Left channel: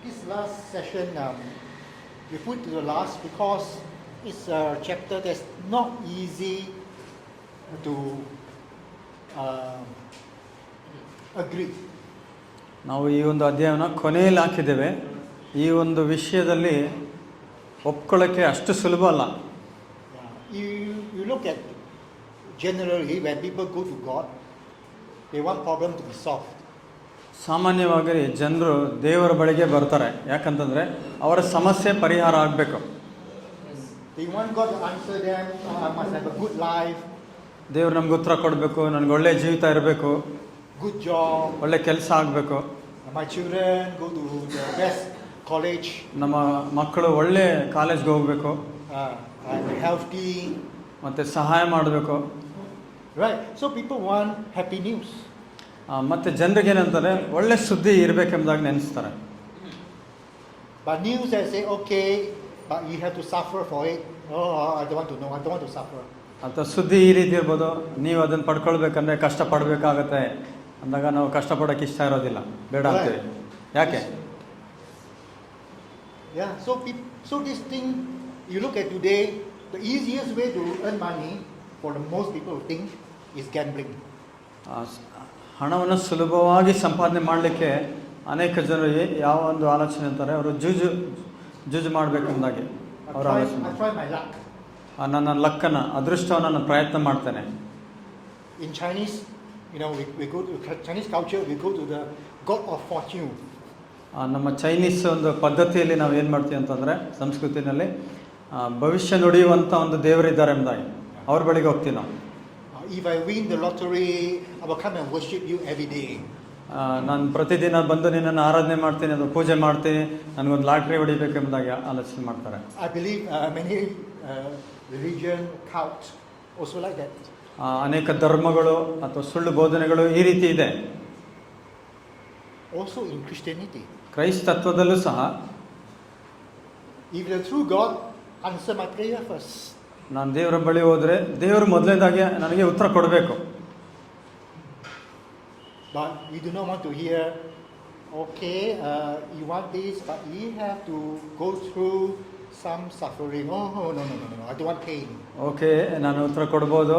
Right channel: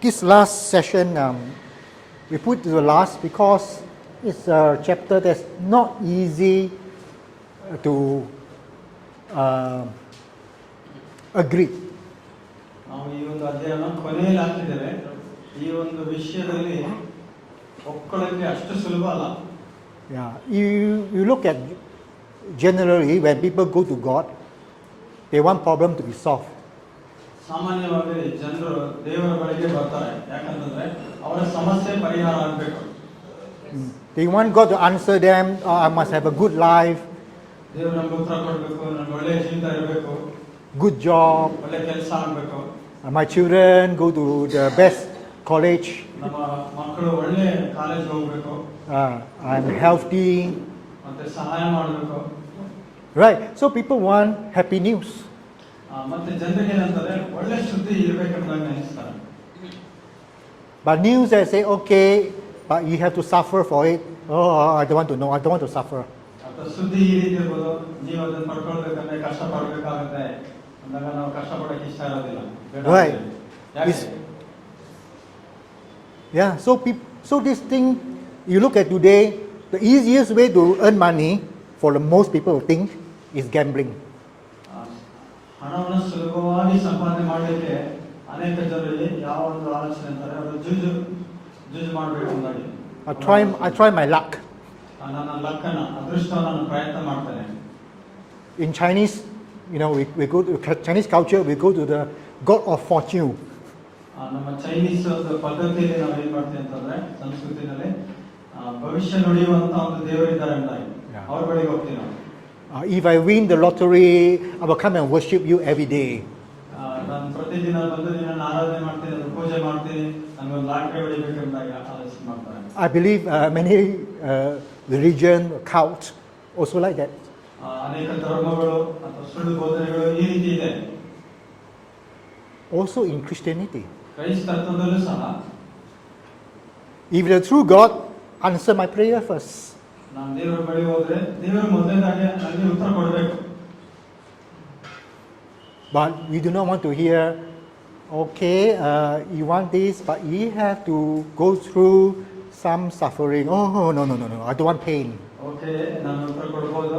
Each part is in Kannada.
This last session, we put to the last because it's a chapter that's not easy to agree. ನಾವು ಈ ಒಂದು ಅಧ್ಯಾಯನ ಕೊನೆಯಲ್ಲಿ ಹಾಕಿದ್ದೇವೆ. ಈ ಒಂದು ವಿಷಯದಲ್ಲಿ ಒಪ್ಕೊಳ್ಳೋಕ್ಕೆ ಅಷ್ಟು ಸುಲಭ ಅಲ್ಲ. Yeah, you look at generally when people go to God, they want problem to be solved. ಸಾಮಾನ್ಯವಾಗಿ ಜನರು ದೇವರ ಬಳಿಗೆ ಬರ್ತಾರೆ, ಯಾಕಂತಂದ್ರೆ ಅವರ ಸಮಸ್ಯೆ ಪರಿಹಾರ ಆಗಬೇಕು. They want God to answer them. I must have a good life. ದೇವರು ನಮ್ಗೆ ಉತ್ತರ ಕೊಡಬೇಕು, ನನಗೆ ಒಳ್ಳೆ ಜೀವಿತ ಇರಬೇಕು, good job, ಒಳ್ಳೆ ಕೆಲಸ ಆಗಬೇಕು, my children go to the best college, ನಮ್ಮ ಮಕ್ಕಳು ಒಳ್ಳೆ ಕಾಲೇಜ್ಗೆ ಹೋಗಬೇಕು, I'm healthy, ಮತ್ತೆ ಸಹಾಯ ಮಾಡಬೇಕು. right? So people want happy news. ಮತ್ತೆ ಜನರಿಗೆ ಏನಂತಾರೆ, ಒಳ್ಳೆ ಸುದ್ದಿ ಇರಬೇಕೆಂಬುದಾಗಿ ನೆನೆಸ್ತಾರೆ. But news that say okay, but you have to suffer for it. Oh, I don't want to know. I don't want to suffer. ಅಥವಾ ಸುದ್ದಿ ಈ ರೀತಿ ಇರ್ಬೋದು, ನೀವು ಅದನ್ನು ಪಡ್ಕೊಳ್ಬೇಕಂದ್ರೆ ಕಷ್ಟ ಪಡಬೇಕಾಗತ್ತೆ ಅಂದಾಗ ನಾವು ಕಷ್ಟಪಡೋಕೆ ಇಷ್ಟ ಇರೋದಿಲ್ಲ, ಬೇಡ. Right. ಯಾಕೆ? Yeah. So this thing you look at today, the easiest way to earn money for the most people think is gambling. ಹಣವನ್ನು ಸುಲಭವಾಗಿ ಸಂಪಾದನೆ ಮಾಡಲಿಕ್ಕೆ ಅನೇಕ ಜನರು ಯಾವ ಒಂದು ಆಲೋಚನೆ ಅಂತಾರೆ, ಅವರು ಜೂಜು ಮಾಡಬೇಕೆಂದಾಗಿ I try my luck. ನನ್ನ ಲಕ್ಕನ್ನು, ಅದೃಷ್ಟವನ್ನು ನಾನು ಪ್ರಯತ್ನ ಮಾಡ್ತೇನೆ. In Chinese, we go to Chinese culture, we go to the god of fortune. ನಮ್ಮ ಚೈನೀಸ್ ಒಂದು ಪದ್ಧತಿಯಲ್ಲಿ ನಾವು ಏನು ಮಾಡ್ತೀವಿ ಅಂತಂದರೆ, ಸಂಸ್ಕೃತಿನಲ್ಲಿ ಭವಿಷ್ಯ ನುಡಿಯುವಂಥ ಒಂದು ದೇವರಿದ್ದಾರೆ ಎಂಬುದಾಗಿ ಅವ್ರ ಬಳಿಗೆ ಹೋಗ್ತೀವಿ ನಾವು. If I win the lottery, I will come and worship you every day. ನಾನು ಪ್ರತಿದಿನ ಬಂದು ನಿನ್ನನ್ನು ಆರಾಧನೆ ಮಾಡ್ತೀನಿ, ಅದು ಪೂಜೆ ಮಾಡ್ತೀನಿ, ನನಗೊಂದು ಲಾಟ್ರಿ ಹೊಡಿಬೇಕೆಂಬುದಾಗಿ ಆಲೋಚನೆ ಮಾಡ್ತಾರೆ. I believe many religion, cult also like that. ಅನೇಕ ಧರ್ಮಗಳು ಅಥವಾ ಸುಳ್ಳು ಬೋಧನೆಗಳು ಈ ರೀತಿ ಇದೆ. Also in Christianity. ಕ್ರೈಸ್ತತ್ವದಲ್ಲೂ ಸಹ, if the true God answer my prayer first. ನಾನು ದೇವರ ಬಳಿ ಹೋದರೆ ದೇವರು ಮೊದಲನೇದಾಗಿ ನನಗೆ ಉತ್ತರ ಕೊಡಬೇಕು. But we do not want to hear, okay, you want this, but you have to go through some suffering. Oh, no, I don't want pain. Okay, ನಾನು ಉತ್ತರ ಕೊಡ್ಬೋದು,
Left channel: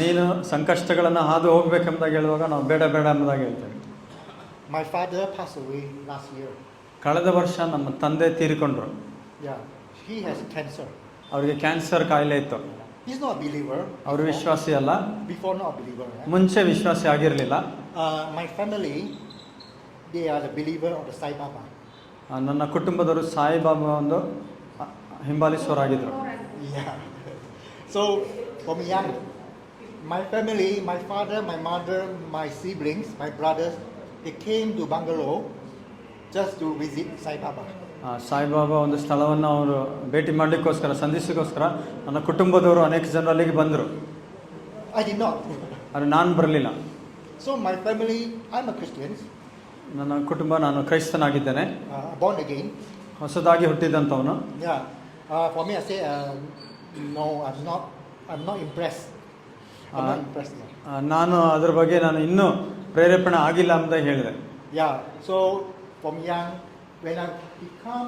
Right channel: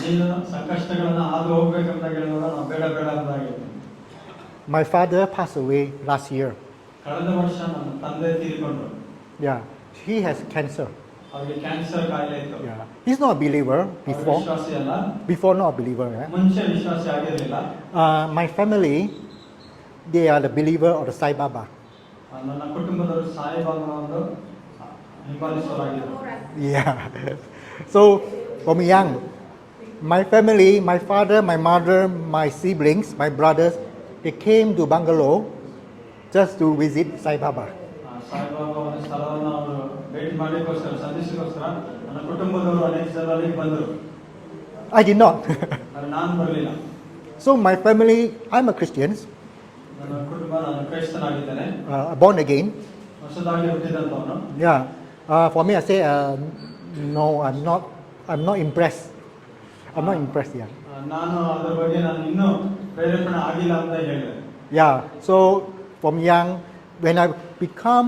ನೀನು ಸಂಕಷ್ಟಗಳನ್ನು ಹಾದು ಹೋಗ್ಬೇಕೆಂಬುದಾಗಿ ಹೇಳುವಾಗ ನಾವು ಬೇಡ ಎಂಬುದಾಗಿ ಹೇಳ್ತೇವೆ. My father passed away last year. ಕಳೆದ ವರ್ಷ ನಮ್ಮ ತಂದೆ ತೀರಿಕೊಂಡ್ರು. Yeah, he has cancer. ಅವರಿಗೆ ಕ್ಯಾನ್ಸರ್ ಕಾಯಿಲೆ ಇತ್ತು. He's not a believer. ಅವರು ವಿಶ್ವಾಸಿ ಅಲ್ಲ. Before not a believer. ಮುಂಚೆ ವಿಶ್ವಾಸಿ ಆಗಿರಲಿಲ್ಲ. My family, they are the believer of the Sai Baba. ನನ್ನ ಕುಟುಂಬದವರು ಸಾಯಿಬಾಬಾ ಒಂದು ಹಿಂಬಾಲಿಸುವರಾಗಿದ್ದರು. Yeah. So from young, my family, my father, my mother, my siblings, my brothers, they came to Bangalore just to visit Sai Baba. Saibaba ಒಂದು ಸ್ಥಳವನ್ನು ಅವರು ಭೇಟಿ ಮಾಡಲಿಕ್ಕೋಸ್ಕರ, ಸಂಧಿಸೋಕ್ಕೋಸ್ಕರ ನನ್ನ ಕುಟುಂಬದವರು ಅನೇಕ ಜನ ಅಲ್ಲಿಗೆ ಬಂದರು. I did not. ನಾನು ಬರಲಿಲ್ಲ. So my family, I'm a Christian. ನನ್ನ ಕುಟುಂಬ, ನಾನು ಕ್ರೈಸ್ತನಾಗಿದ್ದೇನೆ, born again. ಹೊಸದಾಗಿ ಹುಟ್ಟಿದಂಥವನು. Yeah. For me, I say no. I'm not impressed. I'm not impressed yet. ನಾನು ಅದರ ಬಗ್ಗೆ ನಾನು ಇನ್ನೂ ಪ್ರೇರೇಪಣೆ ಆಗಿಲ್ಲ ಅಂತ ಹೇಳಿದೆ. Yeah. So from young, when I become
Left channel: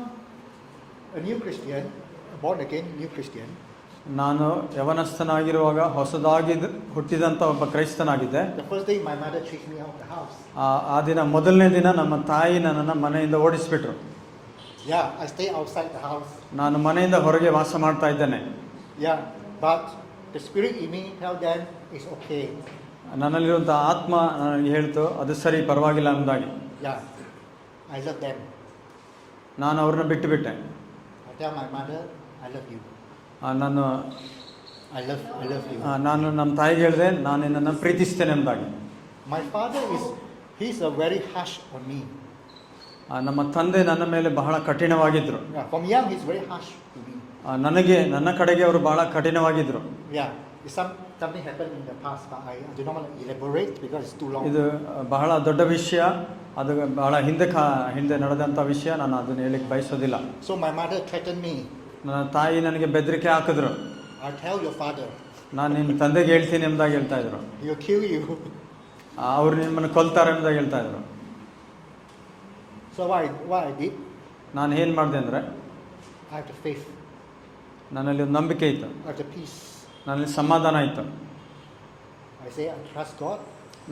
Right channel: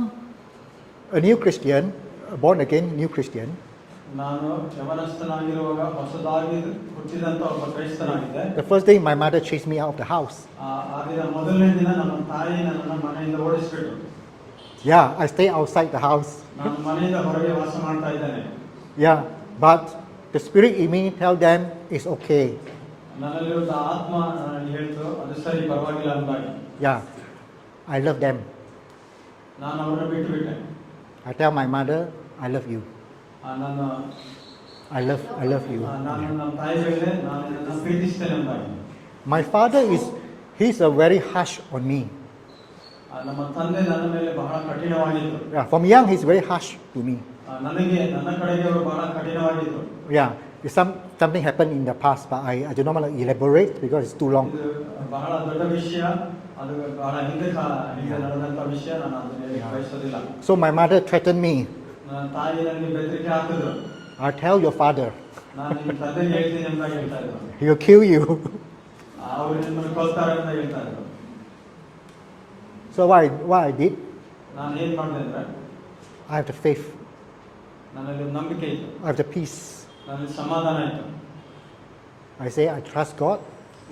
a new Christian, born again new Christian, ನಾನು ಯವನಸ್ಥನಾಗಿರುವಾಗ ಹೊಸದಾಗಿ ಹುಟ್ಟಿದಂಥ ಒಬ್ಬ ಕ್ರೈಸ್ತನಾಗಿದ್ದೆ. the first day my mother chased me out of the house. ಆ ದಿನ, ಮೊದಲನೇ ದಿನ ನಮ್ಮ ತಾಯಿ ನನ್ನನ್ನು ಮನೆಯಿಂದ ಓಡಿಸಿಬಿಟ್ರು. Yeah, I stay outside the house. ನಾನು ಮನೆಯಿಂದ ಹೊರಗೆ ವಾಸ ಮಾಡ್ತಾ ಇದ್ದೇನೆ. Yeah, but the spirit in me tell them it's okay. ನನ್ನಲ್ಲಿರುವಂಥ ಆತ್ಮ ಹೇಳ್ತು, ಅದು ಸರಿ, ಪರವಾಗಿಲ್ಲ ಅಂದಾಗಿ. Yeah, I love them. ನಾನು ಅವ್ರನ್ನ ಬಿಟ್ಟುಬಿಟ್ಟೆ. I tell my mother, I love you. ನಾನು I love you. ನಾನು ನಮ್ಮ ತಾಯಿಗೆ ಹೇಳಿದೆ, ನಾನು ನಿನ್ನನ್ನು ಪ್ರೀತಿಸ್ತೇನೆ ಎಂಬುದಾಗಿ. My father he's a very harsh on me. ನಮ್ಮ ತಂದೆ ನನ್ನ ಮೇಲೆ ಬಹಳ ಕಠಿಣವಾಗಿದ್ರು. Yeah, from young he's very harsh to me. ನನ್ನ ಕಡೆಗೆ ಅವರು ಬಹಳ ಕಠಿಣವಾಗಿದ್ರು. Yeah, something happened in the past, but I do not want to elaborate because it's too long. ಇದು ಬಹಳ ದೊಡ್ಡ ವಿಷಯ, ಅದು ಬಹಳ ಹಿಂದೆ ನಡೆದಂಥ ವಿಷಯ, ನಾನು ಅದನ್ನು ಹೇಳಲಿಕ್ಕೆ ಬಯಸೋದಿಲ್ಲ. So my mother threatened me. ನನ್ನ ತಾಯಿ ನನಗೆ ಬೆದರಿಕೆ ಹಾಕಿದ್ರು. I'll tell your father. ನಾನು ನಿಮ್ಮ ತಂದೆಗೆ ಹೇಳ್ತೀನಿ ಎಂಬುದಾಗಿ ಹೇಳ್ತಾ ಇದ್ರು. He'll kill you. ಅವರು ನಿಮ್ಮನ್ನು ಕೊಲ್ತಾರೆ ಎಂಬುದಾಗಿ ಹೇಳ್ತಾ ಇದ್ರು. So what I did, ನಾನು ಏನು ಮಾಡಿದೆ ಅಂದರೆ I have the faith, ನನ್ನಲ್ಲಿ ಒಂದು ನಂಬಿಕೆ ಇತ್ತು, I have the peace. ನನ್ನಲ್ಲಿ ಸಮಾಧಾನ ಇತ್ತು. I say I trust God.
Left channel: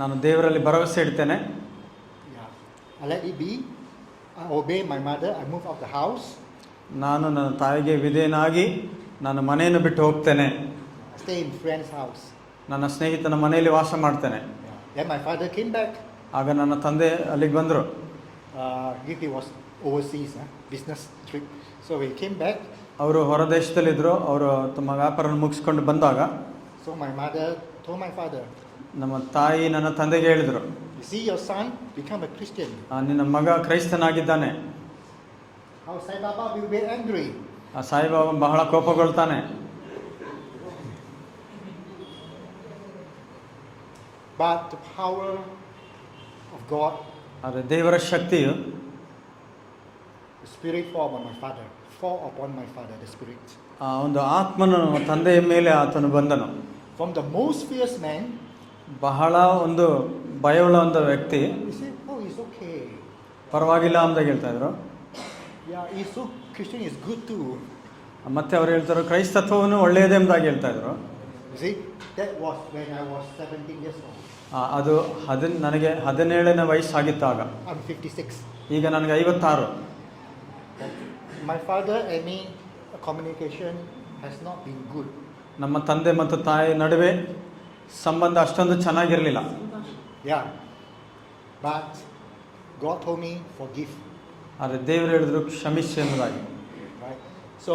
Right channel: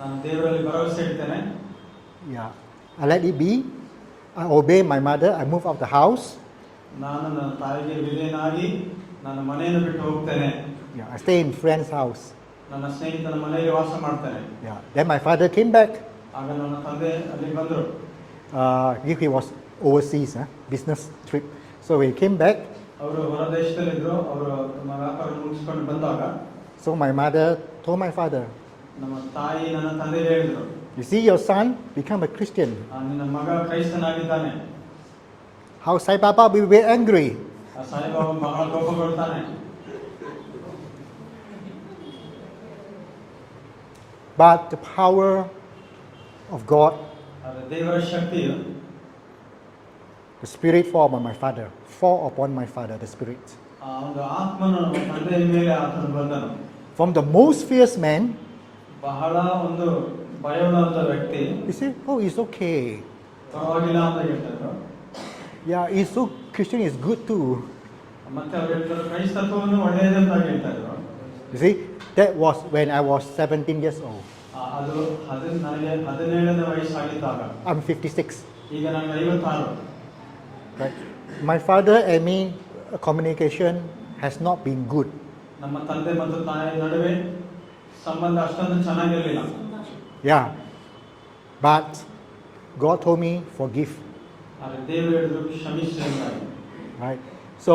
ನಾನು ದೇವರಲ್ಲಿ ಭರವಸೆ ಇಡ್ತೇನೆ. Yeah, I let it be. I obey my mother. I move out the house. ನಾನು ನನ್ನ ತಾಯಿಗೆ ವಿಧೇಯನಾಗಿ ನಾನು ಮನೆಯನ್ನು ಬಿಟ್ಟು ಹೋಗ್ತೇನೆ. Yeah, I stay in friend's house. ನನ್ನ ಸ್ನೇಹಿತನ ಮನೆಯಲ್ಲಿ ವಾಸ ಮಾಡ್ತೇನೆ. Yeah. Then my father came back. ಆಗ ನನ್ನ ತಂದೆ ಅಲ್ಲಿಗೆ ಬಂದರು. He was overseas, business trip. So he came back. ಅವರು ಹೊರದೇಶದಲ್ಲಿದ್ದರು. ಅವರು ತಮ್ಮ ವ್ಯಾಪಾರ ಮುಗಿಸ್ಕೊಂಡು ಬಂದಾಗ So my mother told my father, ನಮ್ಮ ತಾಯಿ ನನ್ನ ತಂದೆಗೆ ಹೇಳಿದರು, you see your son become a Christian. ನಿನ್ನ ಮಗ ಕ್ರೈಸ್ತನಾಗಿದ್ದಾನೆ. How Sai Baba will be angry. ಆ ಸಾಯಿಬಾಬಾ ಬಹಳ ಕೋಪಗೊಳ್ತಾನೆ. But the power of God, ಆದರೆ ದೇವರ ಶಕ್ತಿಯು the spirit fall upon my father, the spirit. ಆ ಒಂದು ಆತ್ಮನು ತಂದೆಯ ಮೇಲೆ ಆತನು ಬಂದನು. From the most fierce man, ಬಹಳ ಒಂದು ಭಯವುಳ್ಳ ಒಂದು ವ್ಯಕ್ತಿ he said, oh, it's okay. ಪರವಾಗಿಲ್ಲ ಅಂತ ಹೇಳ್ತಾ ಇದ್ರು. Yeah, it's so Christian is good too. ಮತ್ತೆ ಅವ್ರು ಹೇಳ್ತಾರೆ ಕ್ರೈಸ್ತತ್ವವನ್ನು ಒಳ್ಳೆಯದೇ ಎಂಬುದಾಗಿ ಹೇಳ್ತಾ ಇದ್ರು. You see, that was when I was 17 years old. ಅದು ನನಗೆ 17ನೇ ವಯಸ್ಸಾಗಿತ್ತಾಗ. I'm 56. ಈಗ ನನಗೆ 56. Right? My father and me communication has not been good. ನಮ್ಮ ತಂದೆ ಮತ್ತು ತಾಯಿ ನಡುವೆ ಸಂಬಂಧ ಅಷ್ಟೊಂದು ಚೆನ್ನಾಗಿರಲಿಲ್ಲ. Yeah, but God told me forgive. ಆದರೆ ದೇವರು ಹೇಳಿದ್ರು ಕ್ಷಮಿಸಿ ಎಂಬುದಾಗಿ. Right? So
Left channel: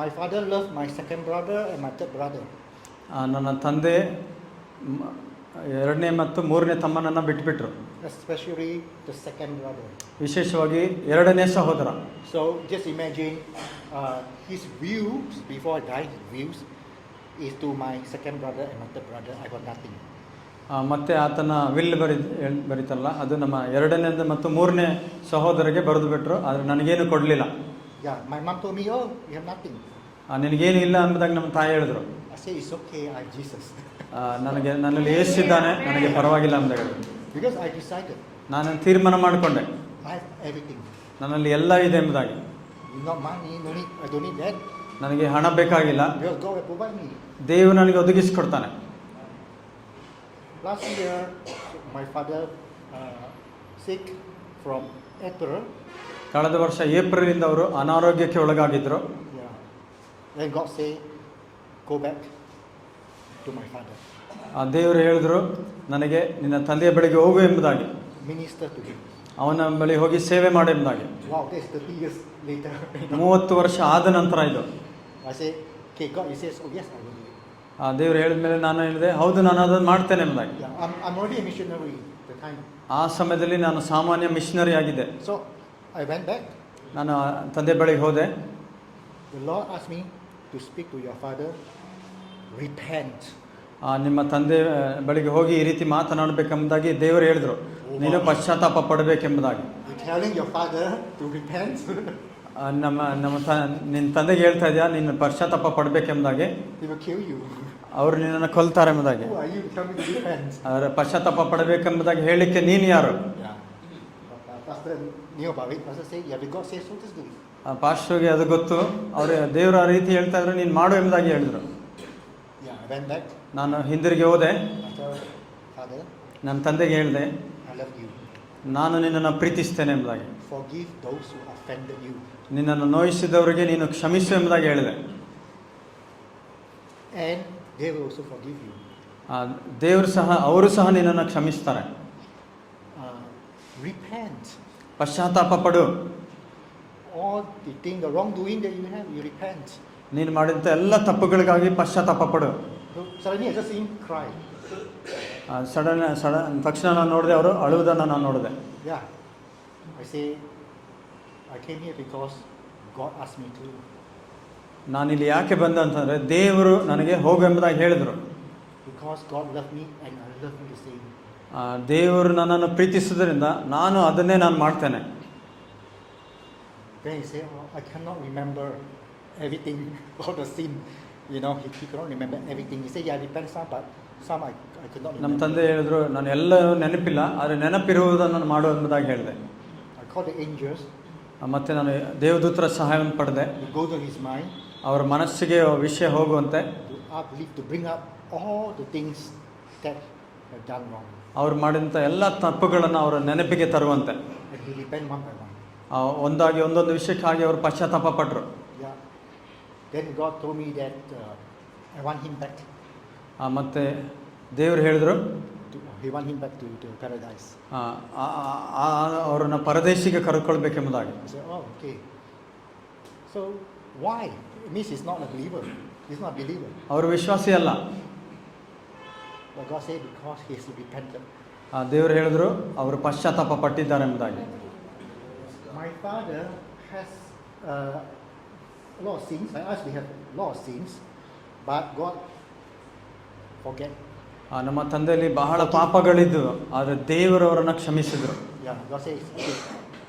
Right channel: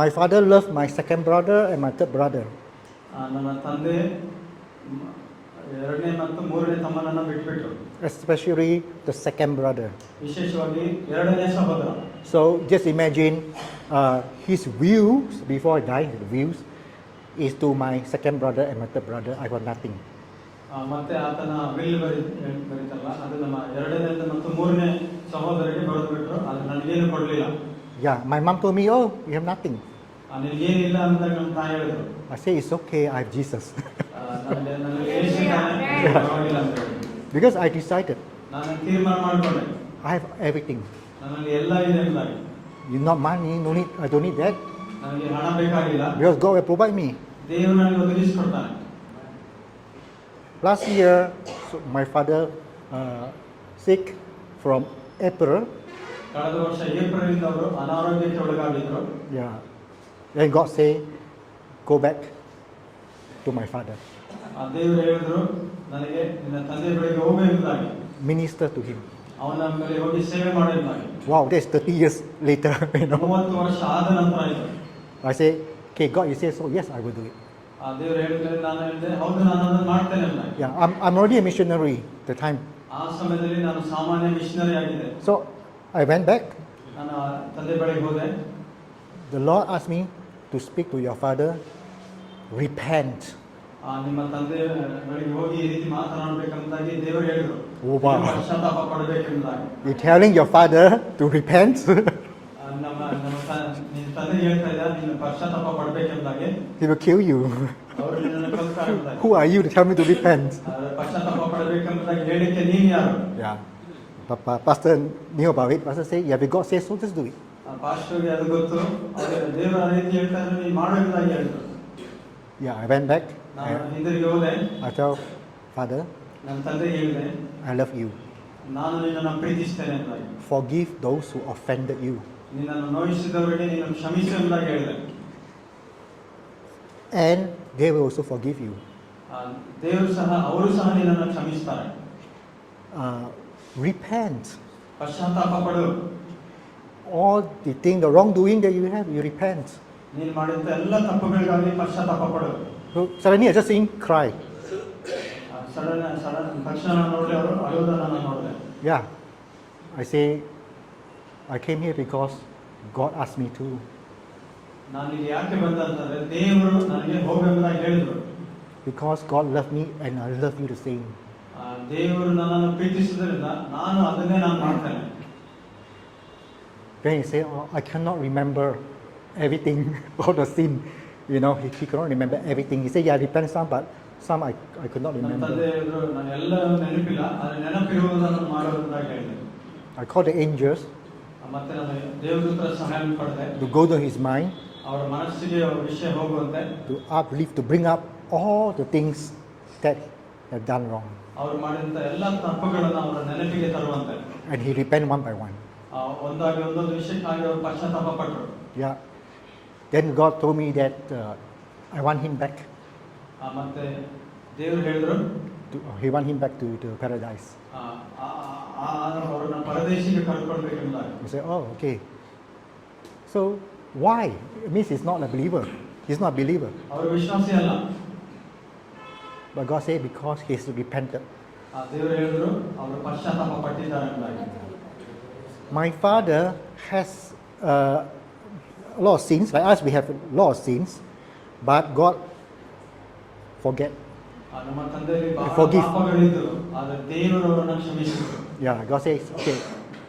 my father loved my second brother and my third brother. ನನ್ನ ತಂದೆ ಎರಡನೇ ಮತ್ತು ಮೂರನೇ ತಮ್ಮನನ್ನು ಬಿಟ್ಟುಬಿಟ್ರು. Especially the second brother. ವಿಶೇಷವಾಗಿ ಎರಡನೇ ಸಹೋದರ. So just imagine his views before I died. The views is to my second brother and my third brother. I got nothing. ಮತ್ತೆ ಆತನ ವಿಲ್ ಬರೀತಾರಲ್ಲ ಅದು ನಮ್ಮ ಎರಡನೇ ಮತ್ತು ಮೂರನೇ ಸಹೋದರಿಗೆ ಬರೆದು ಬಿಟ್ರು. ಆದರೆ ನನಗೇನು ಕೊಡಲಿಲ್ಲ. Yeah, my mom told me, oh, you have nothing. ನಿನಗೇನು ಇಲ್ಲ ಅನ್ನೋದಾಗ ನಮ್ಮ ತಾಯಿ ಹೇಳಿದ್ರು. I say it's okay, I have Jesus. ನನ್ನಲ್ಲಿ ಏಸಿದ್ದಾನೆ, ನನಗೆ ಪರವಾಗಿಲ್ಲ ಅಂತ ಹೇಳಿದ್ರು. Because I decided. ನಾನು ತೀರ್ಮಾನ ಮಾಡಿಕೊಂಡೆ. I have everything. ನನ್ನಲ್ಲಿ ಎಲ್ಲ ಇದೆ ಎಂಬುದಾಗಿ. You not money, no need. I don't need that. ನನಗೆ ಹಣ ಬೇಕಾಗಿಲ್ಲ. Because God will provide me. ದೇವರು ನನಗೆ ಒದಗಿಸಿಕೊಡ್ತಾನೆ. Last year, my father sick from April. ಕಳೆದ ವರ್ಷ ಏಪ್ರಿಲಿಂದ ಅವರು ಅನಾರೋಗ್ಯಕ್ಕೆ ಒಳಗಾಗಿದ್ರು. Yeah. Then God say, go back to my father. ದೇವರು ಹೇಳಿದ್ರು ನನಗೆ ನಿನ್ನ ತಂದೆಯ ಬಳಿಗೆ ಹೋಗು ಎಂಬುದಾಗಿ. Minister to him. ಅವನ ಬಳಿ ಹೋಗಿ ಸೇವೆ ಮಾಡು ಎಂಬುದಾಗಿ. Wow, that's 30 years later. 30 ವರ್ಷ ಆದ ನಂತರ ಇದು. I say, okay, God, you say so. Yes, I will do it. ದೇವರು ಹೇಳಿದ ಮೇಲೆ ನಾನು ಹೇಳಿದೆ ಹೌದು ನಾನು ಅದನ್ನು ಮಾಡ್ತೇನೆ ಎಂಬುದಾಗಿ. Yeah, I'm already a missionary at the time. ಆ ಸಮಯದಲ್ಲಿ ನಾನು ಸಾಮಾನ್ಯ ಮಿಷನರಿ ಆಗಿದ್ದೆ. So I went back. ನಾನು ತಂದೆ ಬಳಿಗೆ ಹೋದೆ. The Lord asked me to speak to your father. Repent. ನಿಮ್ಮ ತಂದೆ ಬಳಿಗೆ ಹೋಗಿ ಈ ರೀತಿ ಮಾತನಾಡಬೇಕೆಂಬುದಾಗಿ ದೇವರು ಹೇಳಿದ್ರು. ನೀನು ಪಶ್ಚಾತ್ತಾಪ ಪಡಬೇಕೆಂಬುದಾಗಿ. You're telling your father to repent? ನಿನ್ನ ತಂದೆಗೆ ಹೇಳ್ತಾ ಇದೆಯಾ ನೀನು ಪಶ್ಚಾತ್ತಾಪ ಪಡಬೇಕೆಂಬುದಾಗಿ. He will kill you. ಅವರು ನಿನ್ನನ್ನು ಕೊಲ್ತಾರೆ ಎಂಬುದಾಗಿ. Who are you to tell me to repent? ಪಶ್ಚಾತ್ತಾಪ ಪಡಬೇಕೆಂಬುದಾಗಿ ಹೇಳಲಿಕ್ಕೆ ನೀನು ಯಾರು? Yeah. Pastor knew about it. Pastor said, yeah, if God says so, just do it. ಪಾಸ್ಟರ್ಗೆ ಅದು ಗೊತ್ತು. ಅವರು ದೇವರು ಆ ರೀತಿ ಹೇಳ್ತಾ ಇದ್ರು ನೀನು ಮಾಡು ಎಂಬುದಾಗಿ ಹೇಳಿದ್ರು. Yeah, I went back. ನಾನು ಹಿಂದಿರುಗಿ ಹೋದೆ. I told Father, ನನ್ನ ತಂದೆಗೆ ಹೇಳಿದೆ I love you. ನಾನು ನಿನ್ನನ್ನು ಪ್ರೀತಿಸ್ತೇನೆ ಎಂಬುದಾಗಿ. Forgive those who offended you. ನಿನ್ನನ್ನು ನೋಯಿಸಿದವರಿಗೆ ನೀನು ಕ್ಷಮಿಸು ಎಂಬುದಾಗಿ ಹೇಳಿದೆ. And they will also forgive you. ಅವರು ಸಹ ನಿನ್ನನ್ನು ಕ್ಷಮಿಸ್ತಾರೆ. Repent. ಪಶ್ಚಾತ್ತಾಪ ಪಡು. All the thing, the wrongdoing that you have, you repent. ನೀನು ಮಾಡಿದಂಥ ಎಲ್ಲ ತಪ್ಪುಗಳಿಗಾಗಿ ಪಶ್ಚಾತ್ತಾಪ ಪಡು. So suddenly I just seen cry. Sudden ತಕ್ಷಣ ನಾನು ನೋಡಿದೆ ಅವರು ಅಳುವುದನ್ನು ನಾನು ನೋಡಿದೆ. Yeah. I say, I came here because God asked me to. ನಾನಿಲ್ಲಿ ಯಾಕೆ ಬಂದೆ ಅಂತಂದರೆ ದೇವರು ನನಗೆ ಹೋಗೆಂಬುದಾಗಿ ಹೇಳಿದರು. Because God loved me and I love you the same. ದೇವರು ನನ್ನನ್ನು ಪ್ರೀತಿಸುವುದರಿಂದ ನಾನು ಅದನ್ನೇ ನಾನು ಮಾಡ್ತೇನೆ. Then he said, oh, I cannot remember everything, all the sin. You know, he cannot remember everything. He said, yeah, repent some, but Some I could not ನಮ್ಮ remember. ತಂದೆ ಹೇಳಿದ್ರು, ನಾನು ಎಲ್ಲ ನೆನಪಿಲ್ಲ, ಆದರೆ ನೆನಪಿರುವುದನ್ನು ಮಾಡು ಎಂಬುದಾಗಿ ಹೇಳಿದೆ. I called the angels ಮತ್ತೆ ನಾನು ದೇವದೂತರ ಸಹಾಯವನ್ನು ಪಡೆದೆ, to go to his mind, ಅವರ ಮನಸ್ಸಿಗೆ ವಿಷಯ ಹೋಗುವಂತೆ, to uplift, to bring up all the things that have done wrong. ಅವರು ಮಾಡಿದಂಥ ಎಲ್ಲ ತಪ್ಪುಗಳನ್ನು ಅವರ ನೆನಪಿಗೆ ತರುವಂತೆ. And he repent one by one. ಒಂದಾಗಿ ಒಂದೊಂದು ವಿಷಯಕ್ಕಾಗಿ ಅವರು ಪಶ್ಚಾತ್ತಾಪ ಪಟ್ಟರು. Yeah. Then God told me that I want him back. ಮತ್ತೆ ದೇವರು ಹೇಳಿದ್ರು, He want him back to paradise. ಅವರನ್ನ ಪರದೇಶಿಗೆ ಕರೆದುಕೊಳ್ಬೇಕೆಂಬುದಾಗಿ. I said, oh, okay. So why? It means he's not a believer. He's not a believer. ಅವರು ವಿಶ್ವಾಸಿ ಅಲ್ಲ. But God said because he's repentant. ದೇವರು ಹೇಳಿದ್ರು, ಅವರು ಪಶ್ಚಾತ್ತಾಪ ಪಟ್ಟಿದ್ದಾರೆ ಎಂಬುದಾಗಿ. My father has a lot of sins. Like us, we have a lot of sins. But God forget. ನಮ್ಮ ತಂದೆಯಲ್ಲಿ ಬಹಳ Forgive. ಪಾಪಗಳಿದ್ದು, ಆದರೆ ದೇವರು ಅವರನ್ನು ಕ್ಷಮಿಸಿದ್ರು. Yeah, God says, okay,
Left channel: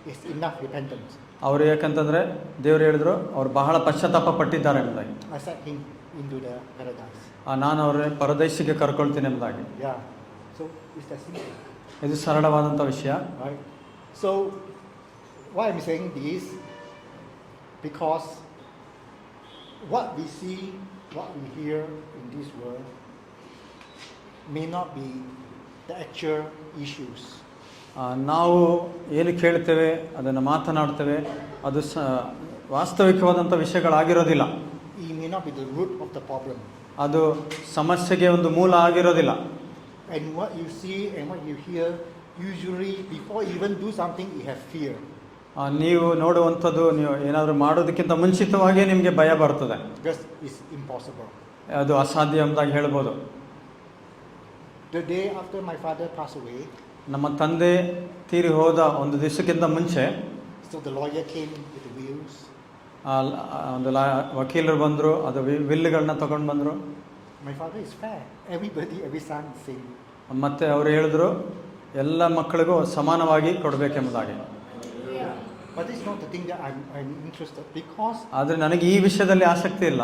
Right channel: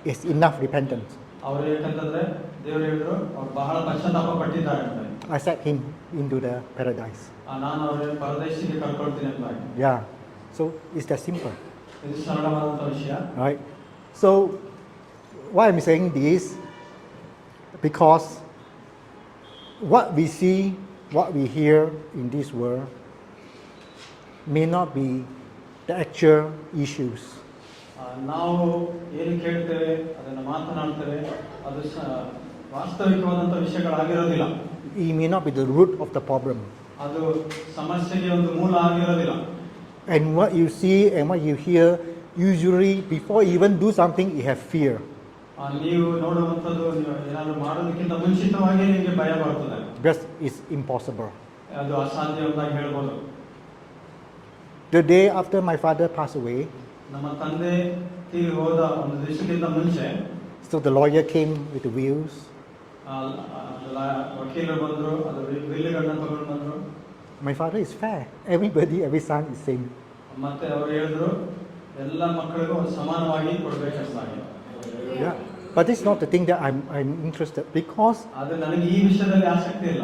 it's enough repentance. ಅವರು ಯಾಕಂತಂದ್ರೆ ದೇವರು ಹೇಳಿದ್ರು, ಅವ್ರು ಬಹಳ ಪಶ್ಚಾತ್ತಾಪ ಪಟ್ಟಿದ್ದಾರೆ ಎಂಬುದಾಗಿ. I set him into the paradise. ನಾನು ಅವರ ಪರದೇಶಿಗೆ ಕರ್ಕೊಳ್ತೀನಿ ಎಂಬುದಾಗಿ. Yeah. So it's that simple. ಇದು ಸರಳವಾದಂಥ ವಿಷಯ. Right? So why I'm saying this? Because what we see, what we hear in this world may not be the actual issues. ನಾವು ಏನು ಕೇಳ್ತೇವೆ, ಅದನ್ನು ಮಾತನಾಡ್ತೇವೆ, ಅದು ವಾಸ್ತವಿಕವಾದಂಥ ವಿಷಯಗಳಾಗಿರೋದಿಲ್ಲ. It may not be the root of the problem. ಅದು ಸಮಸ್ಯೆಗೆ ಒಂದು ಮೂಲ ಆಗಿರೋದಿಲ್ಲ. And what you see and what you hear, usually before you even do something, you have fear. ನೀವು ನೋಡುವಂಥದ್ದು, ನೀವು ಏನಾದರೂ ಮಾಡೋದಕ್ಕಿಂತ ಮುಂಚಿತವಾಗಿಯೇ ನಿಮಗೆ ಭಯ ಬರ್ತದೆ. Because it's impossible. ಅದು ಅಸಾಧ್ಯ ಎಂಬುದಾಗಿ ಹೇಳ್ಬೋದು. The day after my father passed away, ನಮ್ಮ ತಂದೆ ತೀರಿ ಹೋದ ಒಂದು ದಿವಸಕ್ಕಿಂತ ಮುಂಚೆ, so the lawyer came with the wills. ಒಂದು ವಕೀಲರು ಬಂದರು, ಅದು ವಿಲ್ಗಳನ್ನ ತಗೊಂಡು ಬಂದರು. My father is fair. Everybody, every son is same. ಮತ್ತೆ ಅವರು ಹೇಳಿದ್ರು, ಎಲ್ಲ ಮಕ್ಕಳಿಗೂ ಸಮಾನವಾಗಿ ಕೊಡಬೇಕೆಂಬುದಾಗಿ. Yeah. But it's not the thing that I'm interested, because ಆದರೆ ನನಗೆ ಈ ವಿಷಯದಲ್ಲಿ ಆಸಕ್ತಿ ಇಲ್ಲ.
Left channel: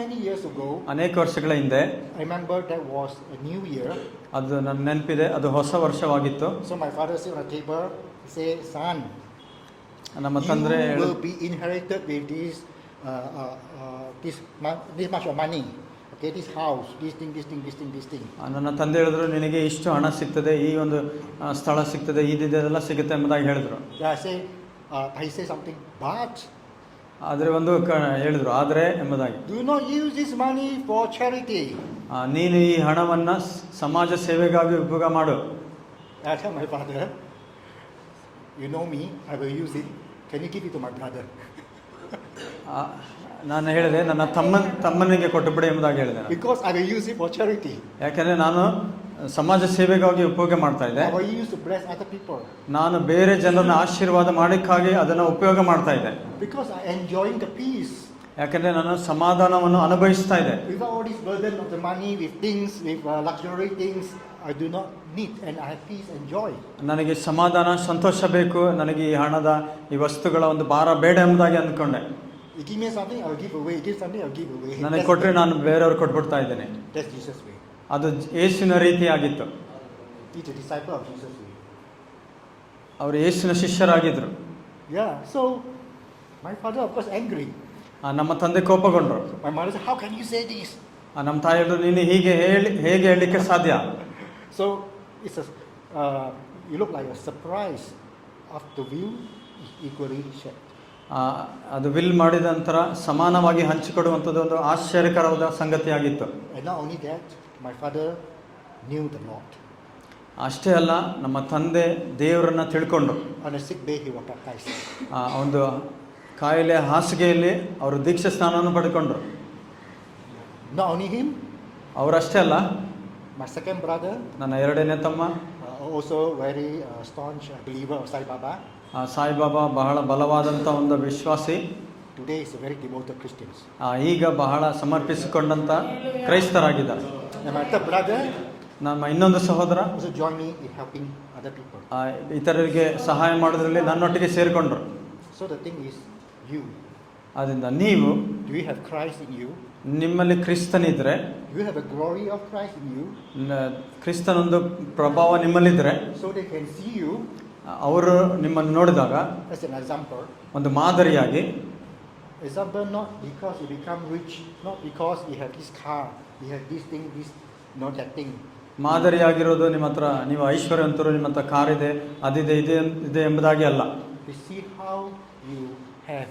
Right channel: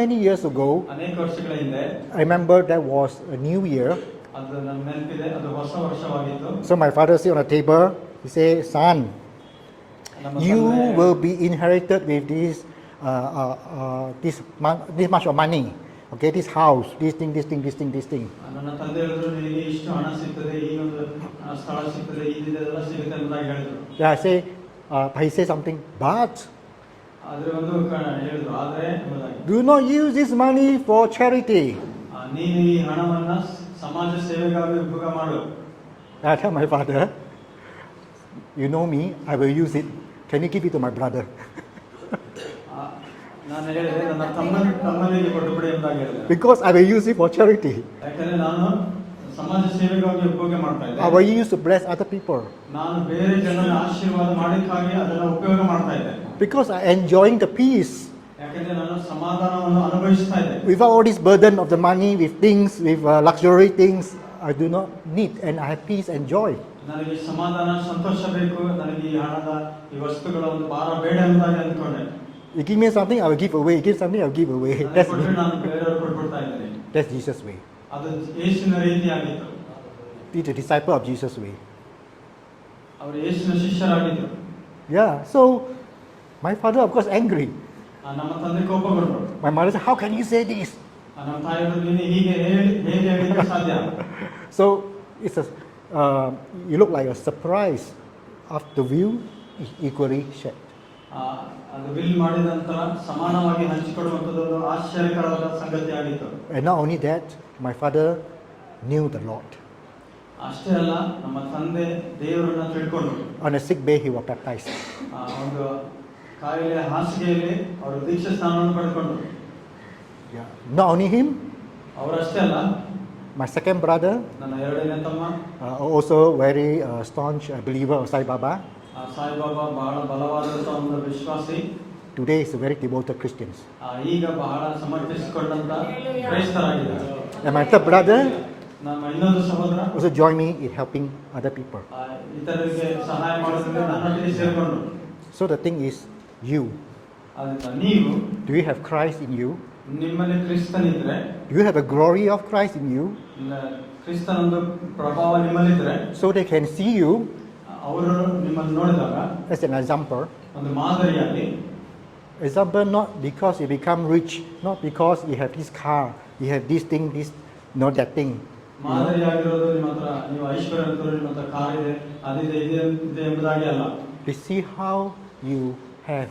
many years ago, ಅನೇಕ ವರ್ಷಗಳ ಹಿಂದೆ, I remember that was a new year. ಅದು ನನ್ನ ನೆನಪಿದೆ, ಅದು ಹೊಸ ವರ್ಷವಾಗಿತ್ತು. So my father sit on a table. He say, "Son, ನಮ್ಮ you ತಂದೆ will be inherited with this much of money. Okay, this house, this thing. ನನ್ನ ತಂದೆ ಹೇಳಿದ್ರು, ನಿನಗೆ ಇಷ್ಟು ಹಣ ಸಿಗ್ತದೆ, ಈ ಒಂದು ಸ್ಥಳ ಸಿಗ್ತದೆ, ಇದೆಲ್ಲ ಸಿಗುತ್ತೆ ಎಂಬುದಾಗಿ ಹೇಳಿದ್ರು. Yeah, I say, he say something, but ಆದರೆ ಒಂದು ಹೇಳಿದ್ರು, ಆದರೆ ಎಂಬುದಾಗಿ. do not use this money for charity. ನೀನು ಈ ಹಣವನ್ನ ಸಮಾಜ ಸೇವೆಗಾಗಿ ಉಪಯೋಗ ಮಾಡು. I tell my father, you know me, I will use it. Can you give it to my brother? ನಾನು ಹೇಳಿದೆ, ನನ್ನ ತಮ್ಮನಿಗೆ ಕೊಟ್ಟುಬಿಡಿ ಎಂಬುದಾಗಿ ಹೇಳಿದೆ. Because I will use it for charity. ಯಾಕಂದ್ರೆ ನಾನು ಸಮಾಜ ಸೇವೆಗಾಗಿ ಉಪಯೋಗ ಮಾಡ್ತಾ ಇದ್ದೆ. I will use to bless other people. ನಾನು ಬೇರೆ ಜನರನ್ನ ಆಶೀರ್ವಾದ ಮಾಡಕ್ಕಾಗಿ ಅದನ್ನ ಉಪಯೋಗ ಮಾಡ್ತಾ ಇದ್ದೆ. Because I enjoying the peace. ಯಾಕಂದ್ರೆ ನಾನು ಸಮಾಧಾನವನ್ನು ಅನುಭವಿಸ್ತಾ ಇದ್ದೆ. Without all this burden of the money, with things, with luxury things, I do not need, and I have peace and joy. ನನಗೆ ಸಮಾಧಾನ, ಸಂತೋಷ ಬೇಕು, ನನಗೆ ಈ ಹಣದ ಈ ವಸ್ತುಗಳ ಒಂದು ಭಾರ ಬೇಡ ಎಂಬುದಾಗಿ ಅಂದ್ಕೊಂಡೆ. You give me something, I will give away. Give something, I will give away. ನನಗೆ ಕೊಟ್ಟರೆ ನಾನು ಬೇರೆಯವ್ರಿಗೆ ಕೊಟ್ಬಿಡ್ತಾ ಇದ್ದೇನೆ. That's Jesus' way. ಅದು ಯೇಸುವಿನ ರೀತಿಯಾಗಿತ್ತು. He's a disciple of Jesus' way. ಅವರು ಯೇಸುವಿನ ಶಿಷ್ಯರಾಗಿದ್ರು. Yeah. So my father, of course, angry. ನಮ್ಮ ತಂದೆ ಕೋಪಗೊಂಡ್ರು. My mother said, "How can you say this?" ನಮ್ಮ ತಾಯಿಯವರು, ನೀನು ಹೇಗೆ ಹೇಳಲಿಕ್ಕೆ ಸಾಧ್ಯ? So it's you look like a surprise of the view is equally shared. ಅದು ವಿಲ್ ಮಾಡಿದ ನಂತರ ಸಮಾನವಾಗಿ ಹಂಚಿಕೊಡುವಂಥದ್ದು ಒಂದು ಆಶ್ಚರ್ಯಕರವಾದ ಸಂಗತಿಯಾಗಿತ್ತು. And not only that, my father knew the Lord. ಅಷ್ಟೇ ಅಲ್ಲ, ನಮ್ಮ ತಂದೆ ದೇವರನ್ನ ತಿಳ್ಕೊಂಡು On a sick bed, he was baptized. ಒಂದು ಕಾಯಿಲೆ ಹಾಸಿಗೆಯಲ್ಲಿ ಅವರು ದೀಕ್ಷಾ ಸ್ನಾನವನ್ನು ಪಡ್ಕೊಂಡ್ರು. Yeah. Not only him, ಅವರಷ್ಟೇ ಅಲ್ಲ, my second brother, ನನ್ನ ಎರಡನೇ ತಮ್ಮ also very staunch believer of Sai Baba. Saibaba ಬಹಳ ಬಲವಾದಂಥ ಒಂದು ವಿಶ್ವಾಸಿ. Today is a very devoted Christians. ಈಗ ಬಹಳ ಸಮರ್ಪಿಸಿಕೊಂಡಂತ ಕ್ರೈಸ್ತರಾಗಿದ್ದಾರೆ. And my third brother ನಮ್ಮ ಇನ್ನೊಂದು ಸಹೋದರ also joined me in helping other people. ಇತರರಿಗೆ ಸಹಾಯ ಮಾಡೋದ್ರಲ್ಲಿ ನನ್ನೊಟ್ಟಿಗೆ ಸೇರಿಕೊಂಡ್ರು. So the thing is, you. ಆದ್ದರಿಂದ ನೀವು, do you have Christ in you? ನಿಮ್ಮಲ್ಲಿ ಕ್ರಿಸ್ತನಿದ್ರೆ, you have the glory of Christ in you, ಕ್ರಿಸ್ತನೊಂದು ಪ್ರಭಾವ ನಿಮ್ಮಲ್ಲಿದ್ರೆ, so they can see you ಅವರು ನಿಮ್ಮನ್ನು ನೋಡಿದಾಗ as an example. ಒಂದು ಮಾದರಿಯಾಗಿ, Example, not because you become rich, not because you have this car, you have this thing, this, not that thing. ಮಾದರಿಯಾಗಿರೋದು ನಿಮ್ಮ ಹತ್ರ ನೀವು ಐಶ್ವರ್ಯವಂತರು, ನಿಮ್ಮ ಹತ್ರ ಕಾರ್ ಇದೆ, ಅದಿದೆ, ಇದೆ ಎಂಬುದಾಗಿ ಅಲ್ಲ. You see how you have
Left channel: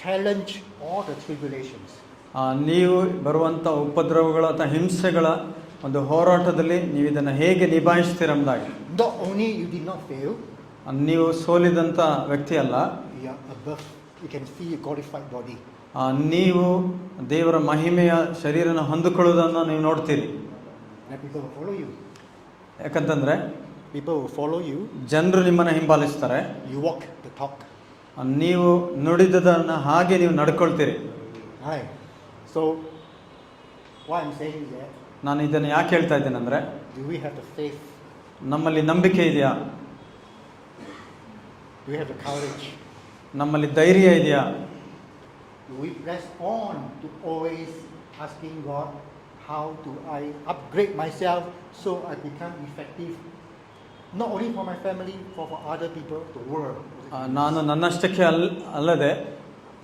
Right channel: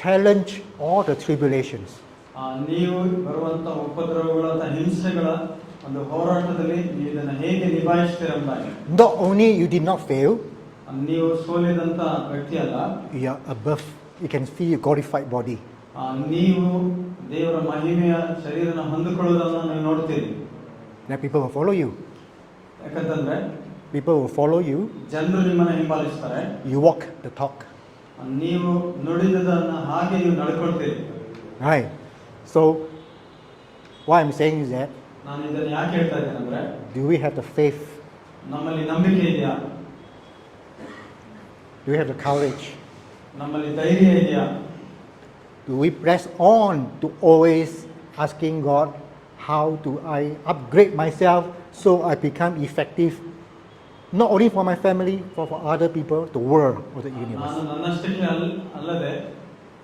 challenged all the tribulations. ನೀವು ಬರುವಂಥ ಉಪದ್ರವಗಳ ಅಥವಾ ಹಿಂಸೆಗಳ ಒಂದು ಹೋರಾಟದಲ್ಲಿ ನೀವು ಇದನ್ನು ಹೇಗೆ ನಿಭಾಯಿಸ್ತೀರೆಂಬುದಾಗಿ. Not only you did not fail, ನೀವು ಸೋಲಿದಂಥ ವ್ಯಕ್ತಿ ಅಲ್ಲ, you are above. You can feel your glorified body. ನೀವು ದೇವರ ಮಹಿಮೆಯ ಶರೀರನ ಹೊಂದಿಕೊಳ್ಳುವುದನ್ನು ನೀವು ನೋಡ್ತೀರಿ. Then people will follow you. ಯಾಕಂತಂದ್ರೆ People will follow you. ಜನರು ನಿಮ್ಮನ್ನು ಹಿಂಬಾಲಿಸ್ತಾರೆ. You walk the talk. ನೀವು ನುಡಿದದನ್ನು ಹಾಗೆ ನೀವು ನಡ್ಕೊಳ್ತೀರಿ. Right. So what I'm saying is that, ನಾನು ಇದನ್ನು ಯಾಕೆ ಹೇಳ್ತಾ ಇದ್ದೇನೆ ಅಂದರೆ, do we have the faith? ನಮ್ಮಲ್ಲಿ ನಂಬಿಕೆ ಇದೆಯಾ? Do we have the courage? ನಮ್ಮಲ್ಲಿ ಧೈರ್ಯ ಇದೆಯಾ? Do we press on to always asking God, how do I upgrade myself so I become effective, not only for my family, for other people, the world, or the universe? ನಾನು ನನ್ನಷ್ಟಕ್ಕೆ ಅಲ್ಲದೆ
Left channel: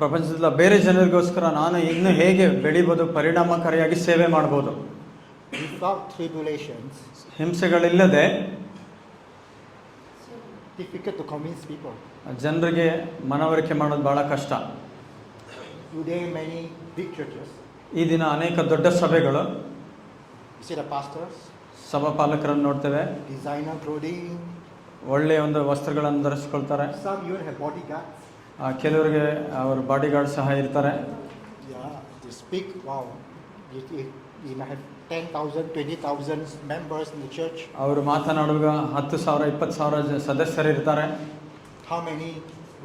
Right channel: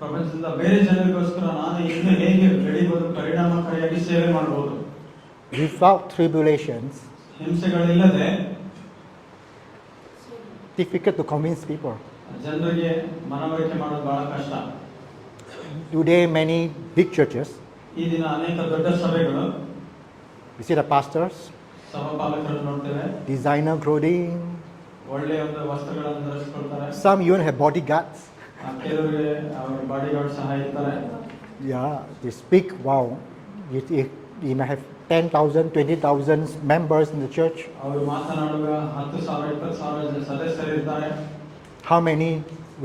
ಪ್ರಪಂಚದ ಬೇರೆ ಜನರಿಗೋಸ್ಕರ ನಾನು ಇನ್ನೂ ಹೇಗೆ ಬೆಳಿಬೋದು, ಪರಿಣಾಮಕಾರಿಯಾಗಿ ಸೇವೆ ಮಾಡ್ಬೋದು. Without tribulations, ಹಿಂಸೆಗಳಿಲ್ಲದೆ difficult to convince people. ಜನರಿಗೆ ಮನವರಿಕೆ ಮಾಡೋದು ಬಹಳ ಕಷ್ಟ. Today, many big churches, ಈ ದಿನ ಅನೇಕ ದೊಡ್ಡ ಸಭೆಗಳು, you see the pastors, ಸಭಾಪಾಲಕರನ್ನು ನೋಡ್ತೇವೆ, designer clothing, ಒಳ್ಳೆಯ ಒಂದು ವಸ್ತ್ರಗಳನ್ನು ಧರಿಸ್ಕೊಳ್ತಾರೆ. some even have bodyguards. ಕೆಲವರಿಗೆ ಅವ್ರ ಬಾಡಿಗಾರ್ಡ್ ಸಹ ಇರ್ತಾರೆ. Yeah, they speak, wow, you may have 10,000, 20,000 members in the church. ಅವರು ಮಾತನಾಡುವಾಗ 10,000, 20,000 ಸದಸ್ಯರು ಇರ್ತಾರೆ. How many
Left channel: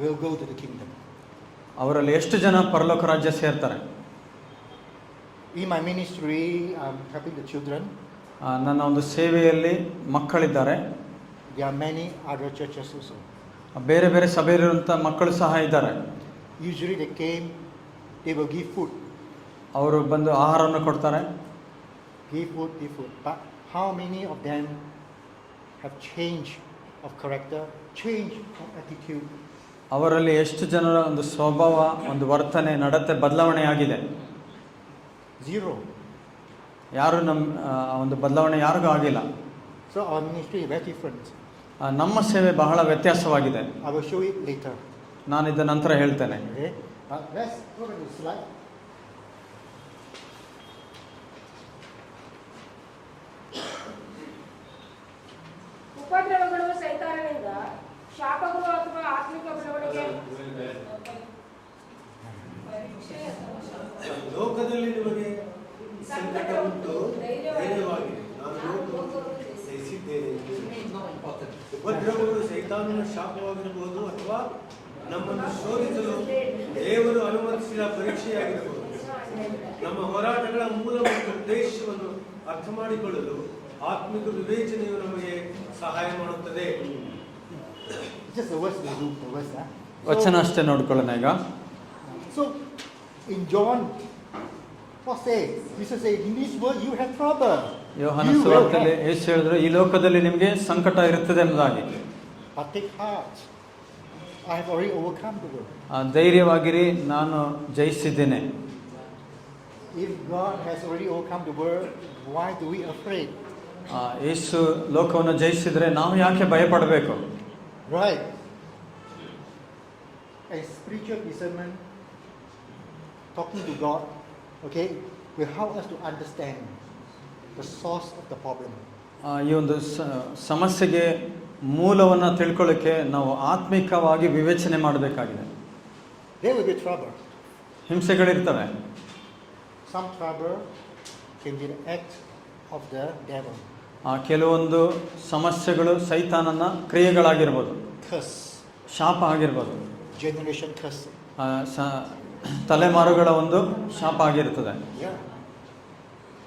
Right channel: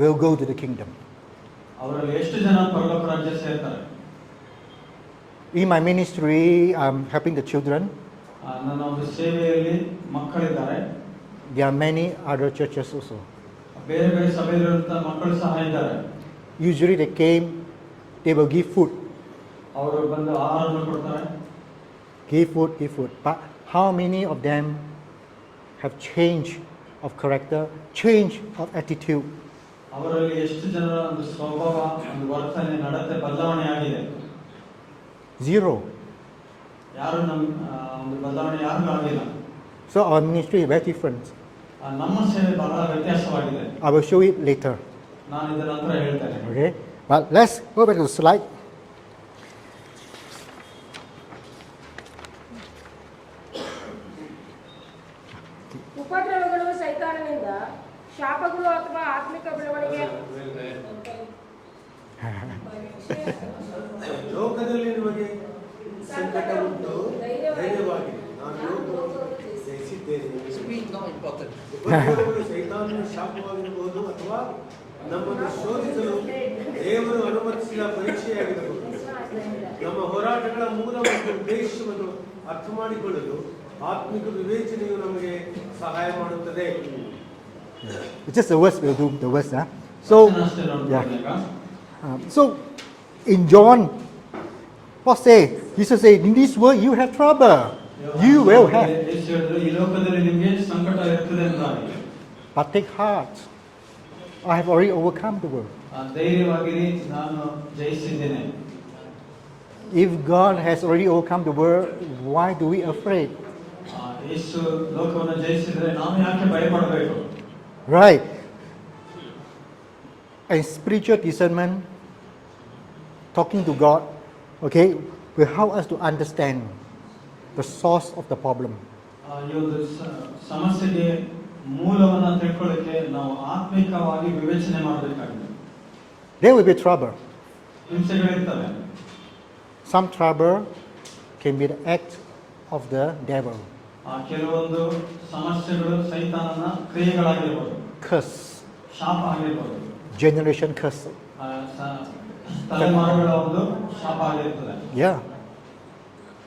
will go to the kingdom? ಅವರಲ್ಲಿ ಎಷ್ಟು ಜನ ಪರಲೋಕ ರಾಜ್ಯ ಸೇರ್ತಾರೆ? In my ministry, I'm helping the children. ನನ್ನ ಒಂದು ಸೇವೆಯಲ್ಲಿ ಮಕ್ಕಳಿದ್ದಾರೆ. There are many other churches also. ಬೇರೆ ಬೇರೆ ಸಭೆಯಲ್ಲಿರುವಂಥ ಮಕ್ಕಳು ಸಹ ಇದ್ದಾರೆ. Usually they came, they will give food. ಅವರು ಬಂದು ಆಹಾರವನ್ನು ಕೊಡ್ತಾರೆ. Give food. But how many of them have change of character, change of attitude? ಅವರಲ್ಲಿ ಎಷ್ಟು ಜನರ ಒಂದು ಸ್ವಭಾವ, ಒಂದು ವರ್ತನೆ, ನಡತೆ ಬದಲಾವಣೆ ಆಗಿದೆ? Zero. ಯಾರು ಒಂದು ಬದಲಾವಣೆ ಯಾರಿಗೂ ಆಗಿಲ್ಲ. So our ministry is very different. ನಮ್ಮ ಸೇವೆ ಬಹಳ ವ್ಯತ್ಯಾಸವಾಗಿದೆ. I will show it later. ನಾನು ಇದರ ನಂತರ ಹೇಳ್ತೇನೆ. Okay. But let's go back to the slide. ಉಪದ್ರವಗಳು ಸೈತಾನನಿಂದ, ಶಾಪಗಳು ಅಥವಾ ಆತ್ಮಿಕ ಬೆಳವಣಿಗೆ. ಲೋಕದಲ್ಲಿ ನಿಮಗೆ ಸಂಕಟ ಉಂಟು, ಧೈರ್ಯವಾಗಿರಿ, ನಾನು ಲೋಕವನ್ನು ಜಯಿಸಿದ್ದೇನೆ. ಉಪದ್ರವಗಳು ಸೈತಾನನ ಶಾಪವಾಗಿರಬಹುದು ಅಥವಾ ನಮ್ಮನ್ನು ಶೋಧಿಸಲು ದೇವರು ಅನುಮತಿಸಿದ ಪರೀಕ್ಷೆಯಾಗಿರಬಹುದು. ನಮ್ಮ ಹೋರಾಟಗಳ ಮೂಲ ಮತ್ತು ಉದ್ದೇಶವನ್ನು ಅರ್ಥ ಮಾಡಿಕೊಳ್ಳಲು ಆತ್ಮಿಕ ವಿವೇಚನೆಯು ನಮಗೆ ಸಹಾಯ ಮಾಡುತ್ತದೆ. Just the words will do the words. ವಚನ ಅಷ್ಟೇ ನೋಡ್ಕೊಳ್ಳೋಣ ಈಗ. So in John, what say? Jesus said, in this world you have trouble. You will have. ಯೇಸು ಹೇಳಿದ್ರು, ಈ ಲೋಕದಲ್ಲಿ ನಿಮಗೆ ಸಂಕಟ ಇರುತ್ತದೆ ಎಂಬುದಾಗಿ. But take heart. I have already overcome the world. ಧೈರ್ಯವಾಗಿರಿ, ನಾನು ಜಯಿಸಿದ್ದೇನೆ. If God has already overcome the world, why do we afraid? ಯೇಸು ಲೋಕವನ್ನು ಜಯಿಸಿದ್ರೆ ನಾವು ಯಾಕೆ ಭಯಪಡಬೇಕು? Right. And spiritual discernment, talking to God, okay, will help us to understand the source of the problem. ಈ ಒಂದು ಸಮಸ್ಯೆಗೆ ಮೂಲವನ್ನು ತಿಳ್ಕೊಳ್ಳಿಕ್ಕೆ ನಾವು ಆತ್ಮಿಕವಾಗಿ ವಿವೇಚನೆ ಮಾಡಬೇಕಾಗಿದೆ. There will be trouble. ಹಿಂಸೆಗಳಿರ್ತವೆ. Some trouble can be the act of the devil. ಕೆಲವೊಂದು ಸಮಸ್ಯೆಗಳು ಸೈತಾನನ ಕ್ರಿಯೆಗಳಾಗಿರ್ಬೋದು. Curse. ಶಾಪ ಆಗಿರ್ಬೋದು. Generation curse. ತಲೆಮಾರುಗಳ ಒಂದು ಶಾಪ ಆಗಿರ್ತದೆ. Yeah.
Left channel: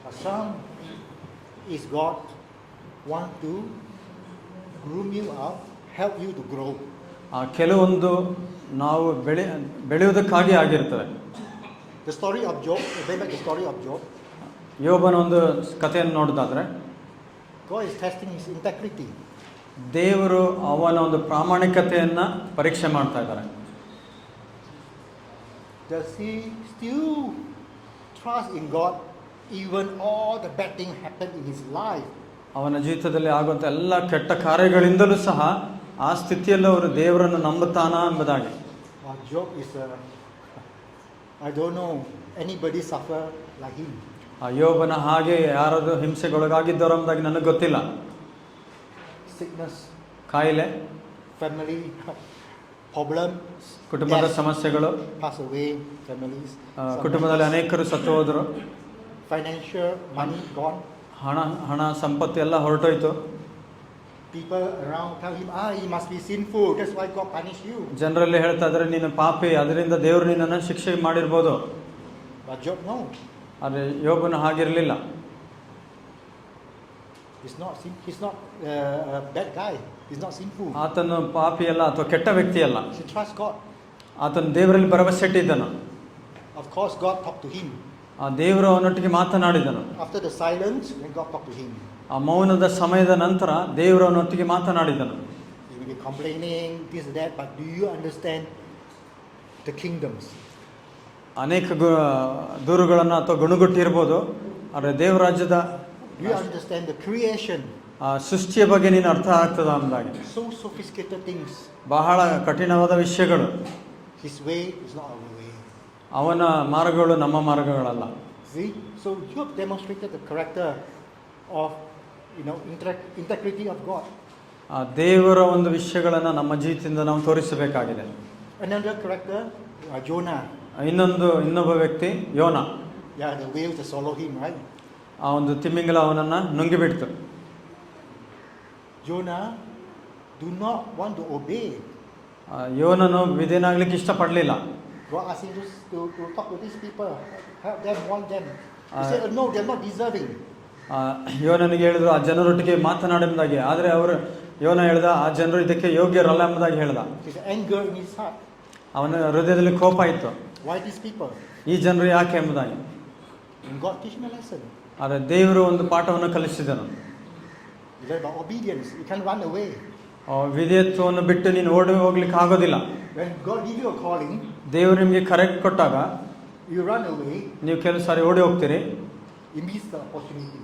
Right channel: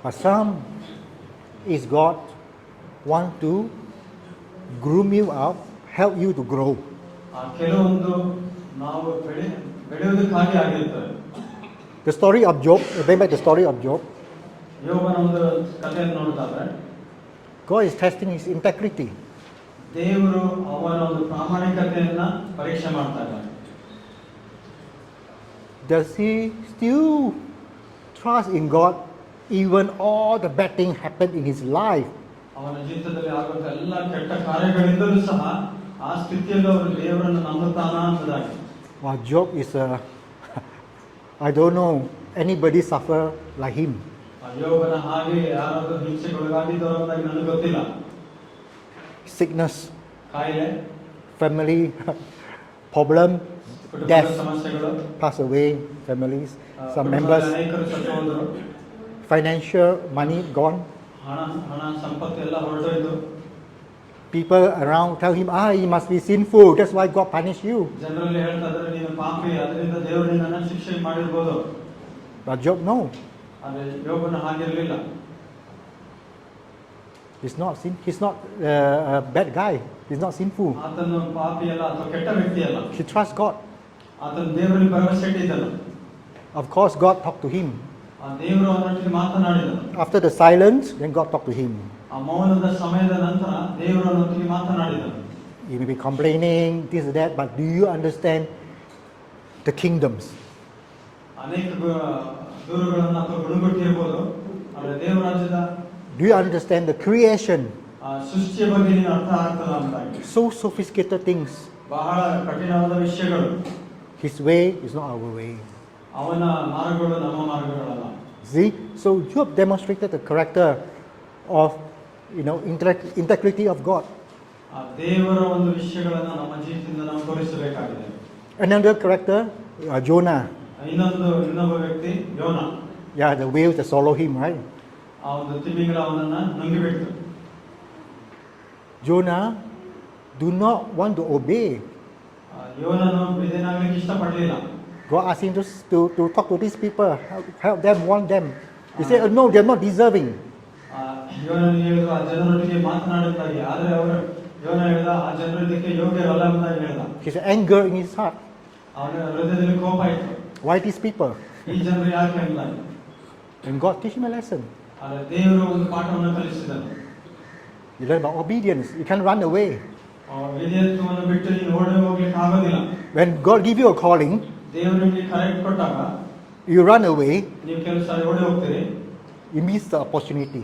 But some is God want to groom you up, help you to grow. ಕೆಲವೊಂದು ನಾವು ಬೆಳೆಯುವುದಕ್ಕಾಗಿ ಆಗಿರ್ತವೆ. The story of Job, going back to the story of Job, ಯೋಬನ ಒಂದು ಕಥೆಯನ್ನು ನೋಡೋದಾದ್ರೆ God is testing his integrity. ದೇವರು ಅವನ ಒಂದು ಪ್ರಾಮಾಣಿಕತೆಯನ್ನ ಪರೀಕ್ಷೆ ಮಾಡ್ತಾ ಇದ್ದಾರೆ. Does he still trust in God even all the bad things happen in his life? ಅವನ ಜೀವಿತದಲ್ಲಿ ಆಗುವಂಥ ಎಲ್ಲ ಕೆಟ್ಟ ಕಾರ್ಯಗಳಿಂದಲೂ ಸಹ ಆ ಸ್ಥಿತಿಯಲ್ಲೂ ಅವರು ದೇವರನ್ನು ನಂಬುತ್ತಾನ ಎಂಬುದಾಗಿ. Job is I don't know anybody suffer like him. ಆ ಯೋಬನ ಹಾಗೆ ಯಾರಾದರೂ ಹಿಂಸೆಗೊಳಗಾಗಿದ್ದವರು ಎಂಬುದಾಗಿ ನನಗೆ ಗೊತ್ತಿಲ್ಲ. Sickness, ಕಾಯಿಲೆ, family problem, ಕುಟುಂಬದ death, ಸಮಸ್ಯೆಗಳು, pass away, families, some ಕುಟುಂಬದಲ್ಲಿ members, ಅನೇಕರು ಸತ್ತು ಹೋದರು, financial money gone. ಹಣ ಸಂಪತ್ತು ಎಲ್ಲ ಹೊರಟೋಯ್ತು. People around tell him, he must be sinful, that's why God punish you. ಜನರಲ್ಲಿ ಹೇಳ್ತಾ ಇದ್ದಾರೆ ನೀನು ಪಾಪಿ, ಅದರಿಂದ ದೇವರು ನಿನ್ನನ್ನು ಶಿಕ್ಷೆ ಮಾಡಿರ್ಬೋದು. But Job, no. ಆದರೆ ಯೋಬನ ಹಾಗಿರಲಿಲ್ಲ. He's not a bad guy. He's not sinful. ಆತನು ಪಾಪಿ ಅಲ್ಲ ಅಥವಾ ಕೆಟ್ಟ ವ್ಯಕ್ತಿ ಅಲ್ಲ. He trusts God. ಆತನು ದೇವರಲ್ಲಿ ಭರವಸೆ ಇಟ್ಟಿದ್ದನು. Of course, God talked to him. ಆ ದೇವರು ಅವನೊಟ್ಟಿಗೆ ಮಾತನಾಡಿದನು. After the silence, then God talked to him. ಆ ಮೌನದ ಸಮಯದ ನಂತರ ದೇವರು ಅವನೊಟ್ಟಿಗೆ ಮಾತನಾಡಿದನು. You may be complaining, this, that, but do you understand the kingdoms? ಅನೇಕ ದೂರುಗಳನ್ನು ಅಥವಾ ಗುಣಗುಟ್ಟಿರ್ಬೋದು, ಆದರೆ ದೇವರ ರಾಜ್ಯದ Do you understand the creation? ಸೃಷ್ಟಿಯ ಬಗ್ಗೆ ನೀನು ಅರ್ಥ ಆಗ್ತದ ಅಂದಾಗಿ. So sophisticated things. ಬಹಳ ಕಠಿಣವಾದ ವಿಷಯಗಳು. His way is not our way. ಅವನ ಮಾರ್ಗಗಳು ನಮ್ಮ ಮಾರ್ಗಗಳಲ್ಲ. See? So Job demonstrated the character of integrity of God. ಆ ದೇವರ ಒಂದು ವಿಷಯಗಳನ್ನು ನಮ್ಮ ಜೀವಿತದಿಂದ ನಾವು ತೋರಿಸಬೇಕಾಗಿದೆ. Another character, Jonah. ಇನ್ನೊಬ್ಬ ವ್ಯಕ್ತಿ ಯೋನ. Yeah, the whales that swallow him, right? ಆ ಒಂದು ತಿಮಿಂಗಲ ಅವನನ್ನು ನುಂಗಿಬಿಡ್ತು. Jonah do not want to obey. ಯೋನನು ವಿಧೇಯನಾಗ್ಲಿಕ್ಕೆ ಇಷ್ಟಪಡಲಿಲ್ಲ. God asked him to talk to these people, help them, warn them. He said, no, they're not deserving. ಯೋನನಿಗೆ ಹೇಳಿದ್ರು ಆ ಜನರೊಟ್ಟಿಗೆ ಮಾತನಾಡುವುದಾಗಿ, ಆದರೆ ಯೋನ ಹೇಳ್ದ ಆ ಜನರು ಇದಕ್ಕೆ ಯೋಗ್ಯರಲ್ಲ ಎಂಬುದಾಗಿ ಹೇಳ್ದ. His anger in his heart. ಅವನ ಹೃದಯದಲ್ಲಿ ಕೋಪ ಇತ್ತು. Why these people? ಈ ಜನರು ಯಾಕೆ ಎಂಬುದಾಗಿ. And God teach him a lesson. ಆದರೆ ದೇವರು ಒಂದು ಪಾಠವನ್ನು ಕಲಿಸಿದನು. You learn about obedience. You can't run away. ವಿಧೇಯತ್ವವನ್ನು ಬಿಟ್ಟು ನೀನು ಓಡಿ ಹೋಗ್ಲಿಕ್ಕೆ ಆಗೋದಿಲ್ಲ. When God give you a calling, ದೇವರು ನಿಮಗೆ ಕರೆಕ್ಟ್ ಕೊಟ್ಟಾಗ you run away. ನೀವು ಕೆಲವು ಸಾರಿ ಓಡಿ ಹೋಗ್ತೀರಿ. You miss the opportunity.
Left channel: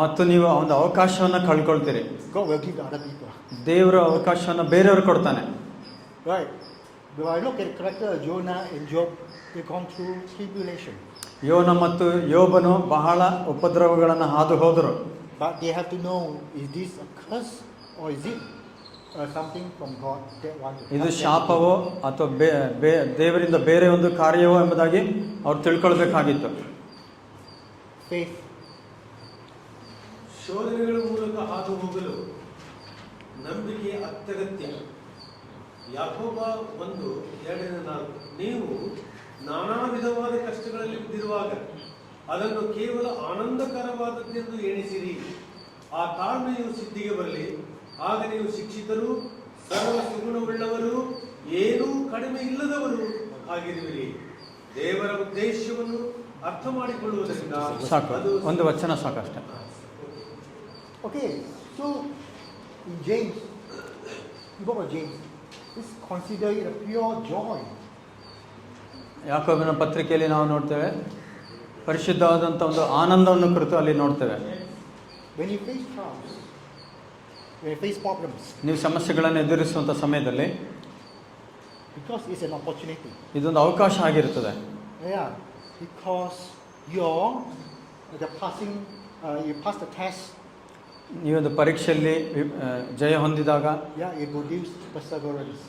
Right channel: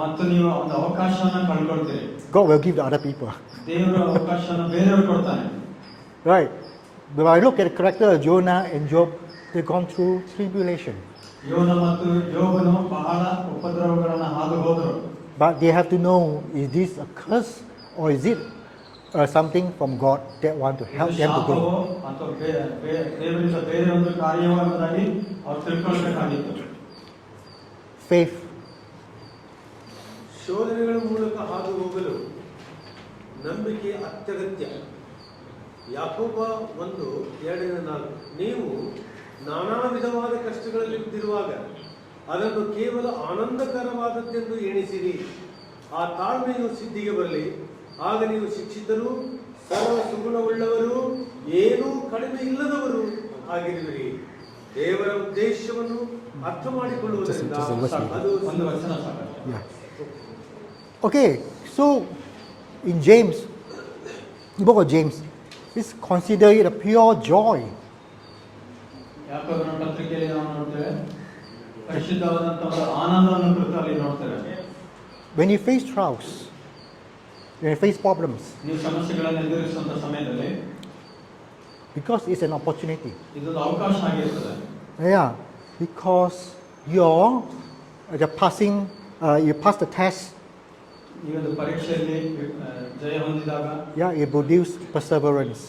ಮತ್ತು ನೀವು ಒಂದು ಅವಕಾಶವನ್ನು ಕಳ್ಕೊಳ್ತೀರಿ. God will give the other people. ದೇವರ ಅವಕಾಶವನ್ನು ಬೇರೆಯವರು ಕೊಡ್ತಾನೆ. Right. But I look at the character of Jonah and Job, they've gone through tribulation. ಯೋನ ಮತ್ತು ಯೋಬನು ಬಹಳ ಉಪದ್ರವಗಳನ್ನು ಹಾದು ಹೋದರು. But they have to know, is this a curse or is it something from God that want to help ಇದು them to ಶಾಪವೋ grow? ಅಥವಾ ದೇವರಿಂದ ಬೇರೆ ಒಂದು ಕಾರ್ಯವೋ ಎಂಬುದಾಗಿ ಅವ್ರು ತಿಳ್ಕೊಳ್ಬೇಕಾಗಿತ್ತು. Faith. ಶೋಧನೆಗಳ ಮೂಲಕ ಹಾದು ಹೋಗಲು ನಂಬಿಕೆ ಅತ್ಯಗತ್ಯ. ಯಾಕೋಬ 1:2-4 ನೀವು ನಾನಾ ವಿಧವಾದ ಕಷ್ಟಗಳಲ್ಲಿ ಬಿದ್ದಿರುವಾಗ ಅದನ್ನು ಕೇವಲ ಆನಂದಕರವಾದದ್ದೆಂದು ಎಣಿಸಿರಿ. ಆ ತಾಳ್ಮೆಯು ಸಿದ್ಧಿಗೆ ಬರಲಿ, ಆಗ ನೀವು ಶಿಕ್ಷಿತರು, ಸರ್ವ ಸುಗುಣವುಳ್ಳವರು, ಏನೂ ಕಡಿಮೆ ಇಲ್ಲದವರು ಆಗಿರುವಿರಿ. ದೇವರ ಉದ್ದೇಶವನ್ನು ಅರ್ಥ ಮಾಡಿಕೊಳ್ಳುವುದರಿಂದ ಅದು ಒಂದು ವಚನ ಸಾಕಷ್ಟೇ. Okay, so in James, the book of James, is consider it a pure joy. ಯಾಕೋಬನ ಪತ್ರಿಕೆಯಲ್ಲಿ ನಾವು ನೋಡ್ತೇವೆ, ಪರಿಶುದ್ಧವಾದಂಥ ಒಂದು ಆನಂದವನ್ನು ಕುರಿತು ಅಲ್ಲಿ ನೋಡ್ತೇವೆ. When you face trials, when you face problems, ನೀವು ಸಮಸ್ಯೆಗಳನ್ನು ಎದುರಿಸುವಂಥ ಸಮಯದಲ್ಲಿ because it's an opportunity. ಇದೊಂದು ಅವಕಾಶ ಆಗಿರ್ತದೆ. Yeah, because you pass the test. ಈ ಒಂದು ಪರೀಕ್ಷೆಯಲ್ಲಿ ಜಯ ಹೊಂದಿದಾಗ You produce perseverance.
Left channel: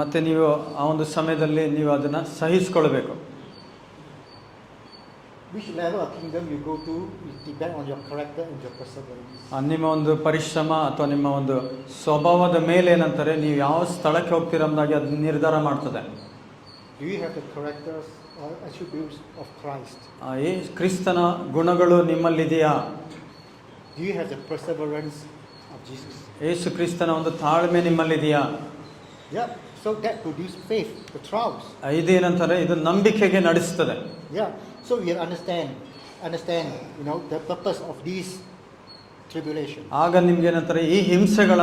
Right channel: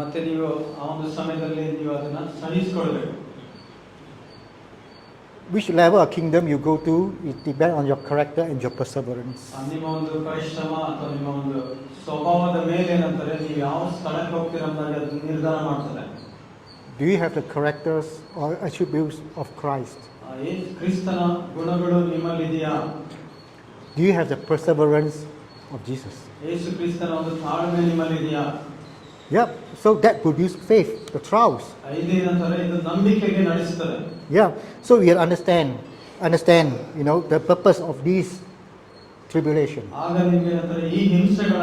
ಮತ್ತೆ ನೀವು ಆ ಒಂದು ಸಮಯದಲ್ಲಿ ನೀವು ಅದನ್ನು ಸಹಿಸಿಕೊಳ್ಬೇಕು. Which level of kingdom you go to, it depends on your character and your perseverance. ನಿಮ್ಮ ಒಂದು ಪರಿಶ್ರಮ ಅಥವಾ ನಿಮ್ಮ ಒಂದು ಸ್ವಭಾವದ ಮೇಲೆ ಏನಂತಾರೆ, ನೀವು ಯಾವ ಸ್ಥಳಕ್ಕೆ ಹೋಗ್ತೀರ ಎಂಬುದಾಗಿ ಅದನ್ನು ನಿರ್ಧಾರ ಮಾಡ್ತದೆ. Do you have the characters or attributes of Christ? ಕ್ರಿಸ್ತನ ಗುಣಗಳು ನಿಮ್ಮಲ್ಲಿದೆಯಾ? Do you have the perseverance of Jesus? ಯೇಸು ಕ್ರಿಸ್ತನ ಒಂದು ತಾಳ್ಮೆ ನಿಮ್ಮಲ್ಲಿದೆಯಾ? Yeah, so that produced faith, the trials. ಇದೇನಂತಾರೆ ಇದು ನಂಬಿಕೆಗೆ ನಡೆಸ್ತದೆ. Yeah, so we understand, the purpose of these tribulation. ಆಗ ನಿಮ್ಗೆ ಏನಂತಾರೆ ಈ ಹಿಂಸೆಗಳ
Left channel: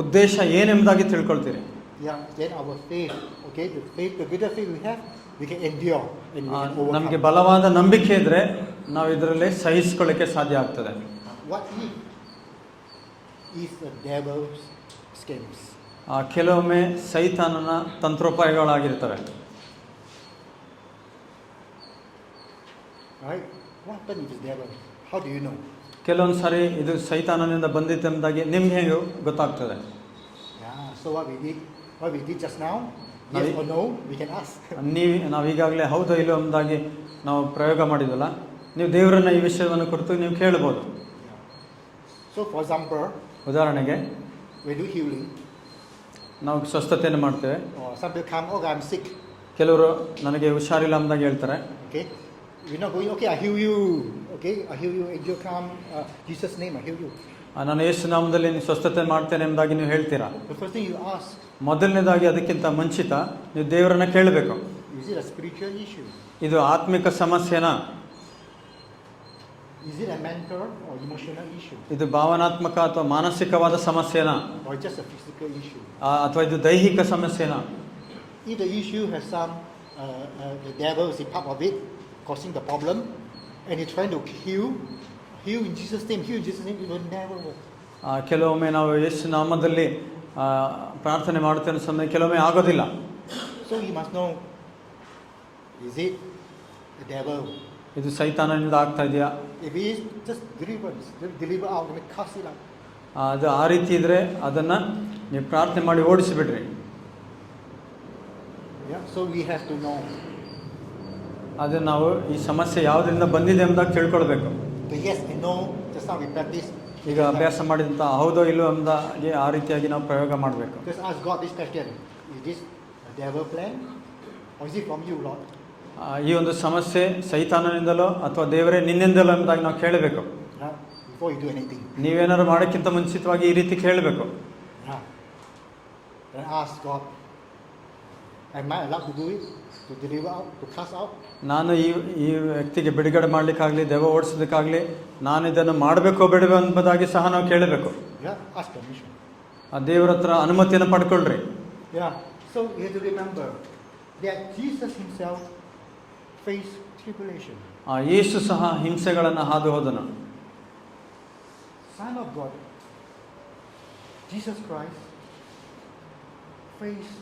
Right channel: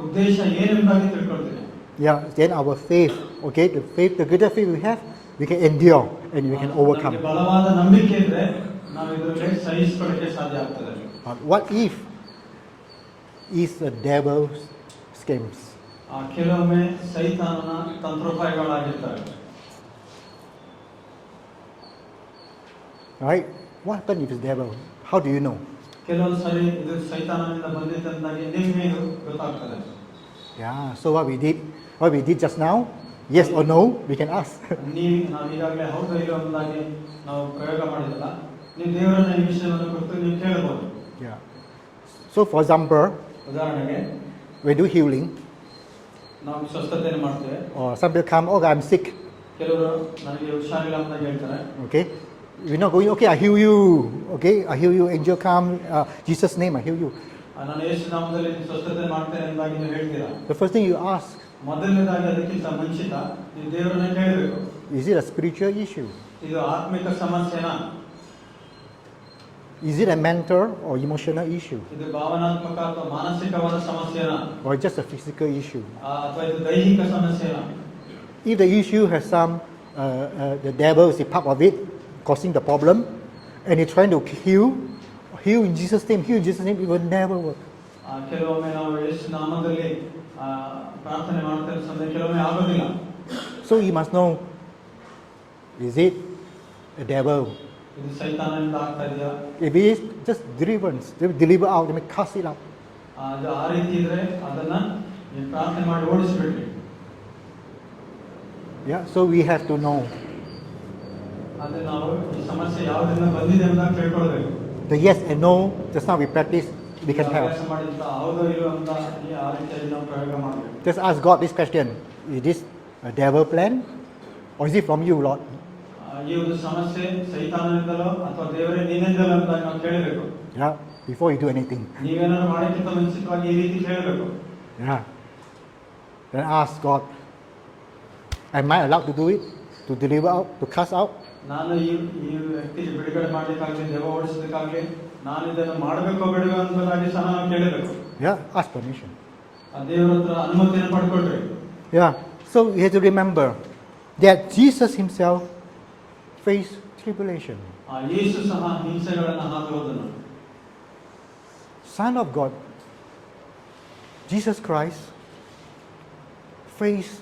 ಉದ್ದೇಶ ಏನೆಂಬುದಾಗಿ ತಿಳ್ಕೊಳ್ತೀರಿ. Yeah, then our faith, okay, the greater faith we have, we can endure and we can ನಮಗೆ overcome. ಬಲವಾದ ನಂಬಿಕೆ ಇದ್ರೆ ನಾವು ಇದರಲ್ಲಿ ಸಹಿಸಿಕೊಳ್ಳಕ್ಕೆ ಸಾಧ್ಯ ಆಗ್ತದೆ. But what if is the devil's schemes? ಕೆಲವೊಮ್ಮೆ ಸೈತಾನನ ತಂತ್ರೋಪಾಯಗಳಾಗಿರ್ತವೆ. Right? What happens if it's devil? How do you know? ಕೆಲವೊಂದು ಸಾರಿ ಇದು ಸೈತಾನನಿಂದ ಬಂದಿತ್ತೆಂಬುದಾಗಿ ನಿಮ್ಗೆ ಗೊತ್ತಾಗ್ತದೆ. Yeah, so what we did just now, yes or no, we can ask. ನಾವು ಈಗಾಗಲೇ ಹೌದೋ ಇಲ್ಲೋ ಎಂಬುದಾಗಿ ನಾವು ಪ್ರಯೋಗ ಮಾಡಿದಲ್ಲ, ನೀವು ದೇವರನ್ನ ಈ ವಿಷಯವನ್ನು ಕುರಿತು ನೀವು ಕೇಳ್ಬೋದು. Yeah. So for example, ಉದಾಹರಣೆಗೆ we do healing, ನಾವು ಸ್ವಸ್ಥತೆಯನ್ನು ಮಾಡ್ತೇವೆ. or somebody come, oh, I'm sick. ಕೆಲವರು ನನಗೆ ಹುಷಾರಿಲ್ಲ ಎಂಬುದಾಗಿ ಹೇಳ್ತಾರೆ. Okay, we're not going. Okay, I heal you. Okay, I heal you. Angel come, Jesus' name, I heal you. ನಾನು ಯೇಸು ನಾಮದಲ್ಲಿ ಸ್ವಸ್ಥತೆ ಮಾಡ್ತೇನೆ ಎಂಬುದಾಗಿ ನೀವು ಹೇಳ್ತೀರಾ. The first thing you ask, ಮೊದಲನೇದಾಗಿ ಅದಕ್ಕಿಂತ ಮುಂಚಿತ ನೀವು ದೇವರನ್ನ ಕೇಳಬೇಕು. is it a spiritual issue? ಇದು ಆತ್ಮಿಕ ಸಮಸ್ಯೆನಾ? Is it a mental or emotional issue? ಇದು ಭಾವನಾತ್ಮಕ ಅಥವಾ ಮಾನಸಿಕವಾದ ಸಮಸ್ಯೆನಾ? Or just a physical issue? ಅಥವಾ ಇದು ದೈಹಿಕ ಸಮಸ್ಯೆನಾ? If the issue has some, the devil is a part of it, causing the problem, and you're trying to heal in Jesus' name, it will never work. ಕೆಲವೊಮ್ಮೆ ನಾವು ಯೇಸು ನಾಮದಲ್ಲಿ ಪ್ರಾರ್ಥನೆ ಮಾಡುತ್ತೇನೆ ಸಮಯ ಕೆಲವೊಮ್ಮೆ ಆಗೋದಿಲ್ಲ. So you must know, is it a devil? ಇದು ಸೈತಾನನಿಂದ ಆಗ್ತಾ ಇದೆಯಾ? If it is, just deliver out, cast it out. ಅದು ಆ ರೀತಿ ಇದ್ರೆ ಅದನ್ನ ನೀವು ಪ್ರಾರ್ಥನೆ ಮಾಡಿ ಓಡಿಸಿಬಿಡ್ರಿ. Yeah, so we have to know. ಅದು ನಾವು ಈ ಸಮಸ್ಯೆ ಯಾವುದರಿಂದ ಬಂದಿದೆ ಎಂಬುದಾಗಿ ತಿಳ್ಕೊಳ್ಬೇಕು. The yes and no, just now we practice. We ಈಗ can ಅಭ್ಯಾಸ have. ಮಾಡಿದಂತ ಹೌದೋ ಇಲ್ಲೋ ಎಂಬುದಾಗಿ ಆ ರೀತಿಯಾಗಿ ನಾವು ಪ್ರಯೋಗ ಮಾಡಬೇಕು. Just ask God this question: is this a devil plan, or is it from you, Lord? ಈ ಒಂದು ಸಮಸ್ಯೆ ಸೈತಾನನಿಂದಲೋ ಅಥವಾ ದೇವರೇ ನಿನ್ನಿಂದಲೋ ಎಂಬುದಾಗಿ ನಾವು ಕೇಳಬೇಕು. Yeah, before you do anything. ನೀವೇನಾದ್ರು ಮಾಡೋಕ್ಕಿಂತ ಮುಂಚಿತವಾಗಿ ಈ ರೀತಿ ಕೇಳಬೇಕು. Yeah. Then ask God, am I allowed to do it? To deliver out, to cast out? ನಾನು ಈ ವ್ಯಕ್ತಿಗೆ ಬಿಡುಗಡೆ ಮಾಡಲಿಕ್ಕಾಗಲಿ ದೆವ್ವ ಓಡಿಸೋದಕ್ಕಾಗಲಿ ನಾನು ಇದನ್ನು ಮಾಡಬೇಕೋ ಬೇಡವೋ ಎಂಬುದಾಗಿ ಸಹ ನಾವು ಕೇಳಬೇಕು. Yeah, ask permission. ಆ ದೇವರ ಹತ್ರ ಅನುಮತಿಯನ್ನು ಪಡ್ಕೊಳ್ರಿ. Yeah, so you have to remember that Jesus himself faced tribulation. ಆ ಯೇಸು ಸಹ ಹಿಂಸೆಗಳನ್ನು ಹಾದು ಹೋದನು. Son of God, Jesus Christ, faced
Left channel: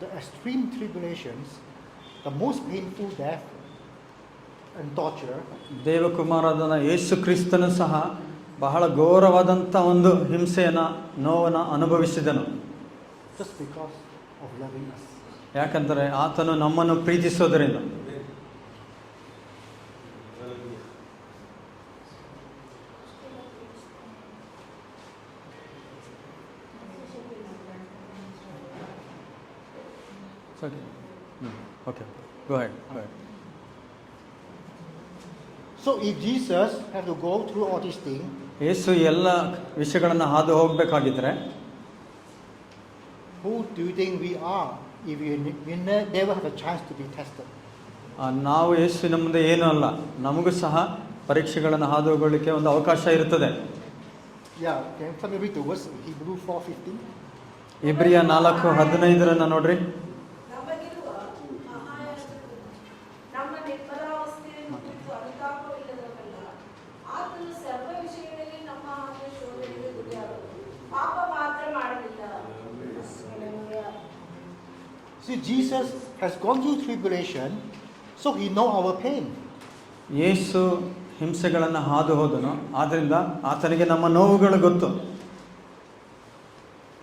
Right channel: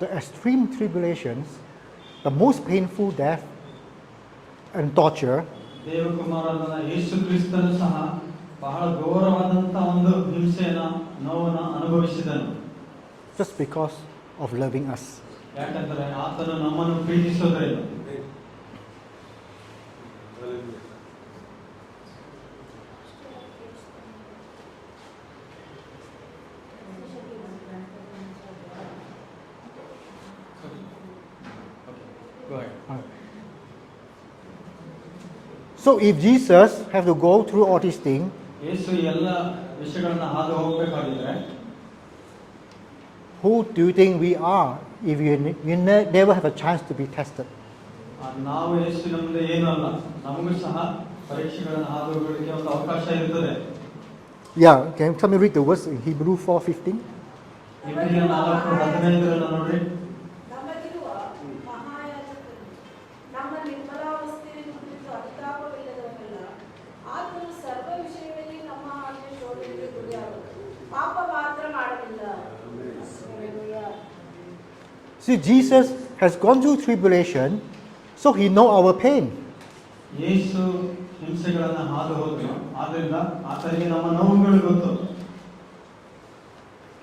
the extreme tribulations, the most painful death and torture, ದೇವಕುಮಾರನ ಯೇಸು ಕ್ರಿಸ್ತನು ಸಹ ಬಹಳ ಘೋರವಾದಂಥ ಒಂದು ಹಿಂಸೆಯನ್ನು ನೋವನ್ನು ಅನುಭವಿಸಿದನು. just because of loving us. ಯಾಕಂದರೆ ಆತನು ನಮ್ಮನ್ನು ಪ್ರೀತಿಸೋದರಿಂದ. Okay, go ahead. So if Jesus have to go through all these things, ಯೇಸು ಎಲ್ಲ ವಿಷಯಗಳನ್ನು ಹಾದು ಹೋಗಬೇಕಾಗಿದ್ರೆ who do you think we are if we never have a chance to be tested? ನಾವು ಯೇಸುವಿನ ಮುಂದೆ ಏನೂ ಅಲ್ಲ, ನಮಗೂ ಸಹ ಪರೀಕ್ಷೆಗಳನ್ನು ಹಾದು ಹೋಗಲಿಕ್ಕೆ ಒಂದು ಅವಕಾಶ ಇರುತ್ತದೆ. Yeah, can you read the verse in Hebrew 4:15? ಇಬ್ರಿಯ 4:15 ನೋಡ್ರಿ. ನಮಗಿರುವ ಮಹಾಯಾಜಕನು ನಮ್ಮ ನಿರ್ಮಲಾವಸ್ಥೆಯನ್ನು ಕುರಿತು ಅನುತಾಪವಿಲ್ಲದವನಲ್ಲ. ಆತನು ಸರ್ವ ವಿಷಯಗಳಲ್ಲಿ ನಮ್ಮ ಹಾಗೆ ಶೋಧನೆಗೆ ಗುರಿಯಾದನು, ಪಾಪ ಮಾತ್ರ ಮಾಡಲಿಲ್ಲ. See, Jesus has gone through tribulation, so he know our pain. ಯೇಸು ಹಿಂಸೆಗಳನ್ನು ಹಾದು ಹೋದನು, ಆದ್ರಿಂದ ಆತನಿಗೆ ನಮ್ಮ ನೋವುಗಳು ಗೊತ್ತು.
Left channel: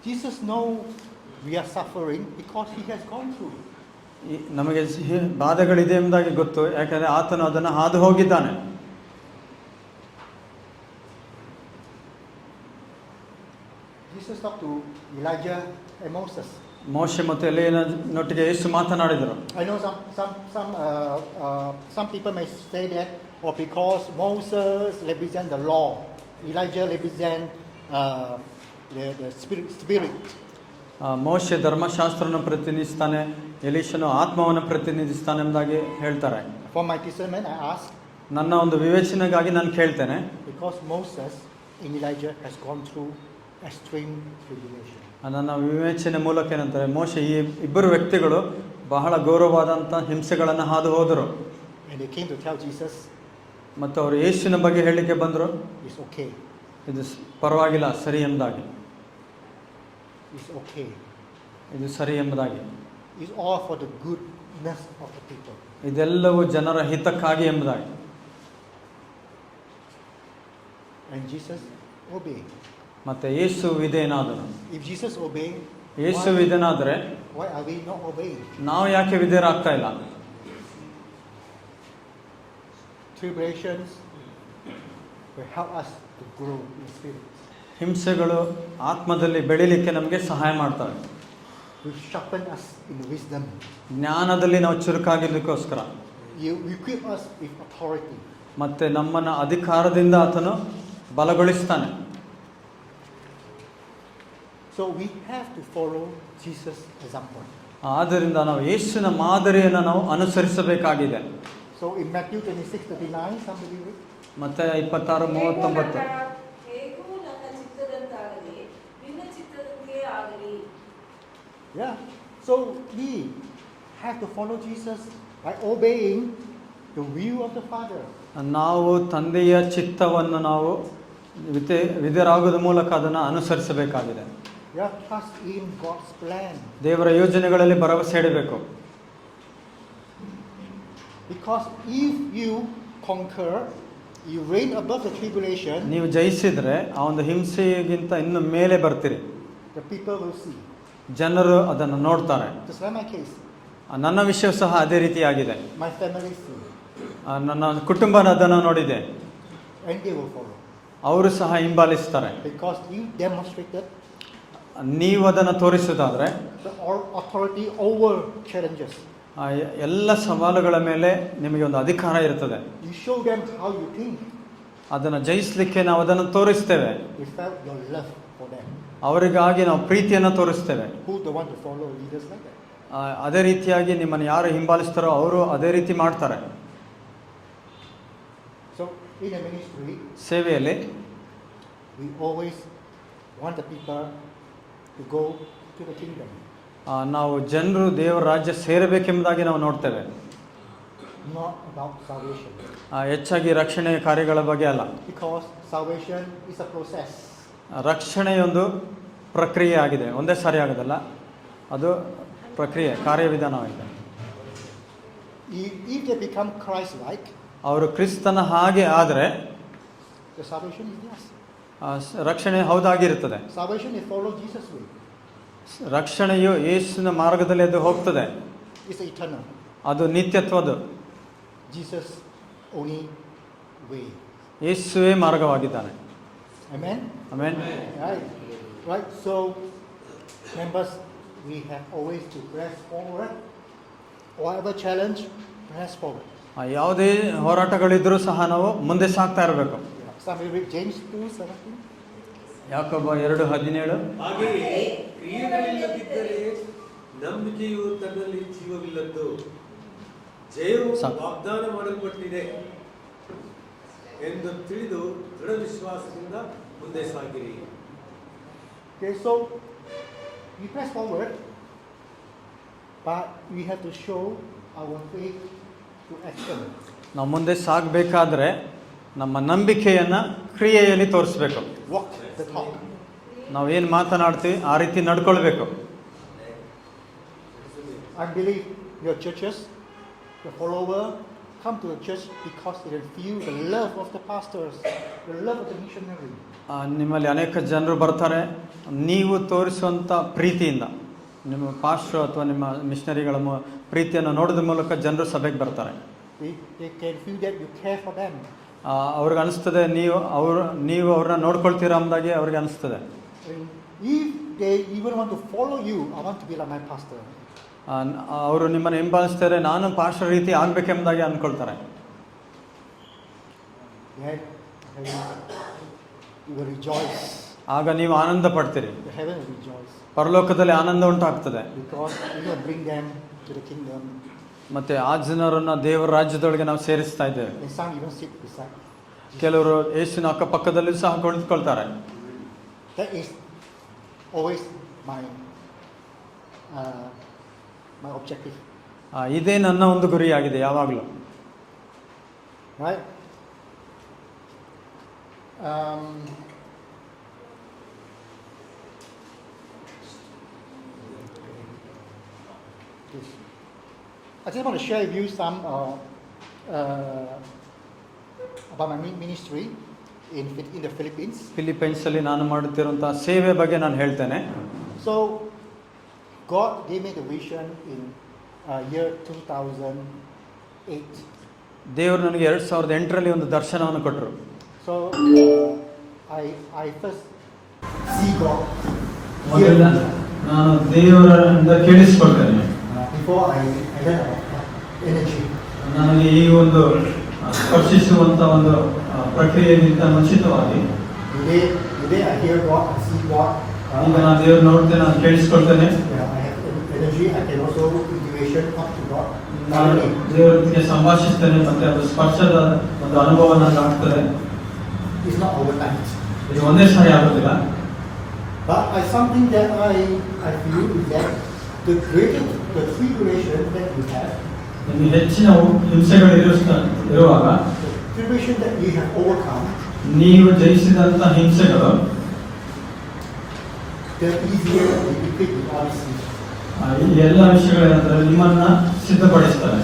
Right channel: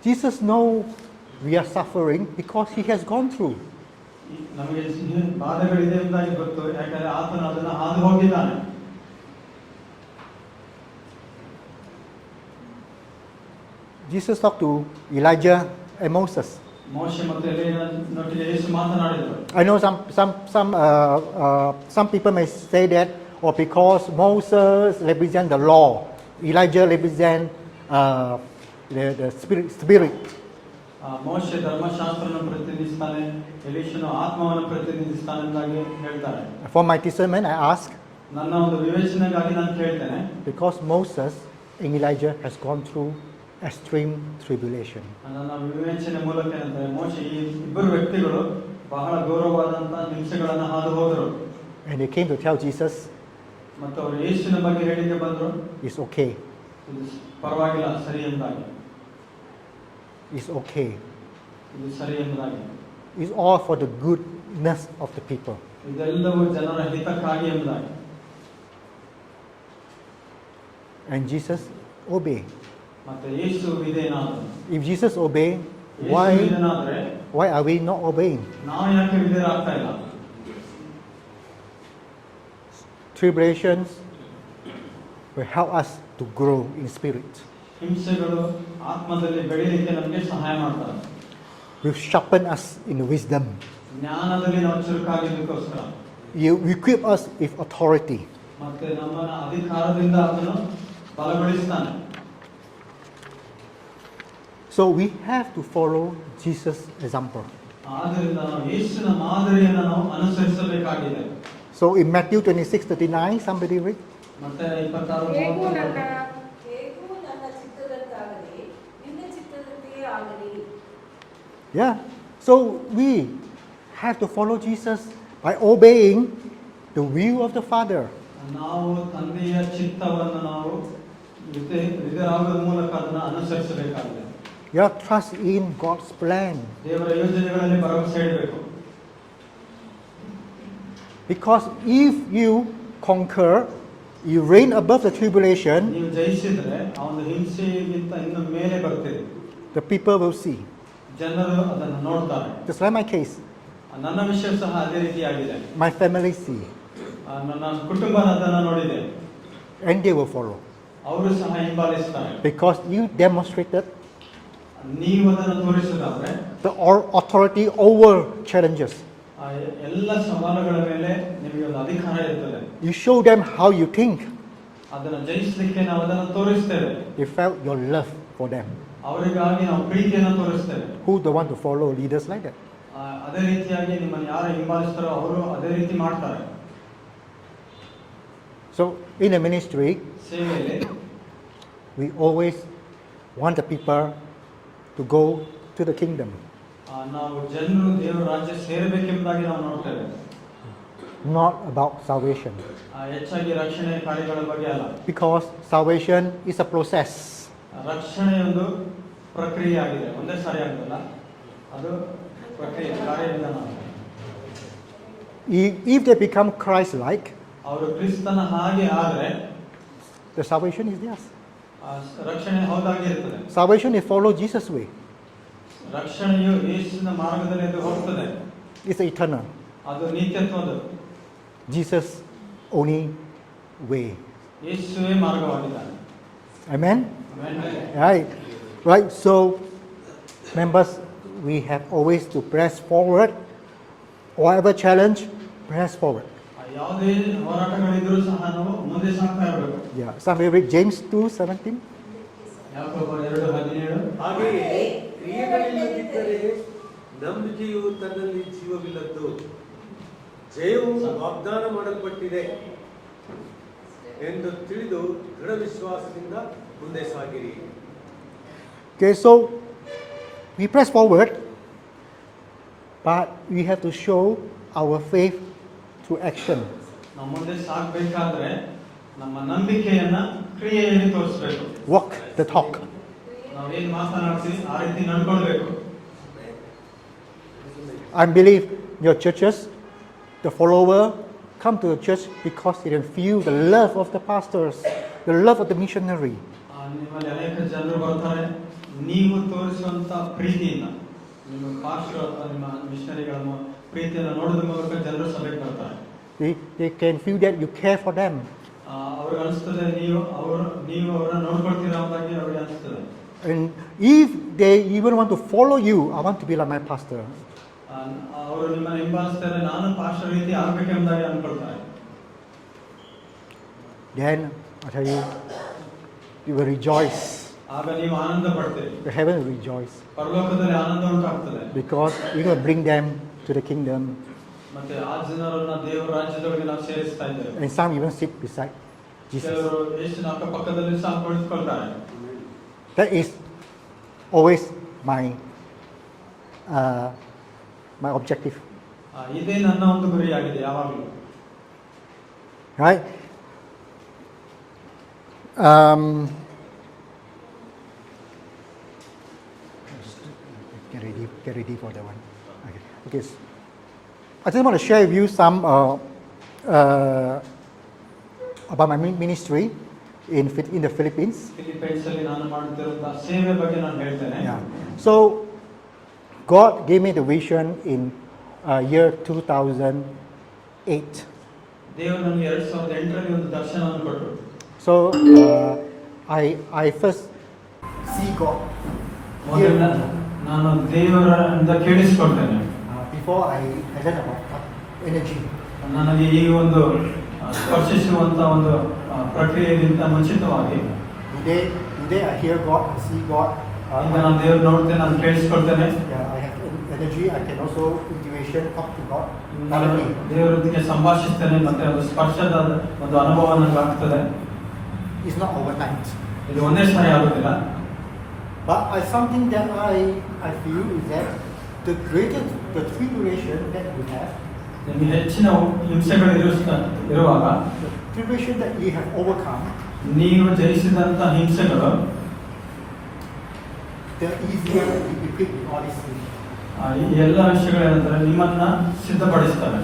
Jesus know we are suffering because he has gone through. ನಮಗೆ ಬಾಧೆಗಳಿದೆ ಎಂಬುದಾಗಿ ಗೊತ್ತು, ಯಾಕಂದ್ರೆ ಆತನು ಅದನ್ನು ಹಾದು ಹೋಗಿದ್ದಾನೆ. Jesus talked to Elijah and Moses. ಮೋಶೆ ಮತ್ತು ಎಲೀಯನೊಟ್ಟಿಗೆ ಯೇಸು ಮಾತನಾಡಿದರು. I know some people may say that, or because Moses represent the law, Elijah represent the spirit. ಮೋಶೆ ಧರ್ಮಶಾಸ್ತ್ರವನ್ನು ಪ್ರತಿನಿಧಿಸ್ತಾನೆ, ಎಲೀಷನು ಆತ್ಮವನ್ನು ಪ್ರತಿನಿಧಿಸ್ತಾನೆ ಎಂಬುದಾಗಿ ಹೇಳ್ತಾರೆ. For my discernment, I ask, ನನ್ನ ಒಂದು ವಿವೇಚನೆಗಾಗಿ ನಾನು ಕೇಳ್ತೇನೆ, because Moses and Elijah has gone through extreme tribulation. ನನ್ನ ವಿವೇಚನೆ ಮೂಲಕ ಏನಂತಾರೆ, ಮೋಶೆ ಈ ಇಬ್ಬರು ವ್ಯಕ್ತಿಗಳು ಬಹಳ ಗೌರವವಾದಂಥ ಹಿಂಸೆಗಳನ್ನು ಹಾದು ಹೋದರು. And they came to tell Jesus, ಮತ್ತು ಅವರು ಯೇಸುವಿನ ಬಗ್ಗೆ ಹೇಳಲಿಕ್ಕೆ ಬಂದರು, it's okay, ಇದು ಪರವಾಗಿಲ್ಲ, ಸರಿ ಎಂಬುದಾಗಿ, it's okay. ಇದು ಸರಿ ಎಂಬುದಾಗಿ, It's all for the goodness of the people. ಇದೆಲ್ಲವೂ ಜನರ ಹಿತಕ್ಕಾಗಿ ಎಂಬುದಾಗಿ. And Jesus obeyed. ಮತ್ತೆ ಯೇಸು ವಿಧೇಯನಾದನು. If Jesus obeyed, Yesu ವಿಧೇಯನಾದರೆ why are we not obeying? ನಾವು ಯಾಕೆ ವಿಧೇಯರಾಗ್ತಾ ಇಲ್ಲ? Tribulations will help us to grow in spirit. ಹಿಂಸೆಗಳು ಆತ್ಮದಲ್ಲಿ ಬೆಳಿಲಿಕ್ಕೆ ನಮಗೆ ಸಹಾಯ ಮಾಡ್ತಾರೆ. Will sharpen us in wisdom. ಜ್ಞಾನದಲ್ಲಿ ನಾವು ಚುರುಕಾಗಿದ್ದಕ್ಕೋಸ್ಕರ. You equip us with authority. ಮತ್ತೆ ನಮ್ಮನ್ನು ಅಧಿಕಾರದಿಂದ ಆತನು ಬಲಗೊಳಿಸ್ತಾನೆ. So we have to follow Jesus' example. ಆದ್ದರಿಂದ ನಾವು ಯೇಸುವಿನ ಮಾದರಿಯನ್ನು ನಾವು ಅನುಸರಿಸಬೇಕಾಗಿದೆ. So in Matthew 26:39, somebody read. ಮತ್ತೆ 26:39. ಹೇಗೂ ನನ್ನ ಚಿತ್ತದಂತಾಗಲಿ ನಿನ್ನ ಚಿತ್ತದಂತೆಯೇ ಆಗಲಿ. Yeah. So we have to follow Jesus by obeying the will of the Father. ನಾವು ತಂದೆಯ ಚಿತ್ತವನ್ನು ನಾವು ವಿಧೇಯರಾಗೋದ ಮೂಲಕ ಅದನ್ನು ಅನುಸರಿಸಬೇಕಾಗಿದೆ. You have to trust in God's plan. ದೇವರ ಯೋಜನೆಗಳಲ್ಲಿ ಭರವಸೆ ಇಡಬೇಕು. Because if you conquer, you reign above the tribulation, ನೀವು ಜಯಿಸಿದ್ರೆ ಆ ಒಂದು ಹಿಂಸೆಗಿಂತ ಇನ್ನು ಮೇಲೆ ಬರ್ತೀರಿ. the people will see. ಜನರು ಅದನ್ನು ನೋಡ್ತಾರೆ. Just like my case. ನನ್ನ ವಿಷಯ ಸಹ ಅದೇ ರೀತಿಯಾಗಿದೆ. My family see. ನನ್ನ ಕುಟುಂಬ ಅದನ್ನು ನೋಡಿದೆ. And they will follow. ಅವರು ಸಹ ಹಿಂಬಾಲಿಸ್ತಾರೆ. Because you demonstrated ನೀವು ಅದನ್ನು ತೋರಿಸೋದಾದ್ರೆ the authority over challenges. ಎಲ್ಲ ಸವಾಲುಗಳ ಮೇಲೆ ನಿಮಗೆ ಒಂದು ಅಧಿಕಾರ ಇರ್ತದೆ. You show them how you think. ಅದನ್ನು ಜಯಿಸಲಿಕ್ಕೆ ನಾವು ಅದನ್ನು ತೋರಿಸ್ತೇವೆ. You felt your love for them. ಅವರಿಗಾಗಿ ನಾವು ಪ್ರೀತಿಯನ್ನು ತೋರಿಸ್ತೇವೆ. Who don't want to follow leaders like that? ಅದೇ ರೀತಿಯಾಗಿ ನಿಮ್ಮನ್ನು ಯಾರು ಹಿಂಬಾಲಿಸ್ತಾರೋ ಅವರು ಅದೇ ರೀತಿ ಮಾಡ್ತಾರೆ. So in the ministry, ಸೇವೆಯಲ್ಲಿ we always want the people to go to the kingdom. ನಾವು ಜನರು ದೇವರ ರಾಜ್ಯ ಸೇರಬೇಕೆಂಬುದಾಗಿ ನಾವು ನೋಡ್ತೇವೆ. Not about salvation. ಹೆಚ್ಚಾಗಿ ರಕ್ಷಣೆಯ ಕಾರ್ಯಗಳ ಬಗ್ಗೆ ಅಲ್ಲ. Because salvation is a process. ರಕ್ಷಣೆಯೊಂದು ಪ್ರಕ್ರಿಯೆ ಆಗಿದೆ, ಒಂದೇ ಸಾರಿ ಆಗೋದಲ್ಲ, ಅದು ಪ್ರಕ್ರಿಯೆ, ಕಾರ್ಯವಿಧಾನವಾಗಿದೆ. If they become Christ-like, ಅವರು ಕ್ರಿಸ್ತನ ಹಾಗೆ ಆದರೆ the salvation is theirs. ರಕ್ಷಣೆ ಹೌದಾಗಿರುತ್ತದೆ. Salvation is follow Jesus' way. ರಕ್ಷಣೆಯು ಯೇಸುವಿನ ಮಾರ್ಗದಲ್ಲಿ ಅದು ಹೋಗ್ತದೆ. It's eternal. ಅದು ನಿತ್ಯತ್ವದು. Jesus only way. ಯೇಸುವೇ ಮಾರ್ಗವಾಗಿದ್ದಾನೆ. Amen. Amen. Right. So members, we have always to press forward. Whatever challenge, press forward. ಯಾವುದೇ ಹೋರಾಟಗಳಿದ್ರೂ ಸಹ ನಾವು ಮುಂದೆ ಸಾಗ್ತಾ ಇರಬೇಕು. Yeah. Somebody read James 2:17. ಯಾಕೋಬ 2:17. ಹಾಗೆಯೇ ಕ್ರಿಯೆಗಳಿಲ್ಲದಿದ್ದರೆ ನಂಬಿಕೆಯು ತನ್ನಲ್ಲಿ ಜೀವವಿಲ್ಲದ್ದು. ಜಯವು ವಾಗ್ದಾನ ಮಾಡಲ್ಪಟ್ಟಿದೆ ಎಂದು ತಿಳಿದು ದೃಢ ವಿಶ್ವಾಸದಿಂದ ಮುಂದೆ ಸಾಗಿರಿ. Okay, so we press forward, but we have to show our faith through action. ನಾವು ಮುಂದೆ ಸಾಗಬೇಕಾದ್ರೆ ನಮ್ಮ ನಂಬಿಕೆಯನ್ನು ಕ್ರಿಯೆಯಲ್ಲಿ ತೋರಿಸ್ಬೇಕು. Walk the talk. ನಾವು ಏನು ಮಾತನಾಡ್ತೀವಿ ಆ ರೀತಿ ನಡ್ಕೊಳ್ಬೇಕು. I believe your churches, the follower, come to the church because they can feel the love of the pastors, the love of the missionary. ನಿಮ್ಮಲ್ಲಿ ಅನೇಕ ಜನರು ಬರ್ತಾರೆ, ನೀವು ತೋರಿಸುವಂಥ ಪ್ರೀತಿಯಿಂದ, ನಿಮ್ಮ ಪಾಸ್ಟರ್ ಅಥವಾ ನಿಮ್ಮ ಮಿಷನರಿಗಳ ಪ್ರೀತಿಯನ್ನು ನೋಡೋದ್ರ ಮೂಲಕ ಜನರು ಸಭೆಗೆ ಬರ್ತಾರೆ. They can feel that you care for them. ಅವ್ರಿಗೆ ಅನಿಸ್ತದೆ ನೀವು ಅವ್ರನ್ನ ನೋಡ್ಕೊಳ್ತೀರಾ ಅಂದಾಗೆ ಅವ್ರಿಗೆ ಅನಿಸ್ತದೆ. And if they even want to follow you, I want to be like my pastor. ಅವರು ನಿಮ್ಮನ್ನು ಹಿಂಬಾಲಿಸ್ತಾರೆ, ನಾನು ಪಾಸ್ಟರ್ ರೀತಿ ಆಗ್ಬೇಕೆಂಬುದಾಗಿ ಅಂದ್ಕೊಳ್ತಾರೆ. Then I tell you, you will rejoice. ಆಗ ನೀವು ಆನಂದ ಪಡ್ತೀರಿ, The heaven will rejoice ಪರಲೋಕದಲ್ಲಿ ಆನಂದ ಉಂಟಾಗ್ತದೆ. because you're going to bring them to the kingdom. ಮತ್ತೆ ಆ ಜನರನ್ನ ದೇವರ ರಾಜ್ಯದೊಳಗೆ ನಾವು ಸೇರಿಸ್ತಾ ಇದ್ದೇವೆ. And some even sit beside Jesus. ಕೆಲವರು ಯೇಸುವಿನ ಅಕ್ಕಪಕ್ಕದಲ್ಲಿ ಸಹ ಕುಳಿತುಕೊಳ್ತಾರೆ. That is always my my objective. ಇದೇ ನನ್ನ ಒಂದು ಗುರಿಯಾಗಿದೆ ಯಾವಾಗಲೂ. Right? Get ready for that one. Okay. I just want to share with you some about my ministry in the Philippines. Philippines ಅಲ್ಲಿ ನಾನು ಮಾಡುತ್ತಿರುವಂತಹ ಸೇವೆ ಬಗ್ಗೆ ನಾನು ಹೇಳ್ತೇನೆ. Yeah. So God gave me the vision in year 2008. ದೇವರು ನನಗೆ 2008ರಲ್ಲಿ ಒಂದು ದರ್ಶನವನ್ನು ಕೊಟ್ಟರು. So I first see God ಮೊದಲ ನಾನು ದೇವರನ್ನು ಕೇಳಿಸಿಕೊಳ್ತೇನೆ. Before I learn about energy. ನನಗೆ ಈ ಒಂದು ಸ್ಪರ್ಶಿಸುವಂತ ಒಂದು ಪ್ರಕ್ರಿಯೆಗಿಂತ ಮುಂಚಿತವಾಗಿ Today I hear God, I see God. ಈಗ ನಾನು ದೇವರು ನೋಡ್ತೇನೆ, ನಾನು ಕೇಳಿಸ್ಕೊಳ್ತೇನೆ. I have energy. I can also intuition talk to God. ನಾನು ದೇವರೊಂದಿಗೆ ಸಂಭಾಷಿಸ್ತೇನೆ, ಮತ್ತೆ ಅದು ಸ್ಪರ್ಶದ ಒಂದು ಅನುಭವ ನನಗೆ ಆಗ್ತದೆ. It's not overnight. ಇದು ಒಂದೇ ಸಾರಿ ಆಗುದಿಲ್ಲ. But something that I feel is that the tribulation that you have, ನಿಮಗೆ ಹೆಚ್ಚಿನ ಹಿಂಸೆಗಳು ಇರುವಾಗ, the tribulation that you have overcome, ನೀವು ಜಯಿಸಿದಂತ ಹಿಂಸೆಗಳು, the easier you equip with all these things. ಈ ಎಲ್ಲ ವಿಷಯಗಳೇನಂದ್ರೆ ನಿಮ್ಮನ್ನ ಸಿದ್ಧಪಡಿಸ್ತಾರೆ.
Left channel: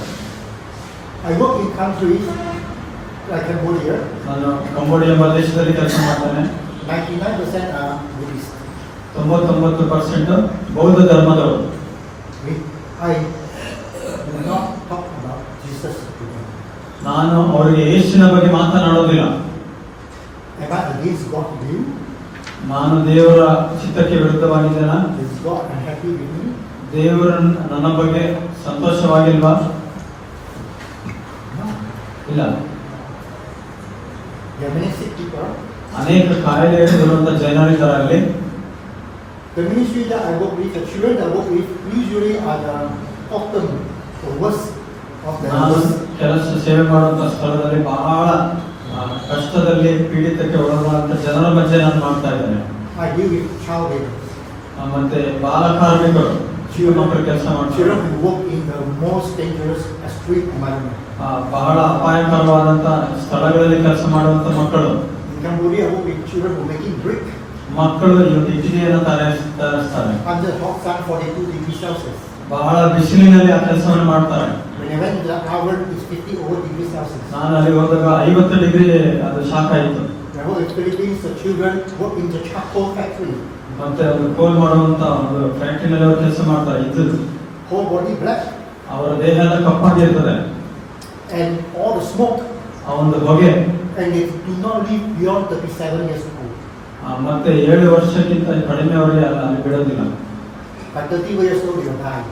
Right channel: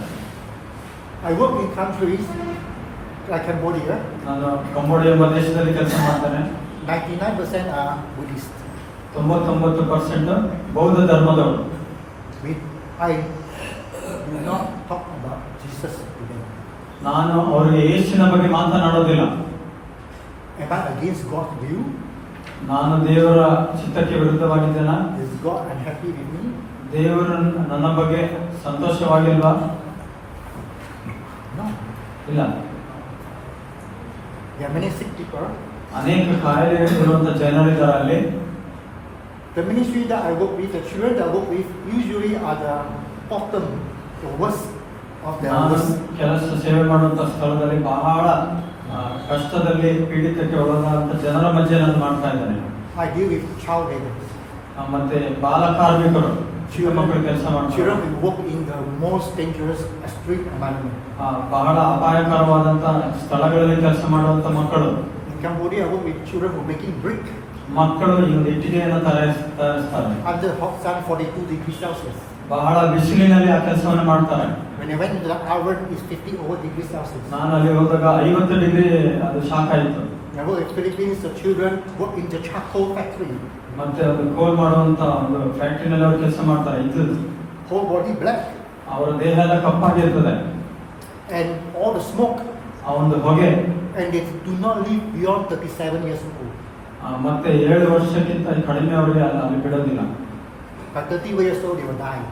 I work in countries like Cambodia. ನಾನು ಕಂಬೋಡಿಯಾ ಪ್ರದೇಶದಲ್ಲಿ ಕೆಲಸ ಮಾಡ್ತೇನೆ. 99% are Buddhist. 99% ಬೌದ್ಧ ಧರ್ಮದವರು. I do not talk about Jesus to them. ನಾನು ಅವರಿಗೆ ಯೇಸುವಿನ ಬಗ್ಗೆ ಮಾತನಾಡೋದಿಲ್ಲ. Am I against God's will? ನಾನು ದೇವರ ಚಿತ್ತಕ್ಕೆ ವಿರುದ್ಧವಾಗಿದ್ದೇನೆ. Is God unhappy with me? ದೇವರು ನನ್ನ ಬಗ್ಗೆ ಸಂತೋಷವಾಗಿಲ್ವಾ? No. ಇಲ್ಲ. There are many sick people. ಅನೇಕ ಕಾಯಿಲೆಗಳಿರುವಂತ ಜನರಿದ್ದಾರೆ ಅಲ್ಲಿ. The ministry that I work with, the children that I work with, usually are the bottom, the worst of the ನಾನು worst. ಕೆಲಸ ಸೇವೆ ಮಾಡುವಂತ ಸ್ಥಳದಲ್ಲಿ ಬಹಳ ಕಷ್ಟದಲ್ಲಿ ಪೀಡಿತಕ್ಕೆ ಒಳಗಾದಂತ ಜನರ ಮಧ್ಯೆ ನಾನು ಮಾಡ್ತಾ ಇದ್ದೇನೆ. I deal with child laborers. ಮತ್ತೆ ಬಾಲ ಕಾರ್ಮಿಕರು, ಮಕ್ಕಳು ಕೆಲಸ ಮಾಡ್ತಾರೆ. Children who work in the most dangerous extreme environment. ಬಹಳ ಅಪಾಯಕರವಾದಂತ ಸ್ಥಳಗಳಲ್ಲಿ ಕೆಲಸ ಮಾಡುವಂತ ಮಕ್ಕಳು. In Cambodia, I work with children who are making brick. ಮಕ್ಕಳು ಈ ಇಟ್ಟಿಗೆಯನ್ನು ತಯಾರಿಸ್ತಾರೆ. Under hot sun, 42 degrees Celsius. ಬಹಳ ಬಿಸಿಲಿನಲ್ಲಿ ಆ ಕೆಲಸವನ್ನು ಮಾಡ್ತಾರೆ. When I went to the oven, it's 50 over degrees Celsius. ನಾನು ಅಲ್ಲಿ ಹೋದಾಗ 50 ಡಿಗ್ರಿ ಅದು ಶಾಖ ಆಯಿತು. When I work in Philippines, the children work in the charcoal factory. ಮತ್ತೆ ಅದು ಕೋಲ್ ಮಾಡುವಂತ ಒಂದು ಫ್ಯಾಕ್ಟರಿನಲ್ಲಿ ಅವರು ಕೆಲಸ ಮಾಡ್ತಾರೆ. ಇದು Whole body black. ಅವರ ದೇಹ ಎಲ್ಲ ಕಪ್ಪಾಗಿರ್ತದೆ. And all the smoke. ಆ ಒಂದು ಹೊಗೆ. And they do not live beyond 37 years old. ಮತ್ತೆ 7 ವರ್ಷಕ್ಕಿಂತ ಕಡಿಮೆ ಅವರಿಗೆ ಅಲ್ಲಿ ಬಿಡೋದಿಲ್ಲ. By 30 years old, they will die.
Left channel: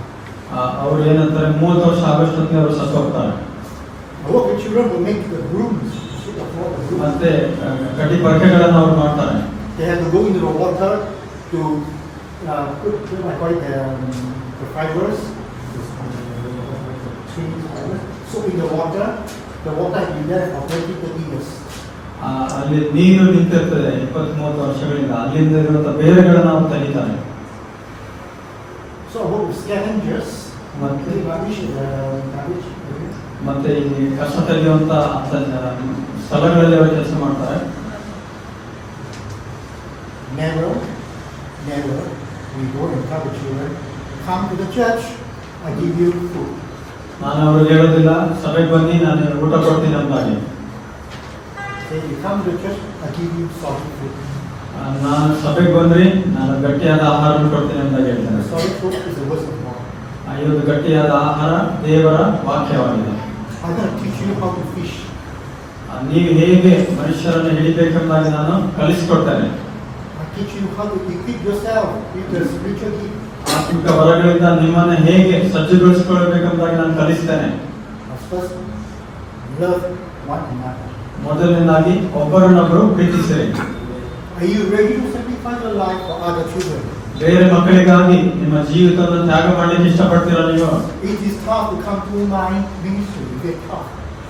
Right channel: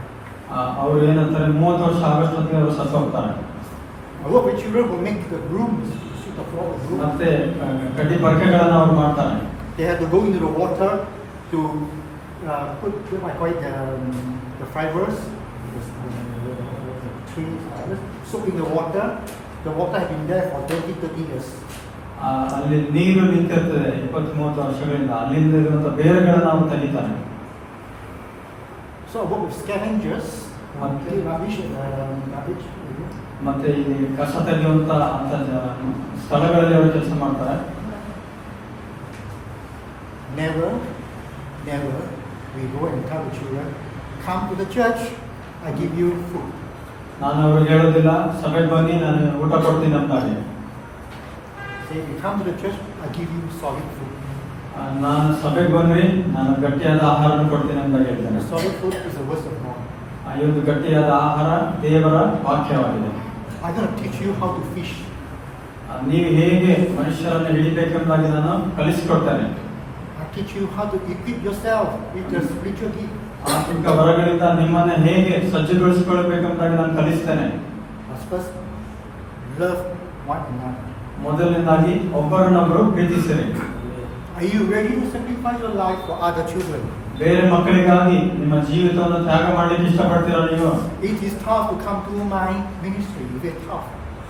ಅವ್ರು ಏನಂತಾರೆ 30 ವರ್ಷ ಆಗೋಷ್ಟೊತ್ತಿಗೆ ಅವರು ಸತ್ತು ಹೋಗ್ತಾರೆ. I work with children who make the brooms, sweep the floor with brooms. ಮತ್ತೆ ಕಡ್ಡಿ ಪರಕೆಗಳನ್ನು ಅವ್ರು ಮಾಡ್ತಾರೆ. They have to go into the water to put I call it the fibers, the tree fibers, soak in the water. The water has been there for 20-30 years. ಅಲ್ಲಿ ನೀರು ನಿಂತಿರ್ತದೆ 20-30 ವರ್ಷಗಳಿಂದ. ಅಲ್ಲಿಂದ ಇರುವಂತ ಬೇರೆಗಳನ್ನು ನಾವು ತೆಗಿತಾರೆ. So I work with scavengers. ಮತ್ತೆ Garbage. ಮತ್ತೆ ಈ ಕಸ ತೆಗೆಯುವಂತ ಸ್ಥಳಗಳಲ್ಲಿ ಅವರು ಕೆಲಸ ಮಾಡ್ತಾರೆ. Never we go and tell the children, come to the church, I give you food. ನಾನು ಅವ್ರಿಗೆ ಹೇಳೋದಿಲ್ಲ, ಸಭೆಗೆ ಬನ್ನಿ ನಾನು ಊಟ ಕೊಡ್ತೀನಿ ಅಂತಾಗಿ. Say you come to the church, I give you solid food. ನಾನು ಸಭೆಗೆ ಬಂದ್ರಿ ನಾನು ಗಟ್ಟಿಯಾದ ಆಹಾರವನ್ನು ಕೊಡ್ತೀನಿ ಅಂತ ಹೇಳಿದ್ದಾರೆ. Solid food is the word of God. ಈ ಒಂದು ಗಟ್ಟಿಯಾದ ಆಹಾರ ದೇವರ ವಾಕ್ಯವಾಗಿದೆ. I'm going to teach you how to fish. ನೀವು ಹೇಗೆ ಮನುಷ್ಯರನ್ನು ಹಿಡಿಬೇಕೆಂಬುದಾಗಿ ನಾನು ಕಲಿಸಿಕೊಡ್ತೇನೆ. I teach you how to equip yourself with the spiritual gift. ಆತ್ಮಿಕ ವರಗಳಿಂದ ನಿಮ್ಮನ್ನು ಹೇಗೆ ಸಜ್ಜುಗೊಳಿಸಿಕೊಳ್ಳಬೇಕೆಂಬುದಾಗಿ ನಾನು ಕಲಿಸ್ತೇನೆ. First, love one another. ಮೊದಲನೇದಾಗಿ ಒಬ್ಬರನ್ನೊಬ್ಬರು ಪ್ರೀತಿಸಿರಿ. Are you ready to sacrifice your life for other children? ಬೇರೆ ಮಕ್ಕಳಿಗಾಗಿ ನಿಮ್ಮ ಜೀವಿತವನ್ನು ತ್ಯಾಗ ಮಾಡಲಿಕ್ಕೆ ಇಷ್ಟಪಡ್ತೀರಾ ನೀವು? It is tough to come to my ministry. Very tough.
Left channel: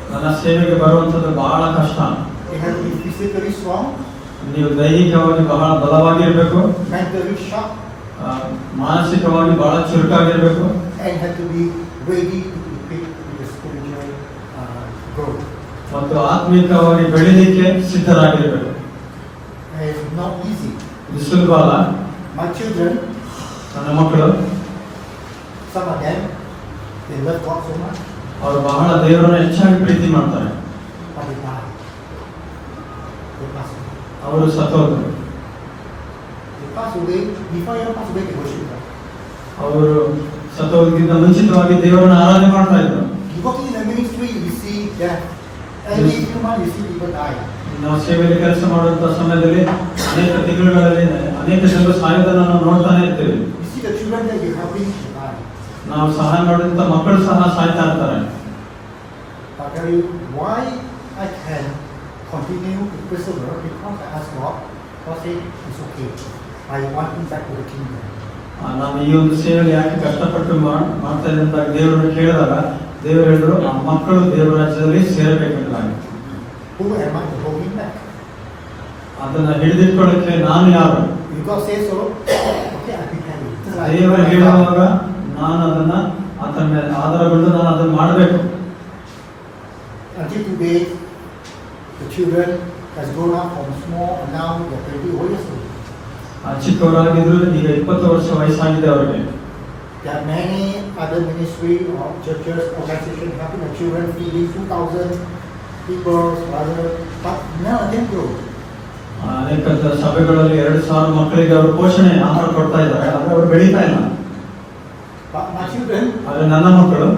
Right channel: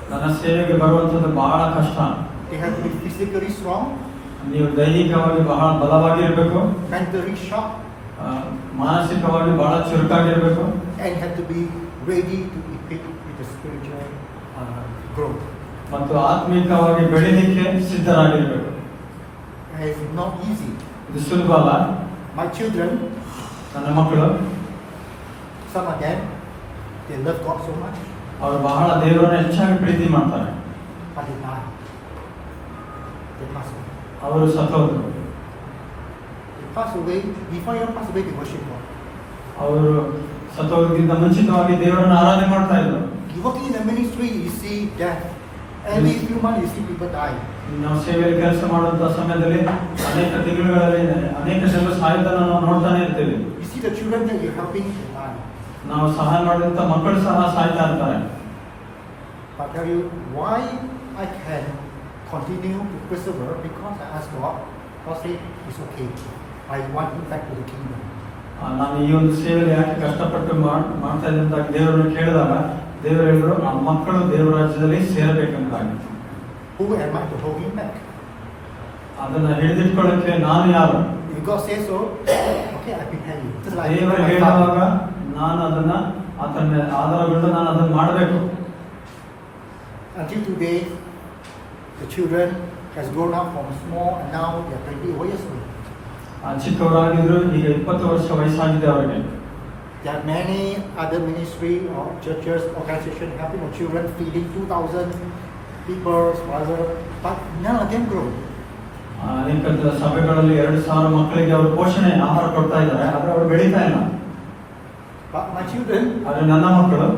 ನನ್ನ ಸೇವೆಗೆ ಬರುವಂತದ್ದು ಬಹಳ ಕಷ್ಟ. They have to be physically strong, ನೀವು ದೈಹಿಕವಾಗಿ ಬಹಳ ಬಲವಾಗಿರ್ಬೇಕು, mentally sharp, ಮಾನಸಿಕವಾಗಿ ಬಹಳ ಚುರುಕಾಗಿರ್ಬೇಕು, and have to be ready to be equipped with the spiritual growth. ಮತ್ತು ಆತ್ಮಿಕವಾಗಿ ಬೆಳಿಲಿಕ್ಕೆ ಸಿದ್ಧರಾಗಿರ್ಬೇಕು. It's not easy. ಇದು ಸುಲಭ ಅಲ್ಲ. My children, ನನ್ನ ಮಕ್ಕಳು, some of them, they love God so much, ಅವರು ಬಹಳ ದೇವರನ್ನು ಹೆಚ್ಚಾಗಿ ಪ್ರೀತಿ ಮಾಡ್ತಾರೆ. but they die. They pass away. ಅವರು ಸತ್ತೋದ್ರು. They pass away. Before they pass away, they worship God. ಅವರು ಸತ್ತೋದಕ್ಕಿಂತ ಮುಂಚಿತವಾಗಿ ದೇವರನ್ನು ಆರಾಧನೆ ಮಾಡ್ತಾ ಇದ್ರು. You working in the ministry, you see death. Every few months, you see people die. ನಾವು ಸೇವೆಯಲ್ಲಿ ಕೆಲಸ ಮಾಡುವಂತಹ ಸಮಯದಲ್ಲಿ ಅನೇಕ ತಿಂಗಳುಗಳಲ್ಲಿ ಅನೇಕ ಜನರು ಸಾಯೋದನ್ನು ನಾವು ನೋಡ್ತಾನೆ ಇರ್ತೇವೆ. You see the children that you're helping to die. ನಾವು ಸಹಾಯ ಮಾಡಿದಂತ ಮಕ್ಕಳು ಸಹ ಸಾಯ್ತಾ ಇರ್ತಾರೆ. But I tell you why I can continue to persevere, because I ask God. God said it's okay. I want him back to the kingdom. ನಾವು ಈ ಒಂದು ಸೇವೆಯಲ್ಲಿ ಯಾಕೆ ಕಷ್ಟಪಟ್ಟು ಮಾಡ್ತಾ ಇದ್ದೆ ಅಂತ ದೇವರನ್ನು ಕೇಳಿದಾಗ ದೇವರು ಹೇಳಿದ್ರು, ಆ ಮಕ್ಕಳು ದೇವರ ರಾಜ್ಯದಲ್ಲಿ ಸೇರಬೇಕೆಂದಾಗಿ. Who am I to hold him back? ಅದನ್ನ ಹಿಡಿದಿಟ್ಕೊಳ್ಳಕ್ಕೆ ನಾನು ಯಾರು? If God says so, okay, I prepare you. Just like ದೇವರು my ಹೇಳುವಾಗ father. ನಾನು ಅದನ್ನ ಆತನ ಆಧಾರಗೊಂಡು ನಾನು ಅದನ್ನ ಮಾಡಬೇಕು. Until today, the children has grown up from small and now they are 20 years old. ಚಿಕ್ಕವರಾಗಿದ್ರು, ಈಗ 20 ವರ್ಷ ವಯಸ್ಸಾಗಿದೆ ಅವರಿಗೆ. There are many other ministry or churches, organizations helping the children, feeding 2,000 people, but none of them grow. ಅನೇಕ ಸಭೆಗಳಲ್ಲಿ 2,000 ಮಕ್ಕಳಿಗೆ ಅವರು ಪೋಷಣೆ ಆಹಾರ ಕೊಡ್ತಾ ಇದ್ದಾರೆ, ಆದ್ರೆ ಅವರು ಬೆಳೀತಾ ಇಲ್ಲ. But my children, ಆದ್ರೆ ನನ್ನ ಮಕ್ಕಳು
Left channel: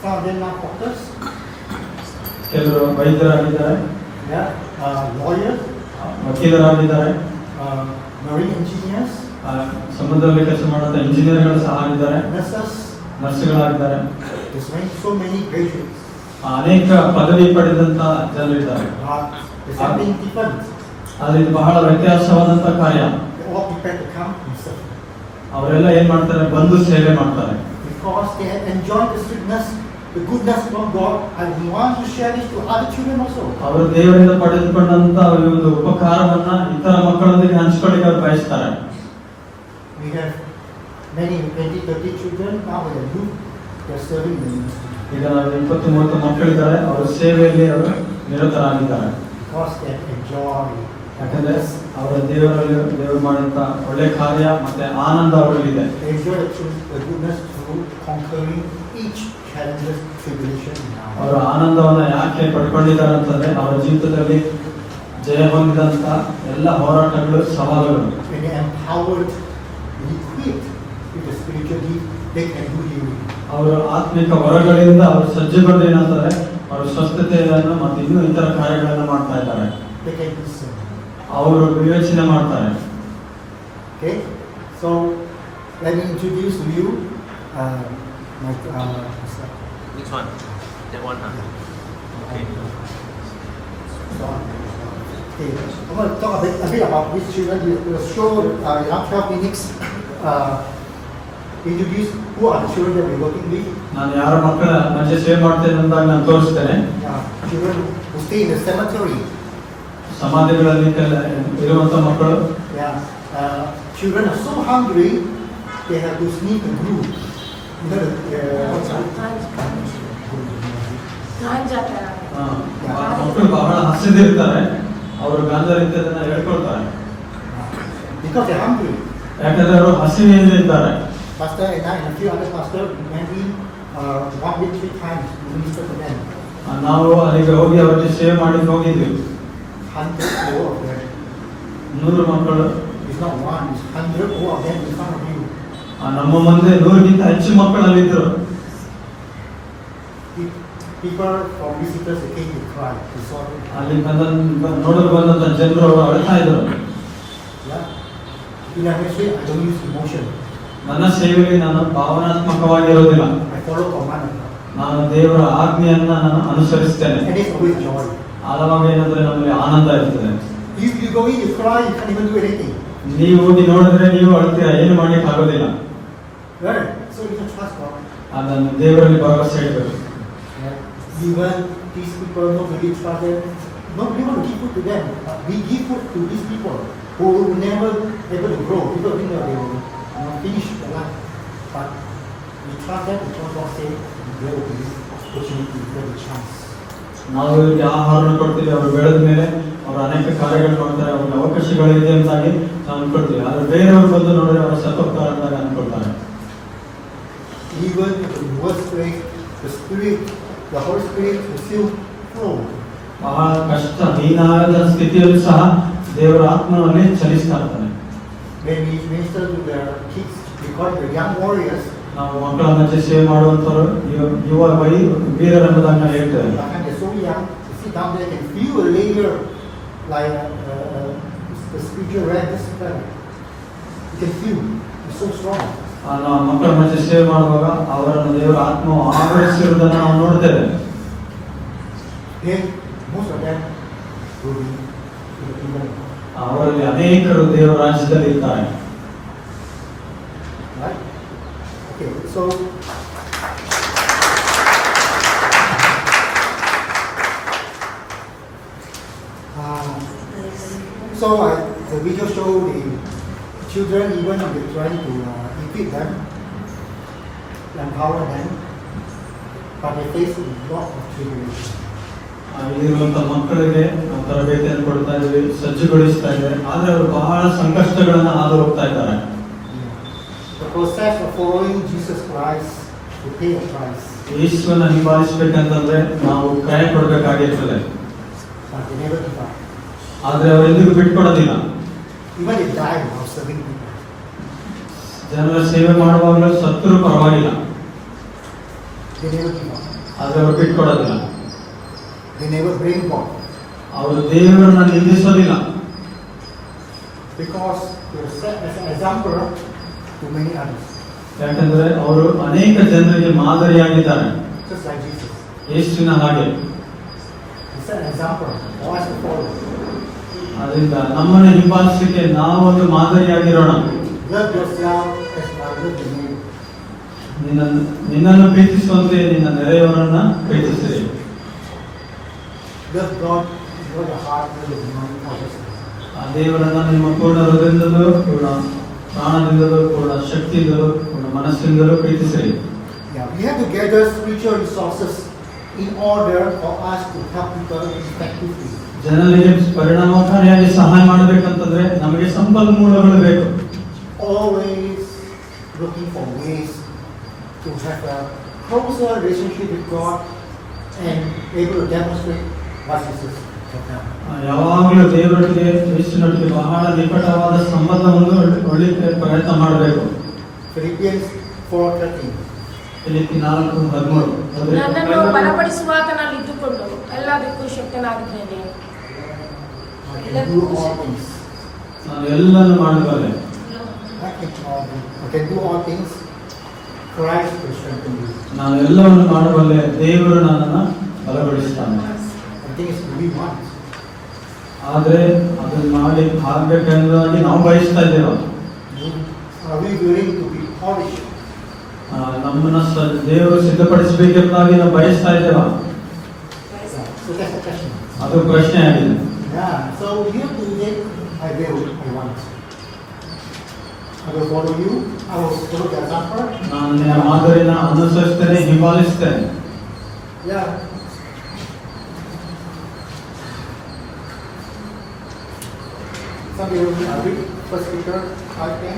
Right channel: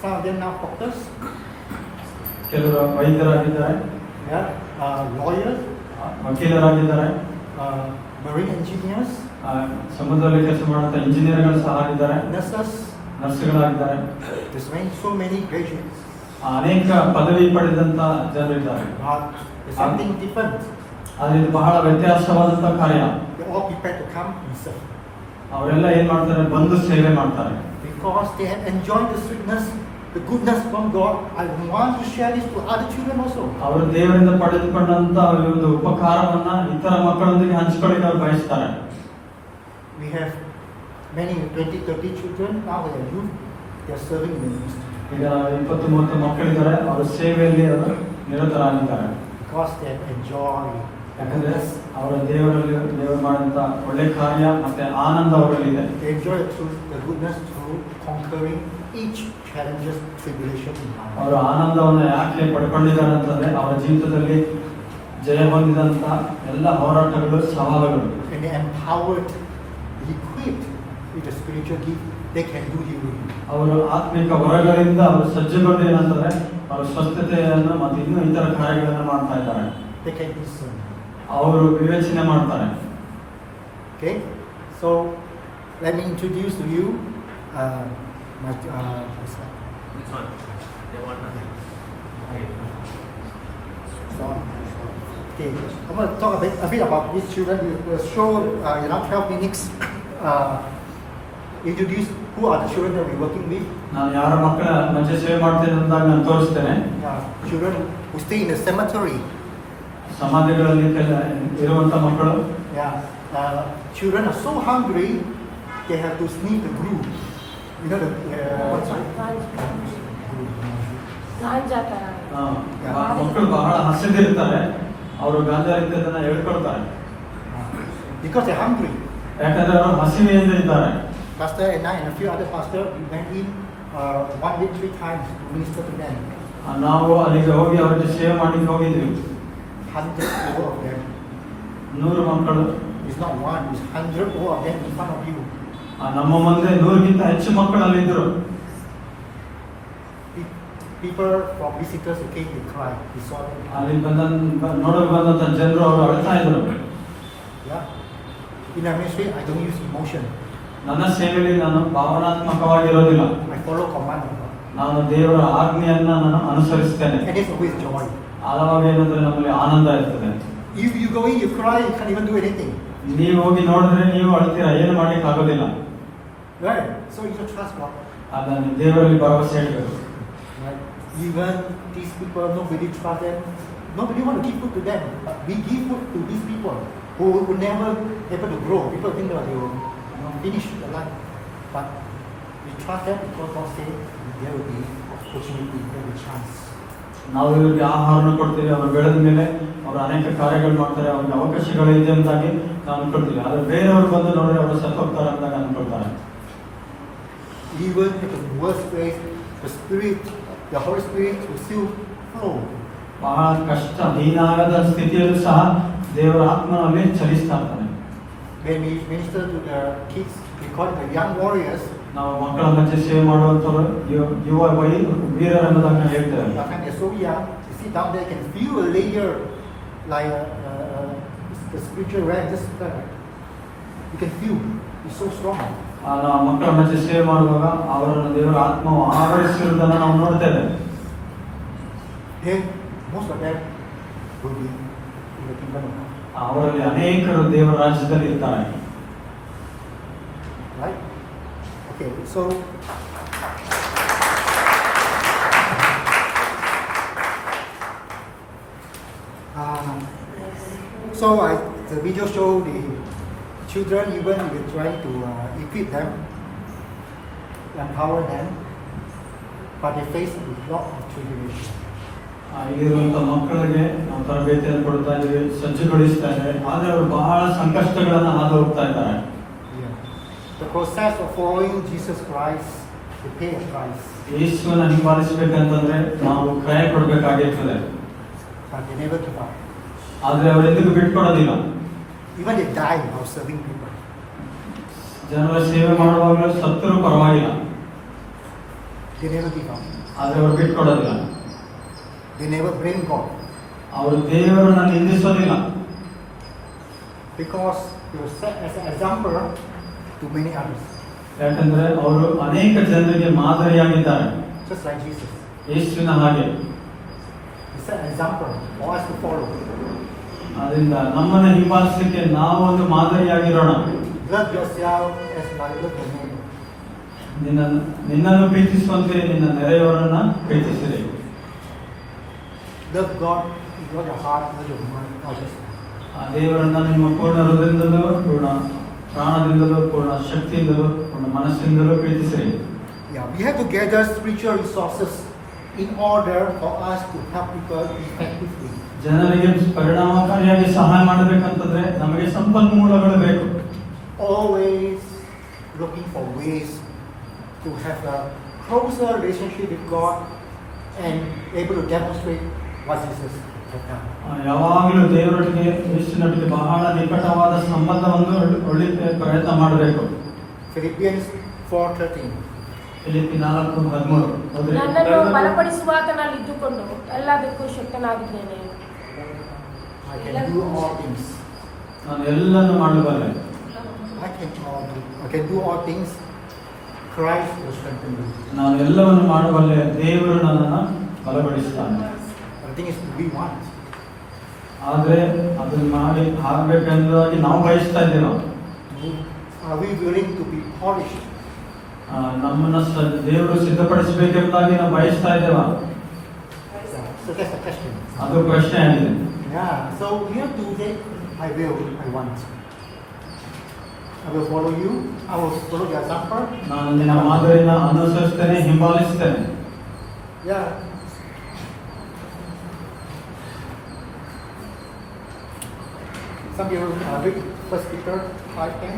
some of them now doctors, ಕೆಲವರು ವೈದ್ಯರಾಗಿದ್ದಾರೆ, lawyers, ವಕೀಲರಾಗಿದ್ದಾರೆ, marine engineers, ಸಮುದ್ರದಲ್ಲಿ ಕೆಲಸ ಮಾಡುವಂತ ಇಂಜಿನಿಯರ್ಗಳು ಸಹ ಆಗಿದ್ದಾರೆ, nurses. ನರ್ಸ್ಗಳಾಗಿದ್ದಾರೆ. There's so many graduates. ಅನೇಕ ಪದವಿ ಪಡೆದಂತ ಜನರು ಇದ್ದಾರೆ. There's something different. ಆದ್ರೆ ಇದು ಬಹಳ ವ್ಯತ್ಯಾಸವಾದಂತ ಕಾರ್ಯ. They all prepare to come and serve. ಅವರೆಲ್ಲ ಏನ್ ಮಾಡ್ತಾರೆ, ಬಂದು ಸೇವೆ ಮಾಡ್ತಾರೆ. Because they have enjoyed the sweetness, the goodness from God. I want to share this to other children also. ಅವರು ದೇವರಿಂದ ಪಡೆದುಕೊಂಡಂತ ಒಂದು ಉಪಕಾರವನ್ನ ಇತರ ಮಕ್ಕಳೊಂದಿಗೆ ಹಂಚಿಕೊಳ್ಳಿಕ್ಕೆ ಅವರು ಬಯಸ್ತಾರೆ. We have many 20-30 children now they are youth. They are serving in the ministry. ಈಗ 20-30 ಮಕ್ಕಳಿದ್ದಾರೆ, ಅವರ ಸೇವೆಯಲ್ಲಿ ಅವರು ನಿರತರಾಗಿದ್ದಾರೆ. Because they have enjoyed the ಯಾಕಂದ್ರೆ goodness. ಅವರ ದೇವರು ಮಾಡುವಂತ ಒಳ್ಳೆ ಕಾರ್ಯ ಮತ್ತೆ ಆನಂದ ಅವರಲ್ಲಿದೆ. They enjoy the goodness through conquering each challenges, tribulation in life. ಅವರ ಆನಂದವನ್ನ ಯಾಕೆ ಪಡ್ಕೊಂಡಿದ್ದಾರೆ ಅಂತಂದ್ರೆ ಅವರ ಜೀವಿತದಲ್ಲಿ ಜಯ ಹೊಂದಿದಂತ ಎಲ್ಲ ಹೋರಾಟಗಳು, ಸವಾಲುಗಳು. When they are empowered, equipped with the spiritual gift, they can do healing. ಅವರು ಆತ್ಮಿಕ ವರಗಳಿಂದ ಅವರು ಸಜ್ಜುಗೊಂಡು ಏನಂತಾರೆ, ಅವರು ಸ್ವಸ್ಥತೆಯನ್ನು ಮತ್ತು ಇನ್ನೂ ಇತರ ಕಾರ್ಯಗಳನ್ನು ಮಾಡ್ತಾ ಇದ್ದಾರೆ. They can discern. ಅವರು ವಿವೇಚನೆ ಮಾಡ್ತಾರೆ. Okay, so let me introduce to you my Which one? That one. Okay. Okay, I'm going to talk a bit about these children. We will show around 12 minutes. Introduce who are the children that we're working with. ನಾನು ಯಾರ ಮಕ್ಕಳ ಮಧ್ಯೆ ಸೇವೆ ಮಾಡ್ತೇನೆ ಅಂದಾಗ ನಾನು ತೋರಿಸ್ತೇನೆ. Children who stay in the cemetery. ಸಮಾಧಿಗಳಲ್ಲಿ ಇರುವಂತ ಮಕ್ಕಳು. Children are so hungry, they have to sneak the glue. You know ಮಕ್ಕಳು ಬಹಳ ಹಸಿದಿರ್ತಾರೆ, ಅವರು ಗಾಂಜಾ ಇದ್ದದನ್ನ ಹೇಳ್ಕೊಳ್ತಾರೆ. Because they're hungry. ಯಾಕಂದ್ರೆ ಅವರು ಹಸಿವೆಯಿಂದ ಇದ್ದಾರೆ. Pastor and I and a few other pastors, we went in 1 week 3 times to minister to them. ನಾವು ಅಲ್ಲಿಗೆ ಹೋಗಿ ಅವರಿಗೆ ಸೇವೆ ಮಾಡಿ ಹೋಗಿದ್ವಿ. 100 more of them. 100 ಮಕ್ಕಳು. It's not one, it's 100 more of them in front of you. ನಮ್ಮ ಮುಂದೆ 100ಗಿಂತ ಹೆಚ್ಚು ಮಕ್ಕಳು ಅಲ್ಲಿದ್ರು. People from visitors who came to cry, they saw them. ಅಲ್ಲಿ ನೋಡಲು ಬಂದಂತ ಜನರು ಅವರು ಅಳ್ತಾ ಇದ್ರು. In our ministry, I don't use emotion. ನನ್ನ ಸೇವೆಯಲ್ಲಿ ನಾನು ಭಾವನಾತ್ಮಕವಾಗಿರೋದಿಲ್ಲ. I follow command of God. ನಾನು ದೇವರ ಆಜ್ಞೆಯನ್ನ ನಾನು ಅನುಸರಿಸ್ತೇನೆ. And it's always joy. ಆಳವಾಗಿ ಏನಂದ್ರೆ ನಮಗೆ ಆನಂದ ಇರ್ತದೆ. If you go in, you cry, you can't even do anything. ನೀವು ಹೋಗಿ ನೋಡಿದ್ರೆ ನೀವು ಅಳ್ತೀರಾ, ಏನು ಮಾಡಲಿಕ್ಕೆ ಆಗೋದಿಲ್ಲ. Right? So you can trust God. ಅದನ್ನು ದೇವರಲ್ಲಿ ಭರವಸೆ ಇಡಬೇಕು. Right? Even these people, nobody trust them. Nobody want to give food to them. We give food to these people who will never able to grow. People think that they will finish their life. But we trust them because God said there will be opportunity, there will be chance. ನಾವು ಇವರಿಗೆ ಆಹಾರವನ್ನು ಕೊಡ್ತೀವಿ, ಅವರು ಬೆಳೆದ ಮೇಲೆ ಅವರು ಅನೇಕ ಕಾರ್ಯಗಳು ಮಾಡ್ತಾರೆ, ಅವ್ರಿಗೆ ಅವಕಾಶಗಳಿದೆ ಅಂತಾಗಿ ನಾವು ಅನ್ಕೊಳ್ತೀವಿ. ಆದರೆ ಬೇರೆಯವರು ಬಂದು ನೋಡಿದ್ರೆ ಅವರು ಸತ್ತೋಗ್ತಾರೆ ಅಂತಾಗ ಅನ್ಕೊಳ್ತಾರೆ. Even in the worst place, the Spirit, the Holy Spirit will still flow. ಬಹಳ ಕಷ್ಟ ಹೀನಾದ ಸ್ಥಿತಿಯಲ್ಲೂ ಸಹ ದೇವರ ಆತ್ಮವನ್ನೇ ಚಲಿಸ್ತಾ ಇರ್ತಾನೆ. When we minister to the kids, we call it the young warriors. ನಾವು ಮಕ್ಕಳ ಮಧ್ಯೆ ಸೇವೆ ಮಾಡುವಂಥವ್ರು ಯುವ ವೀರರೆಂಬುದಾಗಿ ನಾವು ಹೇಳ್ತೇವೆ. They're so young, you sit down there, you can feel a layer like the spiritual realm, this realm. You can feel, it's so strong. ನಾವು ಮಕ್ಕಳ ಮಧ್ಯೆ ಸೇವೆ ಮಾಡುವಾಗ ಅವರನ್ನು ದೇವರ ಆತ್ಮವು ಆವರಿಸಿರುವುದನ್ನು ನಾವು ನೋಡ್ತೇವೆ. Then most of them will be in the kingdom of God. ಅವರಲ್ಲಿ ಅನೇಕರು ದೇವರ ರಾಜ್ಯದಲ್ಲಿ ಇರ್ತಾರೆ. Right? Okay, so the video show the children, even if we're trying to equip them, empower them, but they face a lot of tribulation. ಇರುವಂತ ಮಕ್ಕಳಿಗೆ ನಾವು ತರಬೇತಿಯನ್ನು ಕೊಡ್ತಾ ಇದ್ದೀವಿ, ಸಜ್ಜುಗೊಳಿಸ್ತಾ ಇದ್ದೇವೆ, ಆದರೆ ಅವರು ಬಹಳ ಸಂಕಷ್ಟಗಳನ್ನು ಹಾದು ಹೋಗ್ತಾ ಇದ್ದಾರೆ. The process of following Jesus Christ to pay a price. ಯೇಸುವನ್ನು ಹಿಂಬಾಲಿಸಬೇಕಂತಂದ್ರೆ ನಾವು ಕ್ರಯ ಕೊಡಬೇಕಾಗಿರ್ತದೆ. But they never give up. ಆದರೆ ಅವರು ಎಂದಿಗೂ ಬಿಟ್ಕೊಡೋದಿಲ್ಲ. Even they die while serving people. ಜನರ ಸೇವೆ ಮಾಡುವಾಗಲೂ ಸತ್ತರೂ ಪರವಾಗಿಲ್ಲ. They never give up. ಆದರೆ ಅವರು ಬಿಟ್ಕೊಡೋದಿಲ್ಲ. They never blame God. ಅವರು ದೇವರನ್ನು ನಿಂದಿಸೋದಿಲ್ಲ. Because they were set as an example to many others. ಯಾಕಂದ್ರೆ ಅವರು ಅನೇಕ ಜನರಿಗೆ ಮಾದರಿಯಾಗಿದ್ದಾರೆ. Just like Jesus. ಯೇಸುವಿನ ಹಾಗೆ. He set an example for us to follow. ಅದರಿಂದ ನಮ್ಮನ್ನು ಹಿಂಬಾಲಿಸಲಿಕ್ಕೆ ನಾವೊಂದು ಮಾದರಿಯಾಗಿರೋಣ. Love yourself as you love your neighbor. ನಿನ್ನನ್ನು ಪ್ರೀತಿಸುವಂತೆ ನಿನ್ನ ನೆರೆಯವರನ್ನ ಪ್ರೀತಿಸಿರಿ. Love God with all your heart, with your mind, all this. ಆ ದೇವರನ್ನ ನಿಮ್ಮ ಪೂರ್ಣ ಹೃದಯದಿಂದಲೂ, ಪೂರ್ಣ ಪ್ರಾಣದಿಂದಲೂ, ಪೂರ್ಣ ಶಕ್ತಿಯಿಂದಲೂ, ಪೂರ್ಣ ಮನಸ್ಸಿನಿಂದಲೂ ಪ್ರೀತಿಸಿರಿ. Yeah, we have to gather spiritual resources in order for us to help people effectively. ಜನರಿಗೆ ಪರಿಣಾಮಕಾರಿಯಾಗಿ ಸಹಾಯ ಮಾಡಬೇಕಂತಂದ್ರೆ ನಮಗೆ ಸಂಪನ್ಮೂಲಗಳು ಬೇಕು. Always looking for ways to have a closer relationship with God and able to demonstrate what Jesus has done. ಯಾವಾಗಲೂ ದೇವರೊಟ್ಟಿಗೆ ಯೇಸುವಿನೊಟ್ಟಿಗೆ ಬಹಳ ನಿಕಟವಾದ ಸಂಬಂಧವನ್ನು ಒಳ್ಳಿಕ್ಕೆ ಪ್ರಯತ್ನ ಮಾಡಬೇಕು. Philippians 4:13. ಫಿಲಿಪ್ಪಿ 4:13. ನನ್ನನ್ನು ಬಲಪಡಿಸುವಾತನಲ್ಲಿ ಇದ್ದುಕೊಂಡು ಎಲ್ಲದಕ್ಕೂ ಶಕ್ತನಾಗಿದ್ದೇನೆ. I can do all things. ನಾನು ಎಲ್ಲವನ್ನು ಮಾಡಬಲ್ಲೆ. I can do all things. Christ will strengthen you. ನಾನು ಎಲ್ಲವನ್ನು ಮಾಡಬಲ್ಲೆ, ದೇವರು ನನ್ನನ್ನು ಬಲಪಡಿಸ್ತಾನೆ. The thing is, we want. ಆದರೆ ಅದನ್ನು ಮಾಡಿ ಆಗಬೇಕೆಂಬುದಾಗಿ ನಾವು ಬಯಸ್ತಾ ಇದ್ದೇವೆ. Are we willing to be polished? ನಮ್ಮನ್ನು ದೇವರು ಸಿದ್ಧಪಡಿಸಬೇಕೆಂಬುದಾಗಿ ನಾವು ಬಯಸ್ತಾ ಇದ್ದೇವೆ. So that's a question. ಅದು ಪ್ರಶ್ನೆ ಆಗಿದೆ. Yeah. So you have to say, I will, I want. I will follow you. I will follow the example. ನಾನು ನಿನ್ನ ಮಾದರಿನ ಅನುಸರಿಸ್ತೇನೆ, ಹಿಂಬಾಲಿಸ್ತೇನೆ. Yeah. Some people read 1 Peter 5:10.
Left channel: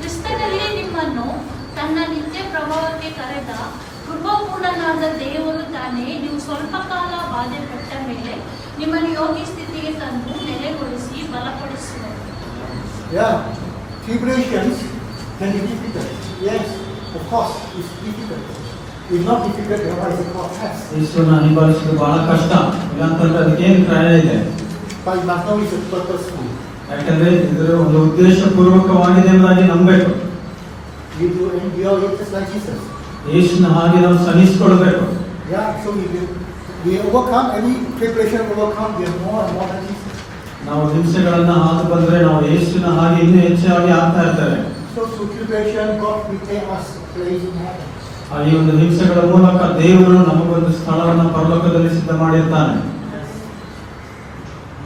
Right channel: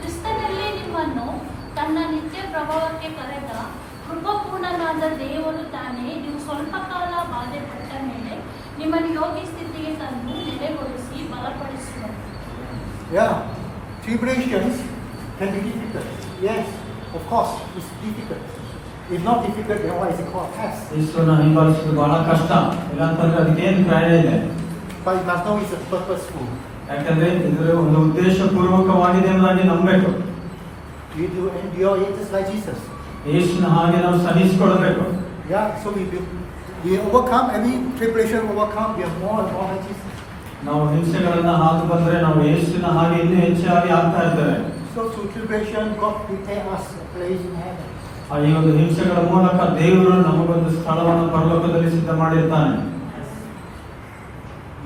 ಕ್ರಿಸ್ತನಲ್ಲಿ ನಿಮ್ಮನ್ನು ತನ್ನ ನಿತ್ಯ ಪ್ರಭಾವಕ್ಕೆ ಕರೆದ ಕೃಪಾಪೂರ್ಣನಾದ ದೇವರು ತಾನೇ ನೀವು ಸ್ವಲ್ಪ ಕಾಲ ಬಾಧೆಪಟ್ಟ ಮೇಲೆ ನಿಮ್ಮನ್ನು ಯೋಗ್ಯ ಸ್ಥಿತಿಗೆ ತಂದು ನೆಲೆಗೊಳಿಸಿ ಬಲಪಡಿಸುವರು. Yeah, tribulations can be difficult. Yes, of course, it's difficult. If not difficult, then why is it called test? ಯೇಸುವನ್ನು ಹಿಂಬಾಲಿಸೋದು ಬಹಳ ಕಷ್ಟ. ಯಾಕಂದ್ರೆ ಅದಕ್ಕೇನು ಕ್ರಯ ಇದೆ. But you must know it's a purposeful. ಯಾಕಂದ್ರೆ ಇದರ ಒಂದು ಉದ್ದೇಶಪೂರ್ವಕವಾಗಿದೆ ಎಂಬುದಾಗಿ ನಂಬಬೇಕು. You do endure it just like Jesus. ಯೇಸುವಿನ ಹಾಗೆ ನಾವು ಸಹಿಸಿಕೊಳ್ಬೇಕು. Yeah, so we will We overcome every tribulation, overcome, we are more and more than Jesus. ನಾವು ಹಿಂಸೆಗಳನ್ನ ಹಾದು ಬಂದ್ರೆ ನಾವು ಯೇಸುವಿನ ಹಾಗೆ ಇನ್ನೂ ಹೆಚ್ಚಾಗಿ ಆಗ್ತಾ ಇರ್ತೇವೆ. So through tribulation, God prepare us a place in heaven. ಈ ಒಂದು ಹಿಂಸೆಗಳ ಮೂಲಕ ದೇವರು ನಮಗೊಂದು ಸ್ಥಳವನ್ನು ಪರಲೋಕದಲ್ಲಿ ಸಿದ್ಧ ಮಾಡಿರ್ತಾನೆ.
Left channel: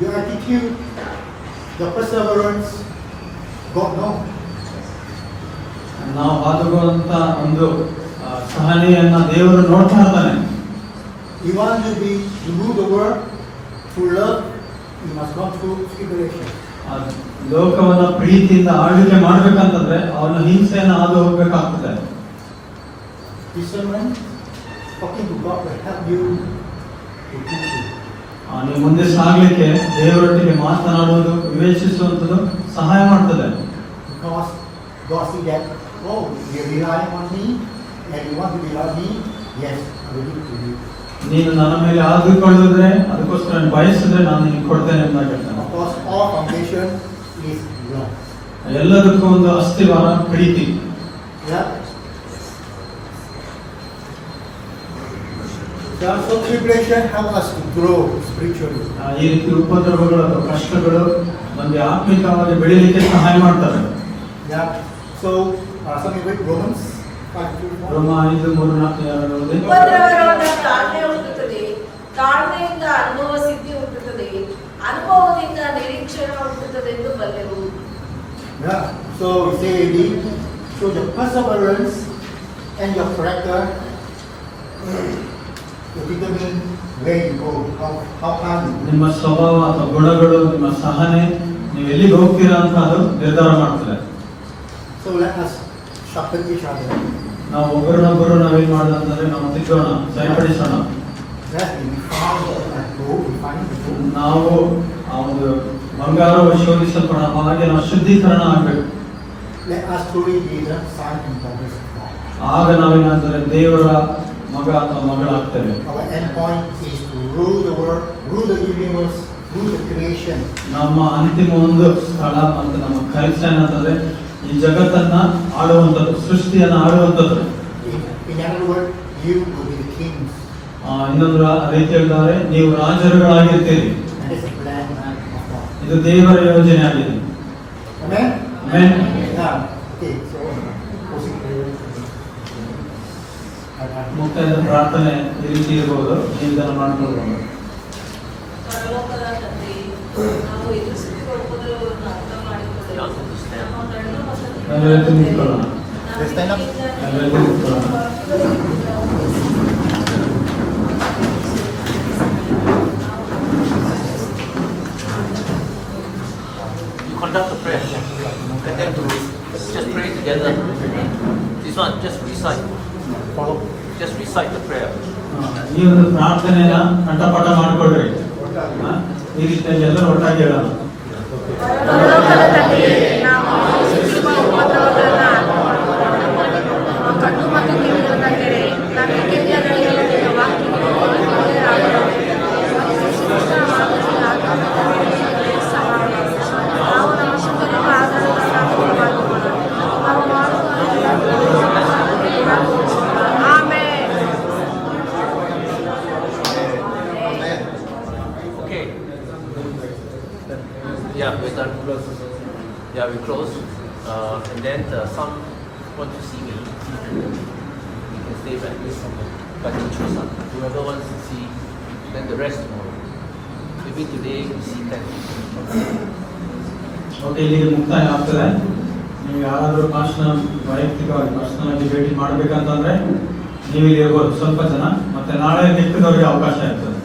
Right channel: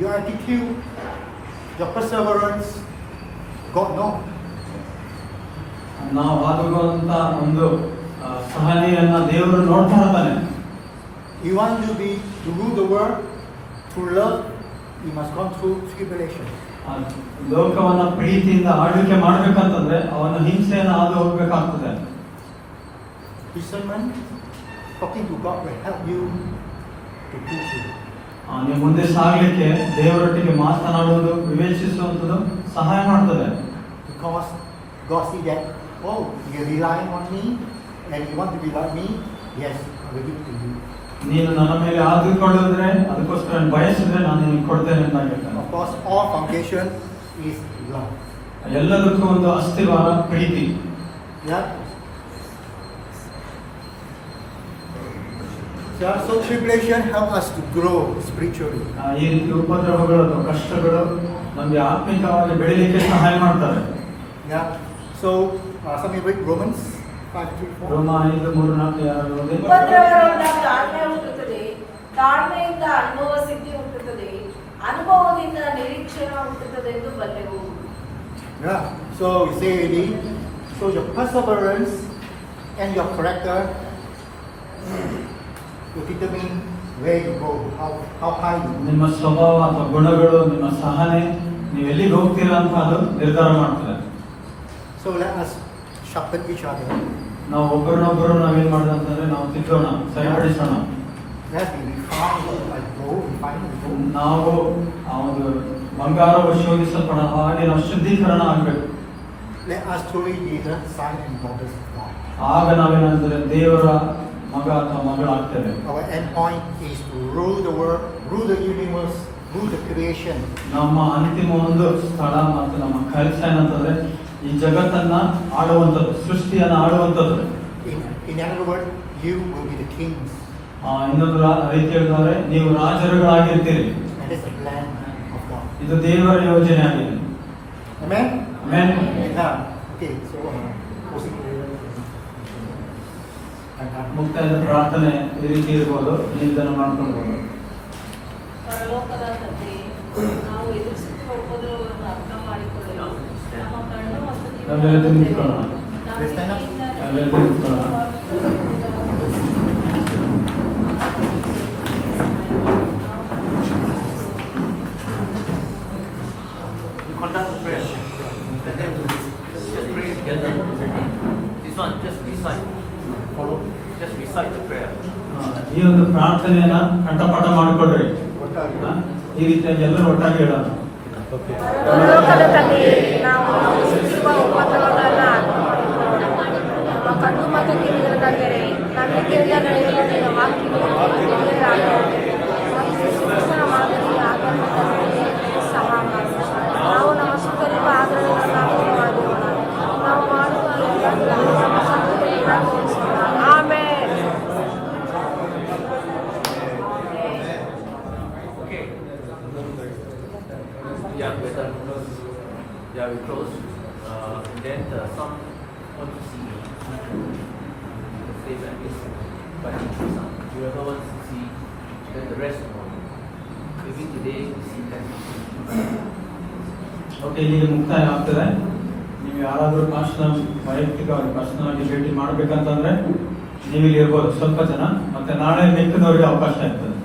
Your attitude, your perseverance, God knows. ನಾವು ಹಾದುಕೊಳ್ಳುವಂತ ಒಂದು ಸಹನೆಯನ್ನ ದೇವರು ನೋಡ್ತಾ ಇದ್ದಾನೆ. You want to rule the world through love, you must go through tribulation. ಲೋಕವನ್ನ ಪ್ರೀತಿಯಿಂದ ಆಳ್ವಿಕೆ ಮಾಡ್ಬೇಕಂತಂದ್ರೆ ಅವನ ಹಿಂಸೆಯನ್ನು ಹಾದು ಹೋಗ್ಬೇಕಾಗ್ತದೆ. Discernment, talking to God will help you to teach you. ನೀವು ಮುಂದೆ ಸಾಗಲಿಕ್ಕೆ ದೇವರೊಟ್ಟಿಗೆ ಮಾತನಾಡುವುದು ವಿವೇಚಿಸುವಂಥದ್ದು ಸಹಾಯ ಮಾಡ್ತದೆ. Because God see that, oh, you rely on me and you want to be like me, yes, I will give it to you. ನೀನು ನನ್ನ ಮೇಲೆ ಆದುಕೊಳ್ಳುವುದ್ರೆ ಅದಕ್ಕೋಸ್ಕರ ಬಯಸಿದ್ರೆ ನಾನು ನಿನಗೆ ಕೊಡ್ತೇನೆ ಅಂತ ಹೇಳ್ತಾನೆ. Of course, all foundation is love. ಎಲ್ಲದಕ್ಕೂ ಒಂದು ಅಸ್ಥಿವಾರ ಪ್ರೀತಿ. Yeah. So tribulation help us to grow spiritually. ಈ ರೀತಿ ಉಪದ್ರವಗಳು ಅಥವಾ ಕಷ್ಟಗಳು ನಮಗೆ ಆತ್ಮಿಕವಾಗಿ ಬೆಳೀಲಿಕ್ಕೆ ಸಹಾಯ ಮಾಡ್ತಾರೆ. Yeah. So something with Romans 5:3-4. ರೋಮ 5:3-4 ಯಾರು ಓದಿ? ಉಪದ್ರವದಿಂದ ತಾಳ್ಮೆ ಹುಟ್ಟುತ್ತದೆ, ತಾಳ್ಮೆಯಿಂದ ಅನುಭವ ಸಿದ್ಧಿ ಹುಟ್ಟುತ್ತದೆ, ಅನುಭವದಿಂದ ನಿರೀಕ್ಷಣ ಹುಟ್ಟುತ್ತದೆ ಎಂದು ಬಲ್ಲೆವು. Yeah. So we say again, so your perseverance and your character will determine where you go, how far you go. ನಿಮ್ಮ ಸ್ವಭಾವ ಅಥವಾ ಗುಣಗಳು, ನಿಮ್ಮ ಸಹನೆ, ನೀವು ಎಲ್ಲಿಗೆ ಹೋಗ್ತೀರಾ ಅಂತ ಅದು ನಿರ್ಧಾರ ಮಾಡ್ತದೆ. So let us sharpen each other. ನಾವು ಒಬ್ಬರನ್ನೊಬ್ಬರು ನಾವೇನ್ ಮಾಡೋದಂತಂದ್ರೆ ನಾವು ತಿದ್ದೋಣ, ಸರಿಪಡಿಸೋಣ. Yes, we refine the gold. ನಾವು ಆ ಒಂದು ಬಂಗಾರವು ಶೋಧಿಸಲ್ಪಡ ಹಾಗೆ ನಾವು ಶುದ್ಧೀಕರಣ ಆಗ್ಬೇಕು. Let us truly be the son and daughters of God. ಆಗ ನಾವೇನಂದ್ರೆ ದೇವರ ಮಗ ಅಥವಾ ಮಗಳಾಗ್ತೇವೆ. Our end point is to rule the world, rule the universe, rule the creation. ನಮ್ಮ ಅಂತಿಮ ಒಂದು ಸ್ಥಳ ಮತ್ತು ನಮ್ಮ ಕೆಲಸ ಏನಂತಂದ್ರೆ ಈ ಜಗತ್ತನ್ನ ಆಳುವಂಥದ್ದು, ಸೃಷ್ಟಿಯನ್ನ ಆಳುವಂಥದ್ದು. In another word, you will be the kings. ಇನ್ನೊಂದು ರೀತಿ ಹೇಳಿದ್ದಾರೆ, ನೀವು ರಾಜರುಗಳಾಗಿರ್ತೀರಿ. That is the plan of God. ಇದು ದೇವರ ಯೋಜನೆ ಆಗಿದೆ. Amen? Amen. Now, okay, so closing prayer. ಮುಕ್ತಾಯದ ಪ್ರಾರ್ಥನೆ ಈ ರೀತಿ ಇರ್ಬೋದು, ನೀವು ಇದನ್ನು ಮಾಡ್ಕೊಳ್ಬೋದು. ಪರಲೋಕದ ತಂದೆ, ನಾವು ಎದುರಿಸುತ್ತಿರುವ ಉಪದ್ರವವನ್ನು ಅರ್ಥ ಮಾಡಿಕೊಳ್ಳಲು ನಮ್ಮ ಕಣ್ಣು ಮತ್ತು ನಾವೆಲ್ಲ ನಿಂತ್ಕೊಳ್ಳೋಣ. ನಾವೆಲ್ಲ ನಿಂತ್ಕೊಳ್ಳೋಣ. You conduct the prayer. And then just pray together. This one, just recite. Follow. Just recite the prayer. ಈ ಒಂದು ಪ್ರಾರ್ಥನೆಯನ್ನ ಕಂಠಪಾಠ ಮಾಡ್ಕೊಳ್ರಿ. ಈ ರೀತಿಯಲ್ಲಿ ಎಲ್ಲರೂ ಒಟ್ಟಾಗಿ ಹೇಳೋಣ. ಪರಲೋಕದ ತಂದೆಯೇ, ನಾವು ಎದುರಿಸುತ್ತಿರುವ ಉಪದ್ರವಗಳನ್ನು ಕಣ್ಣು ಮತ್ತು ಕಿವಿಗಳ ಕಡೆಗೆ ನಂಬಿಕೆಯಿಂದ Okay. Yeah, we're done. Yeah, we close. And then some want to see me. You can stay like this. But you choose. Whoever wants to see, then the rest know. Maybe today we see 10. Okay, ಇಲ್ಲಿಗೆ ಮುಕ್ತಾಯ ಆಗ್ತದೆ. ನೀವು ಯಾರಾದರೂ ವೈಯಕ್ತಿಕವಾಗಿ ಪರ್ಸನಲ್ ಭೇಟಿ ಮಾಡ್ಬೇಕಂತಂದ್ರೆ ನೀವು ಇಲ್ಲಿ ಇರ್ಬೋದು ಸ್ವಲ್ಪ ಜನ, ಮತ್ತೆ ನಾಳೆ ಮಿಕ್ಕಿದವರಿಗೆ ಅವಕಾಶ ಇರ್ತದೆ.